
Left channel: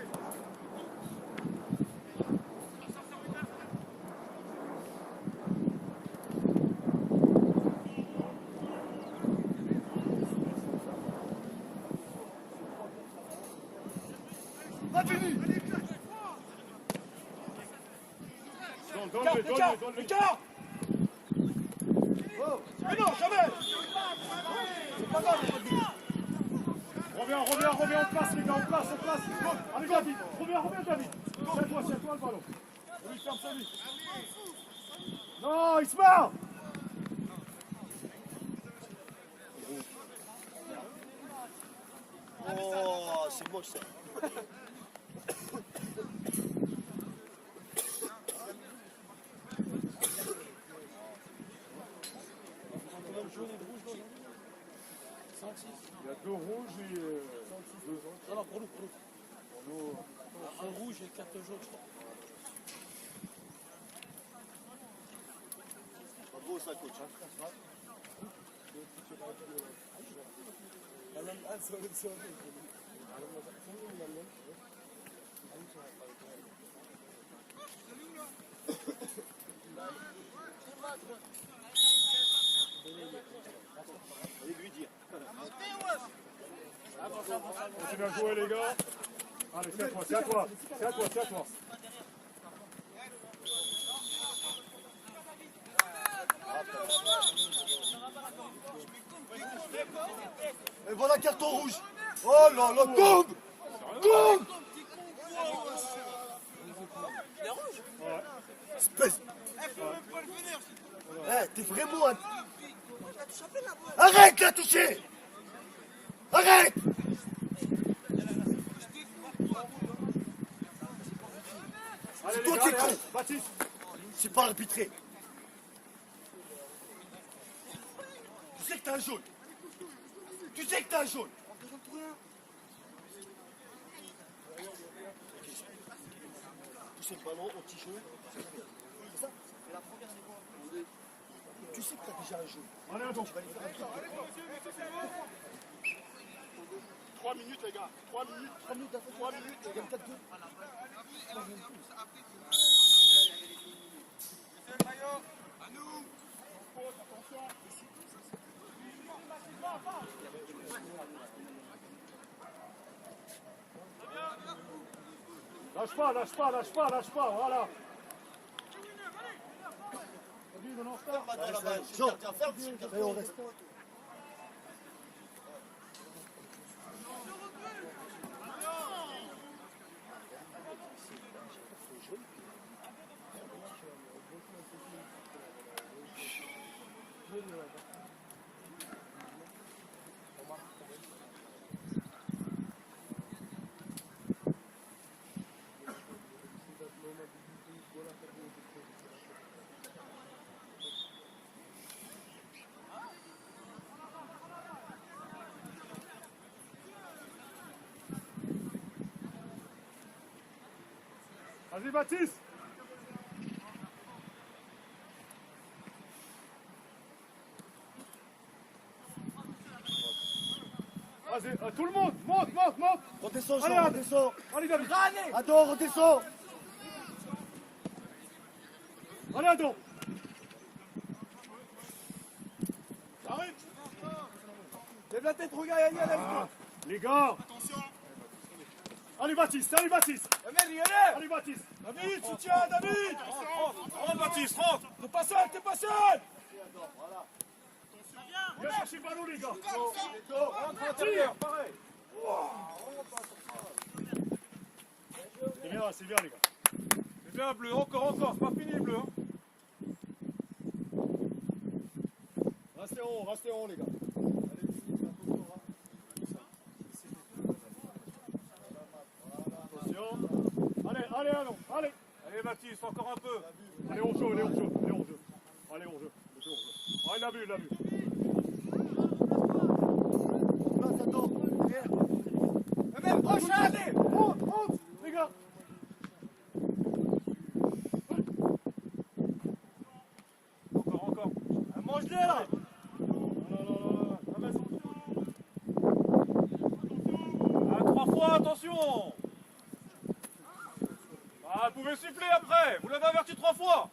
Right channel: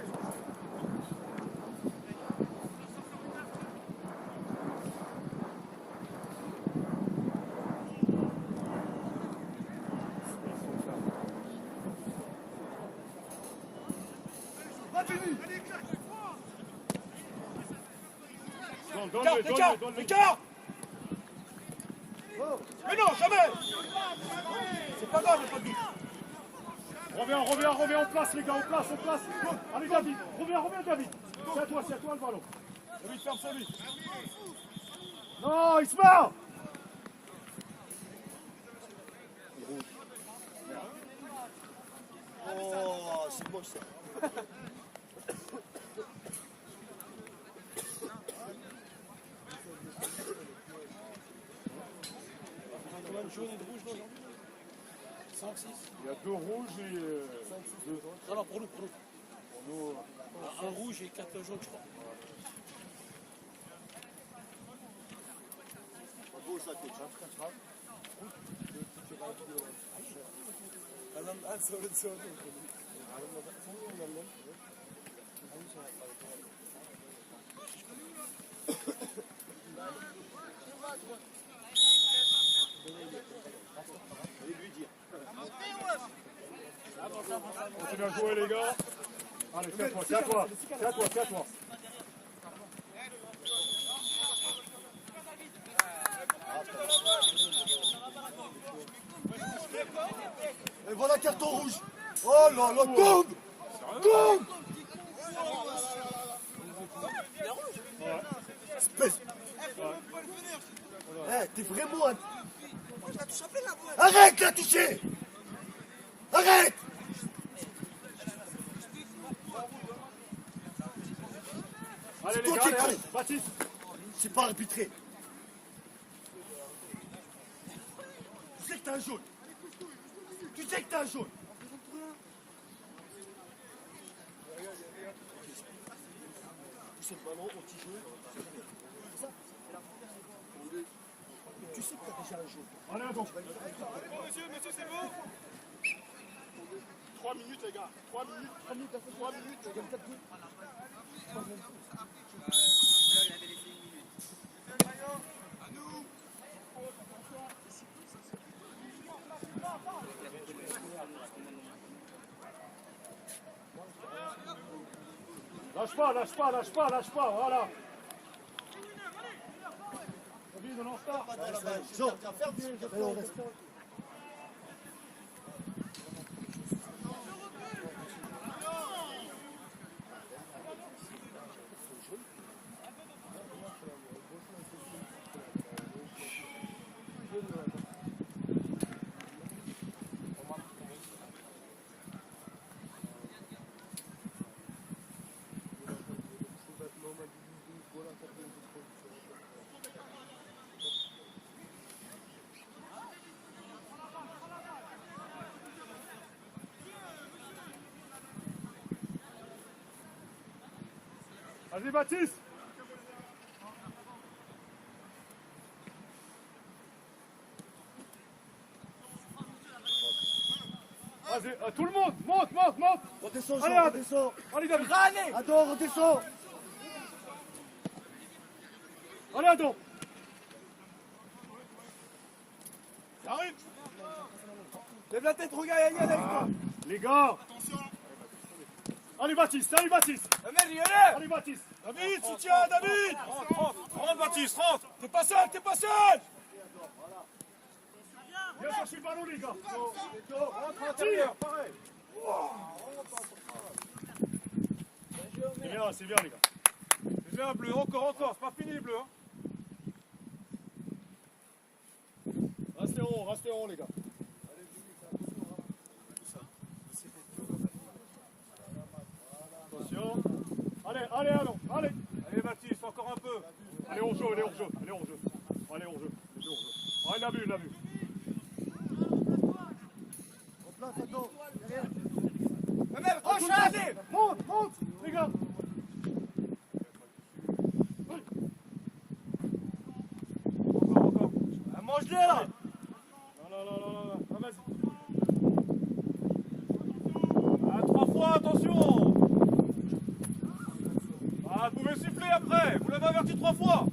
Écart. Mais non, jamais. C'est pas grave. Reviens en place les gars, en place. Allez David, reviens David. C'est à toi le ballon. On lui ferme sur lui. Non, il se marre. Oh, c'est moche ça. Il y a 2 rouges et 2. Ça va pour nous. Pour nous, Un rouge et 4 jaunes, je crois. Pas beau ça, coach. c'est bien joué les gars. Allez, c'est à toi. Et voilà carton rouge. Oh là là, boum. Espèce. T'es vraiment un... Arrête la toucher. Arrête. Allez les toi gars, qui es allez, con. Baptiste. C'est pas arbitré. Tu sais que t'as un jaune. Tu sais le ballon, on t'y joue. C'est ça. Tu sais que t'as déjà un jaune. Allez, attends. 3 minutes les gars. 3 minutes les gars. Lâche pas, voilà. Jean, allez, on reste. Vas-y Baptiste. Vas-y, tout le monde, monte. Redescends, Allez, Jean, Ad. redescends. Allez David. Adore, redescends. Allez Adam. J'arrive. Lève la tête, regarde, Yann, Les gars. Allez Baptiste, allez Baptiste. Allez Baptiste. David, soutien, David. Rentre Baptiste, rentre. T'es pas seul, t'es pas seul. Viens chercher le ballon les gars. Rentre à l'intérieur, pareil. C'est bien les gars. C'est bien bleu, encore, c'est pas fini bleu. Hein. Restez en haut les gars. Attention. Allez, allez. Allez Baptiste, encore un peu. Allez, on joue. Allez, on joue. Ah, il a vu. Allez. Rentre, les gars. Encore. Mange-les là. Non, vas-y. Ah, 3 fois, attention. Ah, vous pouvez siffler après. Vous l'avez averti 3 fois.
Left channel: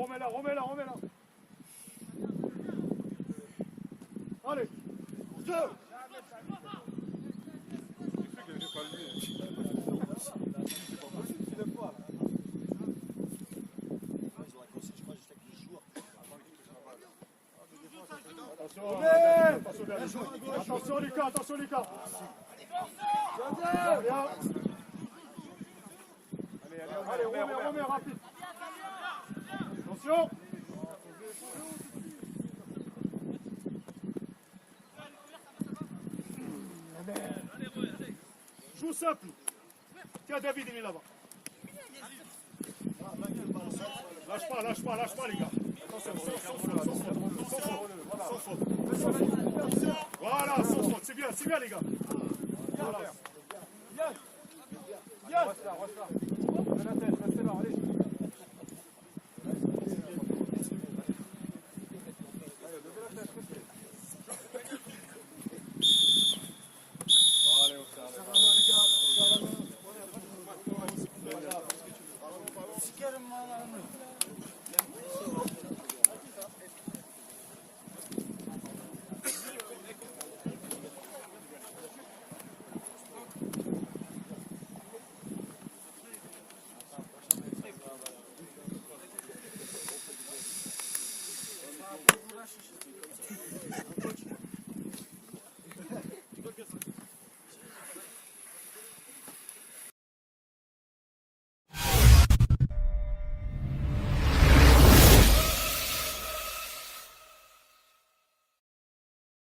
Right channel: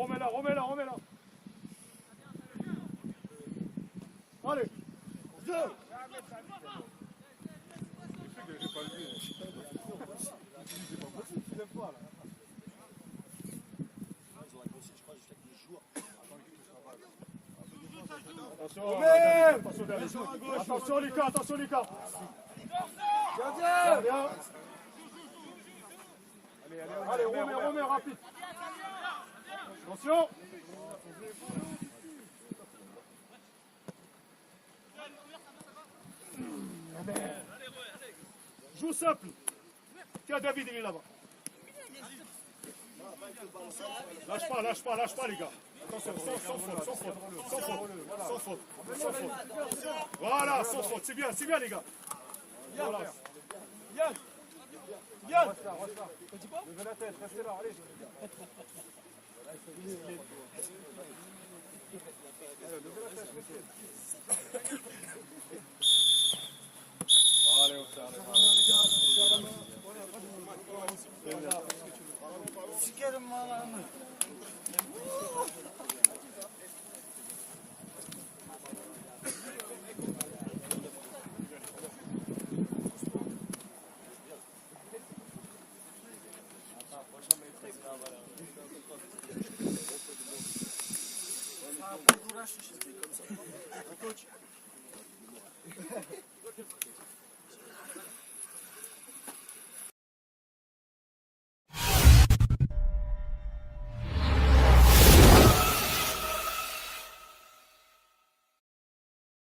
Remets-la. Allez. Attention Lucas. Bien. Allez, remets, rapide. Attention. Joue simple. Tiens, David, il est là-bas. Lâche pas, les gars. Attention, sans faute. Voilà, sans faute. C'est bien, les gars. Voilà. Reste là. Levez la tête, restez là, allez. Sikerim lan.